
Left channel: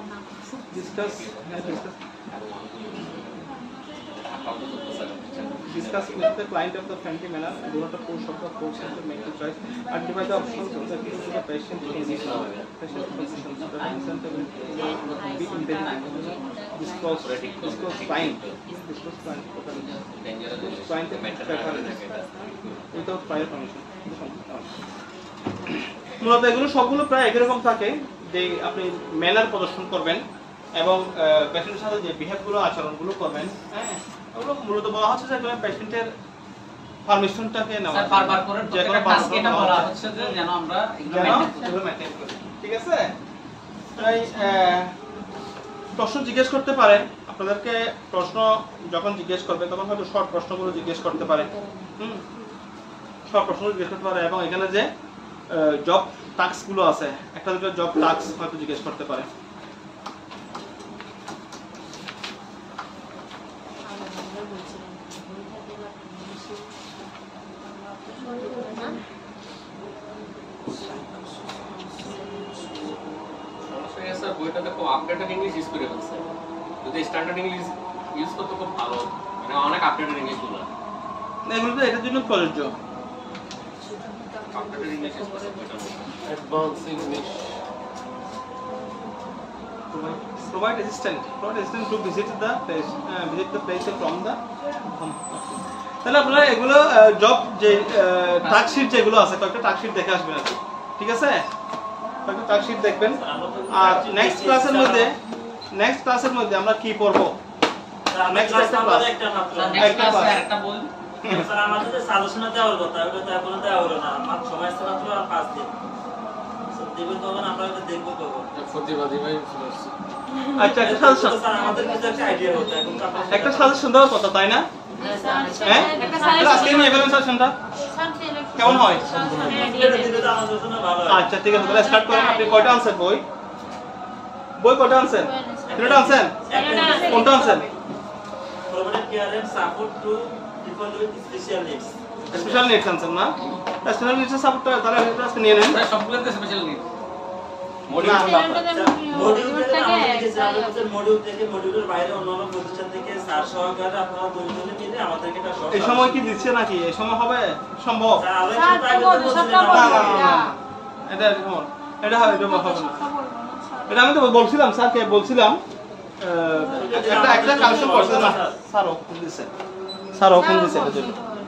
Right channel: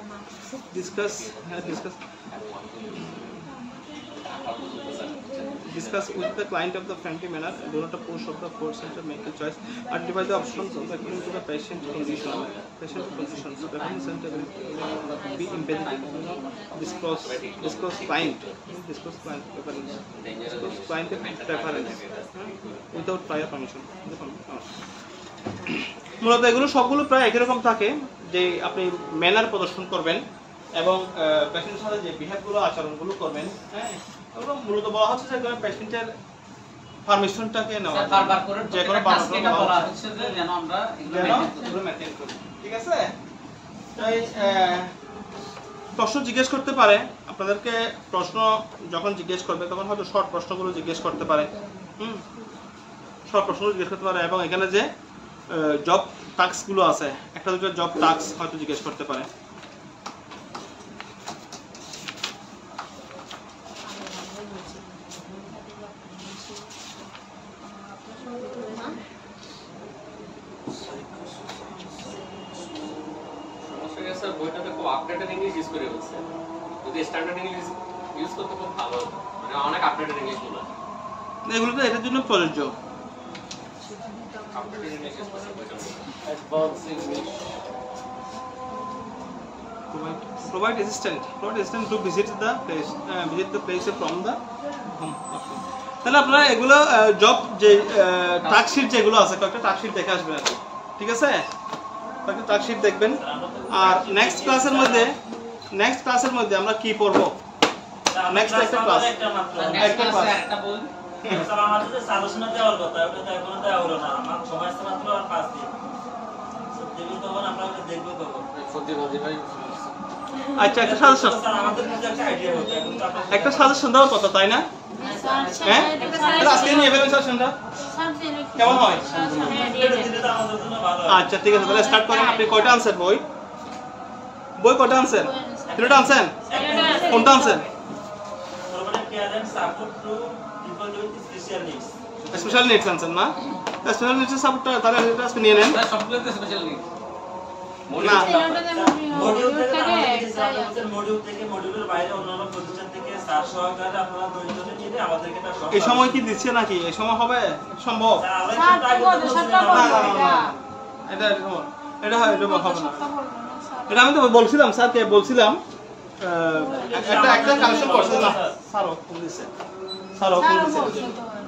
discuss with the client of the friendly manner. Do not push or force him to make a choice. Identify the options of the patient position. Be impediment. Disclose client preference without prior permission. মূলত এগুলো সবগুলো প্রায় একই রকম থাকে যে আপনি manner প্রদর্শন করবেন এবং পেশেন্টের সাথে যে বিহেভগুলো আচরণগুলো করবেন, হ্যাঁ ওগুলো মূলত বলা হচ্ছে যে পেশেন্টের পারমিশনটাকে নেওয়া, স্যার বারবার করে যে কোনো টাস্ক এটা বলা হচ্ছে যে যেন আমরা এগুলো মেইনটেইন করি, ঠিক আছে। তাই প্রশ্ন জিজ্ঞেস করতে পারে আপনাদেরকে, প্রশ্ন যখন জিজ্ঞেস করবে তখন হয়তো শর্ট প্রশ্নগুলো জিজ্ঞেস করতে পারে, শর্ট প্রশ্নগুলো জিজ্ঞেস করতে পারে এবং এখানে যে জব টাস্কগুলো আছে একটা দুটো জব টাস্ক হয়তো জিজ্ঞেস করতে পারে। স্যার বইটাতে খুব আপডেটেড ইংলিশ ইউজ করে বলছে, যদি স্ট্যান্ডার্ড ইংলিশ ইউজ করতে খুব ভালো, মানে অনেক আপডেটেড ইংলিশ বলা, এগুলো তো এটার জন্য প্রযোজ্য। আপডেটেড ইংলিশ ইউজ করতে advance English. Provide assistance to visit the place from the home. তাহলে আপনারা এগুলো জব যে টাস্কশিট যেগুলো আছে কয়েকটা টাস্কশিট দেখে আসবেন আপনি, ঠিক আছে, কয়েকটা টাস্কশিট দেখবেন। আর নেক্সট ক্লাসের মধ্যে আমরা কি পড়বো, নেক্সট একটা বল স্যার আমাদের যে সাজেশন দেওয়ার কথা ওটা তো এখনো দেওয়া হলো না, আমার সময় আছে মাত্র আর 5 দিন। দেবেন কখন, আমরা দেখবো কখন। প্রতিবাদী ভাই আচ্ছা একটা সাজেশন, স্যার আমাদের কিছু একটা আইডিয়া হতো এখন তো আপনারা একটা সাজেশন দেওয়ার কথা তাই না? হ্যাঁ আজকে নিয়ে এবেন সাজেশনটা কেমন হয়? এটা দিলে তো আমাদের জন্য ভালো হয়। আচ্ছা ঠিক আছে তাহলে স্টার্ট করেন। আপনি কয়টা আনসার বই কয়টা আনসার? তিনটা আনসার? কোনটা answer? Problem care and support to people with special needs. Special needs answer না? স্পেশাল নিডস সাপোর্টটা তাহলে এটা আজকে নিয়ে নেন। সবগুলোতে স্পেশাল নিড মডিউল থেকে মডিউলের বাইরে অন্যান্য প্রতিষ্ঠান থেকে স্যার সহকারে আপনারা দুইজনে মিলে আমাদেরকে একটা শর্ট এই সময় কি দিচ্ছে নাকি? এই সময় হবে সম্ভব? এটা এটা হয় এটা হবে না। এটা আমি তো বলছিলাম স্যারকে বলছিলাম একটা কালেকশন করছে না স্যারও ফোন দিছে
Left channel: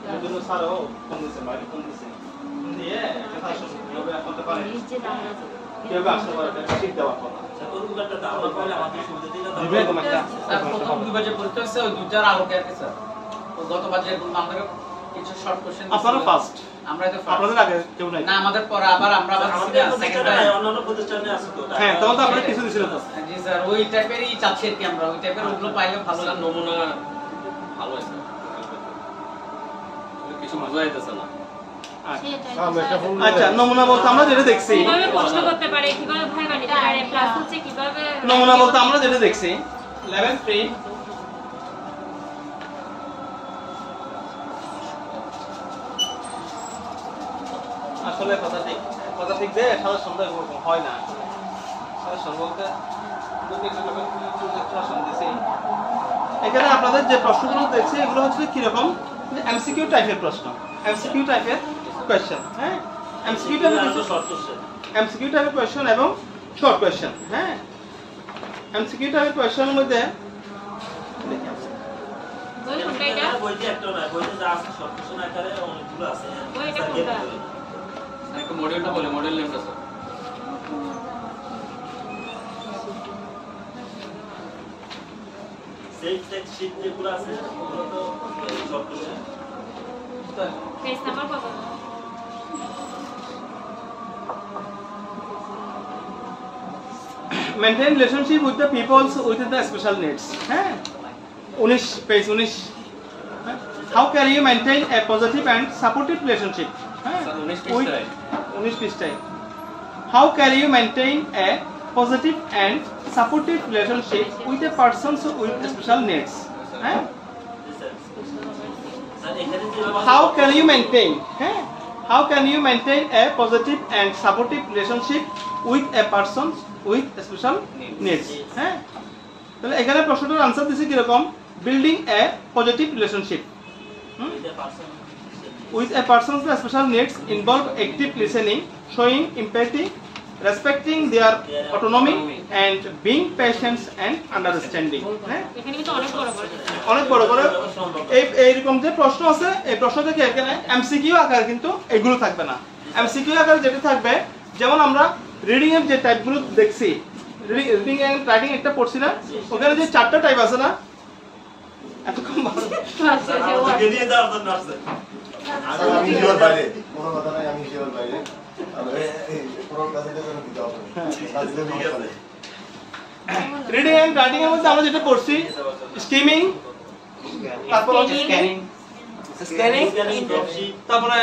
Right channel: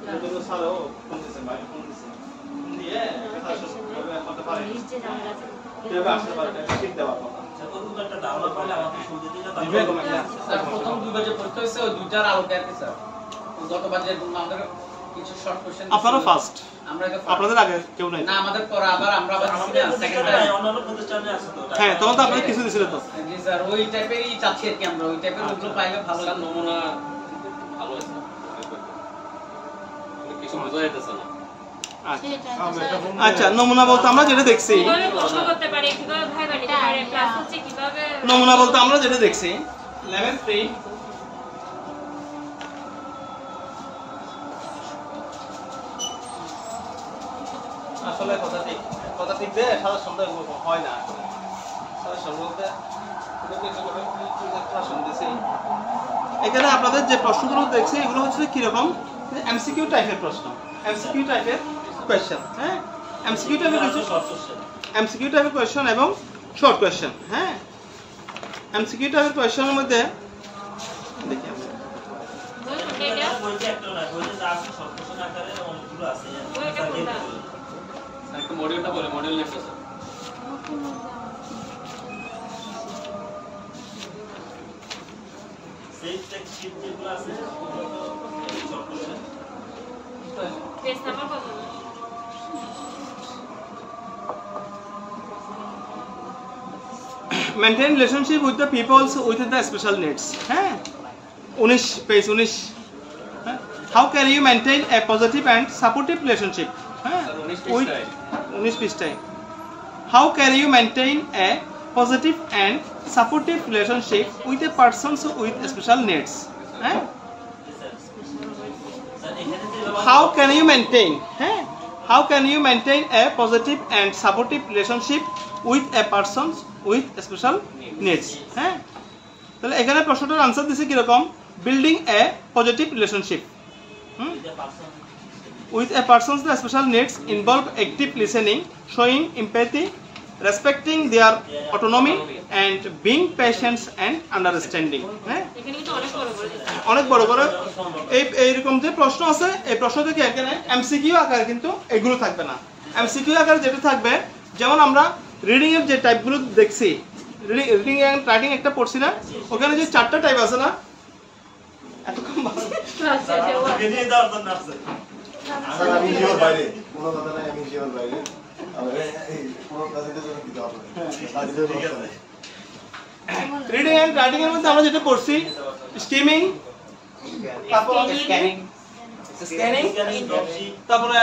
এটার জন্য স্যারও ফোন দিছে বাইরে ফোন দিছে দিয়ে কিভাবে করতে পারে কিভাবে আসতে পারে এটা ঠিক দেওয়ার কথা। ওরকম একটা ধারণা পাইলে আমাদের সুবিধা দিলে স্যার প্রথম দুইবার যে পরীক্ষা হয়েছে ওই দুটার আলোকে আর কি স্যার গতবার যে আমাদের কিছু শর্ট কোশ্চেন আপনারা ফার্স্ট, আমরা তো আপনাদের আগে কেউ নাই না আমাদের পরে আবার আমরা আমাদের প্রতিষ্ঠানে নাই অন্যান্য প্রতিষ্ঠানে আছে তো। হ্যাঁ তখন তো আপনাদের কিছু দিছিল তো। জি স্যার ওই টাইপেরই চাচ্ছি আর কি আমরা ওই টাইপের ওগুলো পাইলে ভালো স্যার নমুনা ভালো হয়েছে কিছু মজা হইতেছে না। আচ্ছা নমুনা বলতে আমরা যেটা দেখছি, কিভাবে প্রশ্ন করতে পারে, কিভাবে ভাইবা নিতে পারে, ক্লাস হচ্ছে কিভাবে নমুনা বলতে আমরা যেটা দেখছি লেভেল 3 আসলে কথা ঠিক যে সারা সন্ধ্যা এরকম হয় না। সারা সন্ধ্যা বলতে এখানে আপনাদের যে প্রশ্নগুলো দেখছি এগুলো হচ্ছে কিরকম এমসিকিউ টাইপের প্রশ্ন, এমসিকিউ টাইপের কোয়েশ্চেন। হ্যাঁ এমসিকিউ টাইপের কোয়েশ্চেন, এমসিকিউ টাইপের কোয়েশ্চেন এবং শর্ট কোয়েশ্চেন। হ্যাঁ এমসিকিউ টাইপের কোয়েশ্চেনের মধ্যে বইতে একটা না বইতে যা আছে শর্ট কোশ্চেন আকারে অনেকগুলো আছে। একটু মডিউলটা বলে মডিউল নেমটা স্যার। সেভ টেক্সট শীট যেগুলো আছে ওগুলো তো শর্ট কোশ্চেন। পেজ নাম্বার কত? maintain relationship with the people with the special needs. হ্যাঁ 19 page 19 how can you maintain a positive and supportive relationship? হ্যাঁ 19 পৃষ্ঠায় how can you maintain a positive and supportive relationship with a person with special needs? হ্যাঁ how can you maintain how can you maintain a positive and supportive relationship with a person with special needs? হ্যাঁ তাহলে এখানে প্রশ্নটার answer দিছি কি রকম building A positive relationship with a person's special needs involve active listening, showing empathy, respecting their autonomy and being patient and understanding. হ্যাঁ এখানে তো অনেক বড় বড় এইরকম যে প্রশ্ন আছে এই প্রশ্ন থেকে এখানে এমসিকিউ আকারে কিন্তু এগুলো থাকবে না। এমসিকিউ আকারে যেটা থাকবে যেমন আমরা রিডিং এর যে টাইপগুলো দেখছি রিডিং এন্ড রাইটিং একটা পড়ছিলাম ওখানে যে চারটা টাইপ আছে না এত কম দিয়ে দাও আপনার নাম স্যার। আমি জীবন বাইরে কোনো কথা নাই, আমি জীবন বাইরে এই কোনো কাজে তো দিতে হবে রিডিং এন্ড রাইটিং এর মধ্যে আমরা যেটা পড়ছি স্কিমিং, তারপর স্ক্যানিং, তারপরে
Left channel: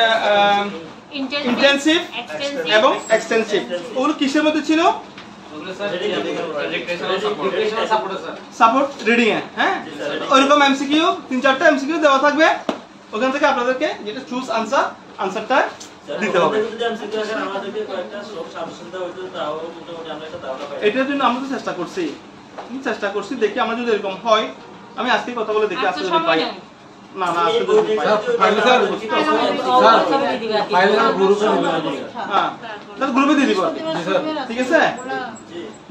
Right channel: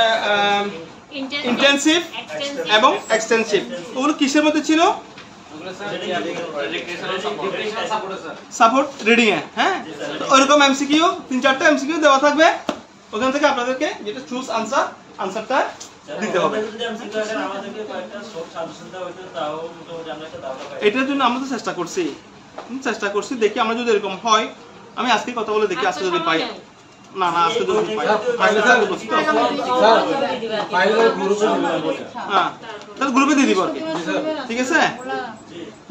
ইন্টেনসিভ এবং এক্সটেনসিভ। ওগুলো কিসের মধ্যে ছিল? Support reading a. হ্যাঁ ওইরকম এমসিকিউ 3-4টা এমসিকিউ দেওয়া থাকবে, ওখান থেকে আপনাদেরকে যেটা চুজ আনসারটা দিতে হবে। এটার জন্য আমরা তো চেষ্টা করছি দেখি আমরা যদি এরকম হয় আমি আজকে কথা বলে দেখি আজকে যদি পাই না আজকে যদি পাই তাহলে গ্রুপে দিয়ে দিব। ঠিক আছে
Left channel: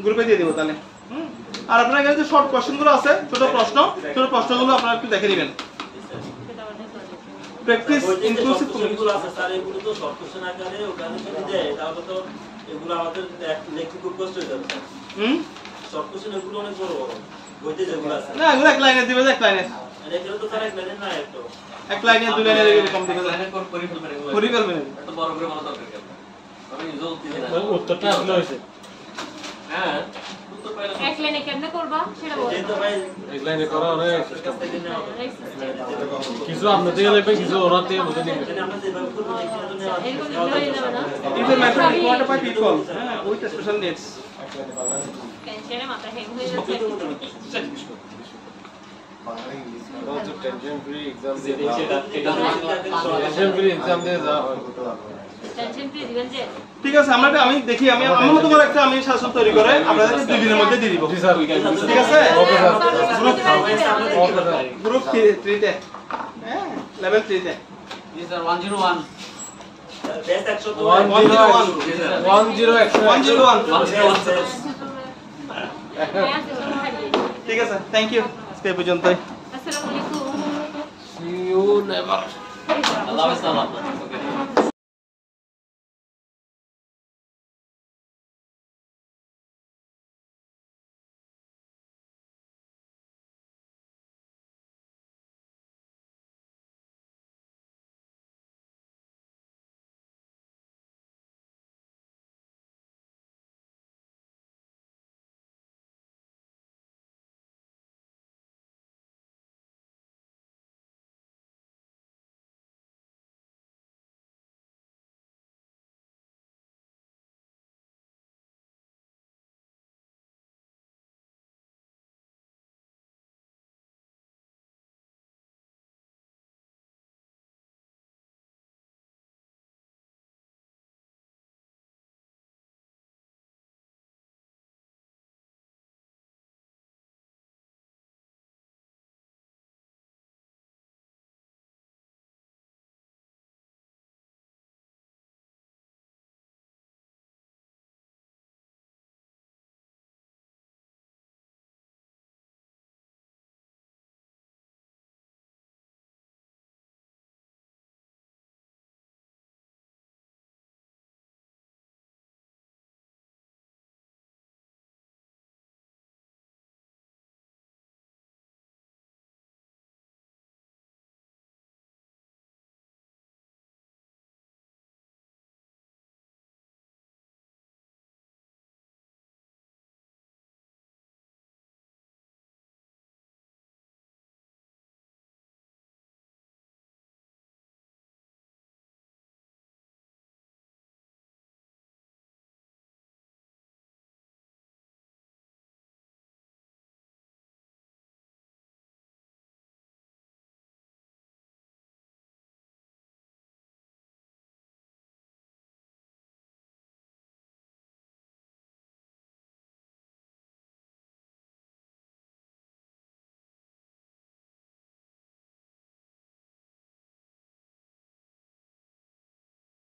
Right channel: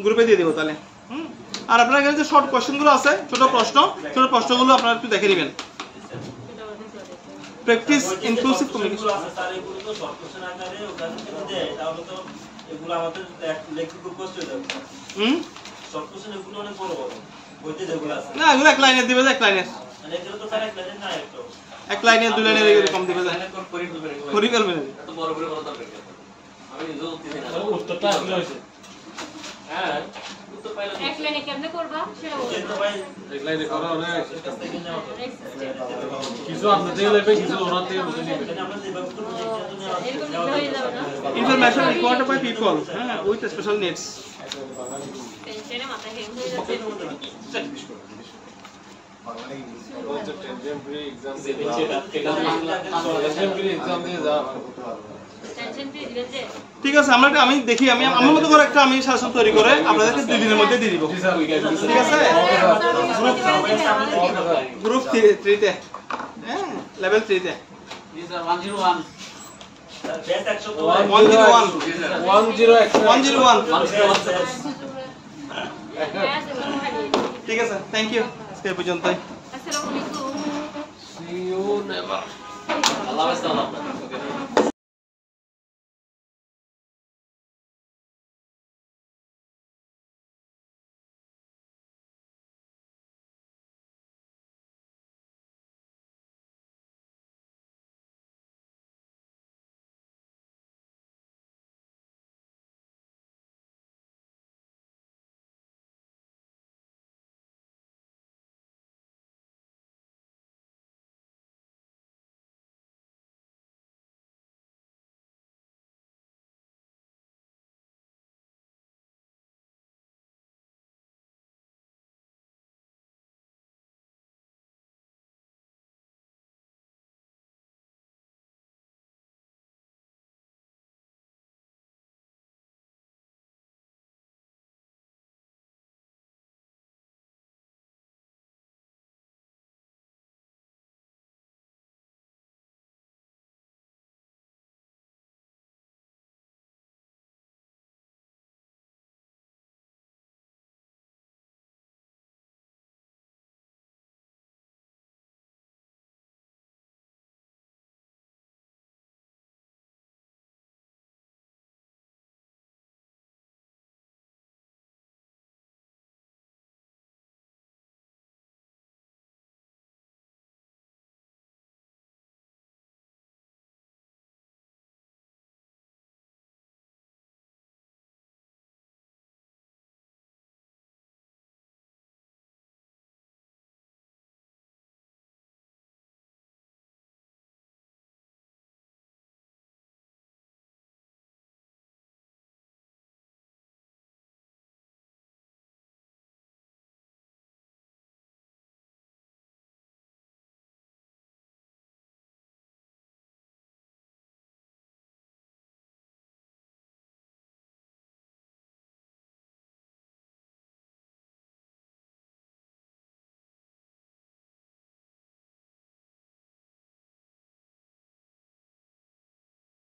গ্রুপে দিয়ে দিব তাহলে। আর আপনার এখানে যে শর্ট কোশ্চেনগুলো আছে ছোট প্রশ্নগুলো আপনারা একটু দেখে নেবেন। প্র্যাকটিস ইনক্লুসিভ কমিউনিকেশন আছে স্যার এগুলো তো শর্ট কোশ্চেন আকারে ওখানে যদি দেয় তাহলে তো এগুলো আমাদের লিখতে খুব কষ্ট হয়ে যাবে। শর্ট কোশ্চেন এগুলো অনেক বড় বইতে যেগুলো আছে না এগুলো এক লাইনে দিবে, এক লাইনে এগুলো তো স্যার এক লাইনে না একটু এক লাইনে 2 লাইনে এরকম দিবে করি ফেলবেন এত বড় করে বলা দরকার আমি নিজেও দিতে না উত্তরটা আসলে হইছে। হ্যাঁ উত্তরটা এক লাইনে কেমনে করবা সেটা বলো এই তো ভাই এক লাইনে করা অনেক কাছ থেকে নেওয়া হবে কিছু আপনার থেকে নেবে কিছু ওনার থেকে বুঝে নেবে মানে আমরা যেভাবে করব সেটা তো নেওয়া এইগুলো হয়ে যাবে না ইনফরমেশন রিকোয়ার্ড বাই পিপল হ্যাঁ উইথ স্পেশাল নিডস টেনশনে মাথা হ্যাং হয়ে যাচ্ছে বাংলা ইংলিশ হচ্ছে টেনশন ফ্রি এক্সাম যে নিচে এটা টেনশন ফ্রি এক্সাম দিয়ে যা করতে পারবো টেনশন কি দিবেন যে ঠিক আছে আমি দেখি আমি আমার মতো করে একটা আমি শাসন তৈরি করে আপনাদেরকে 2 দিনের মধ্যে দিয়ে দিব জি স্যার ঠিক আছে ওকে স্যার গ্রুপ 3 তে হ্যাঁ লেভেল 3 তে জি স্যার 101 বেস্ট 100 তো 101 ঠিক আছে থ্যাংক ইউ আজকে পর্যন্তই আসসালামু আলাইকুম see you never আল্লাহ হাফেজ।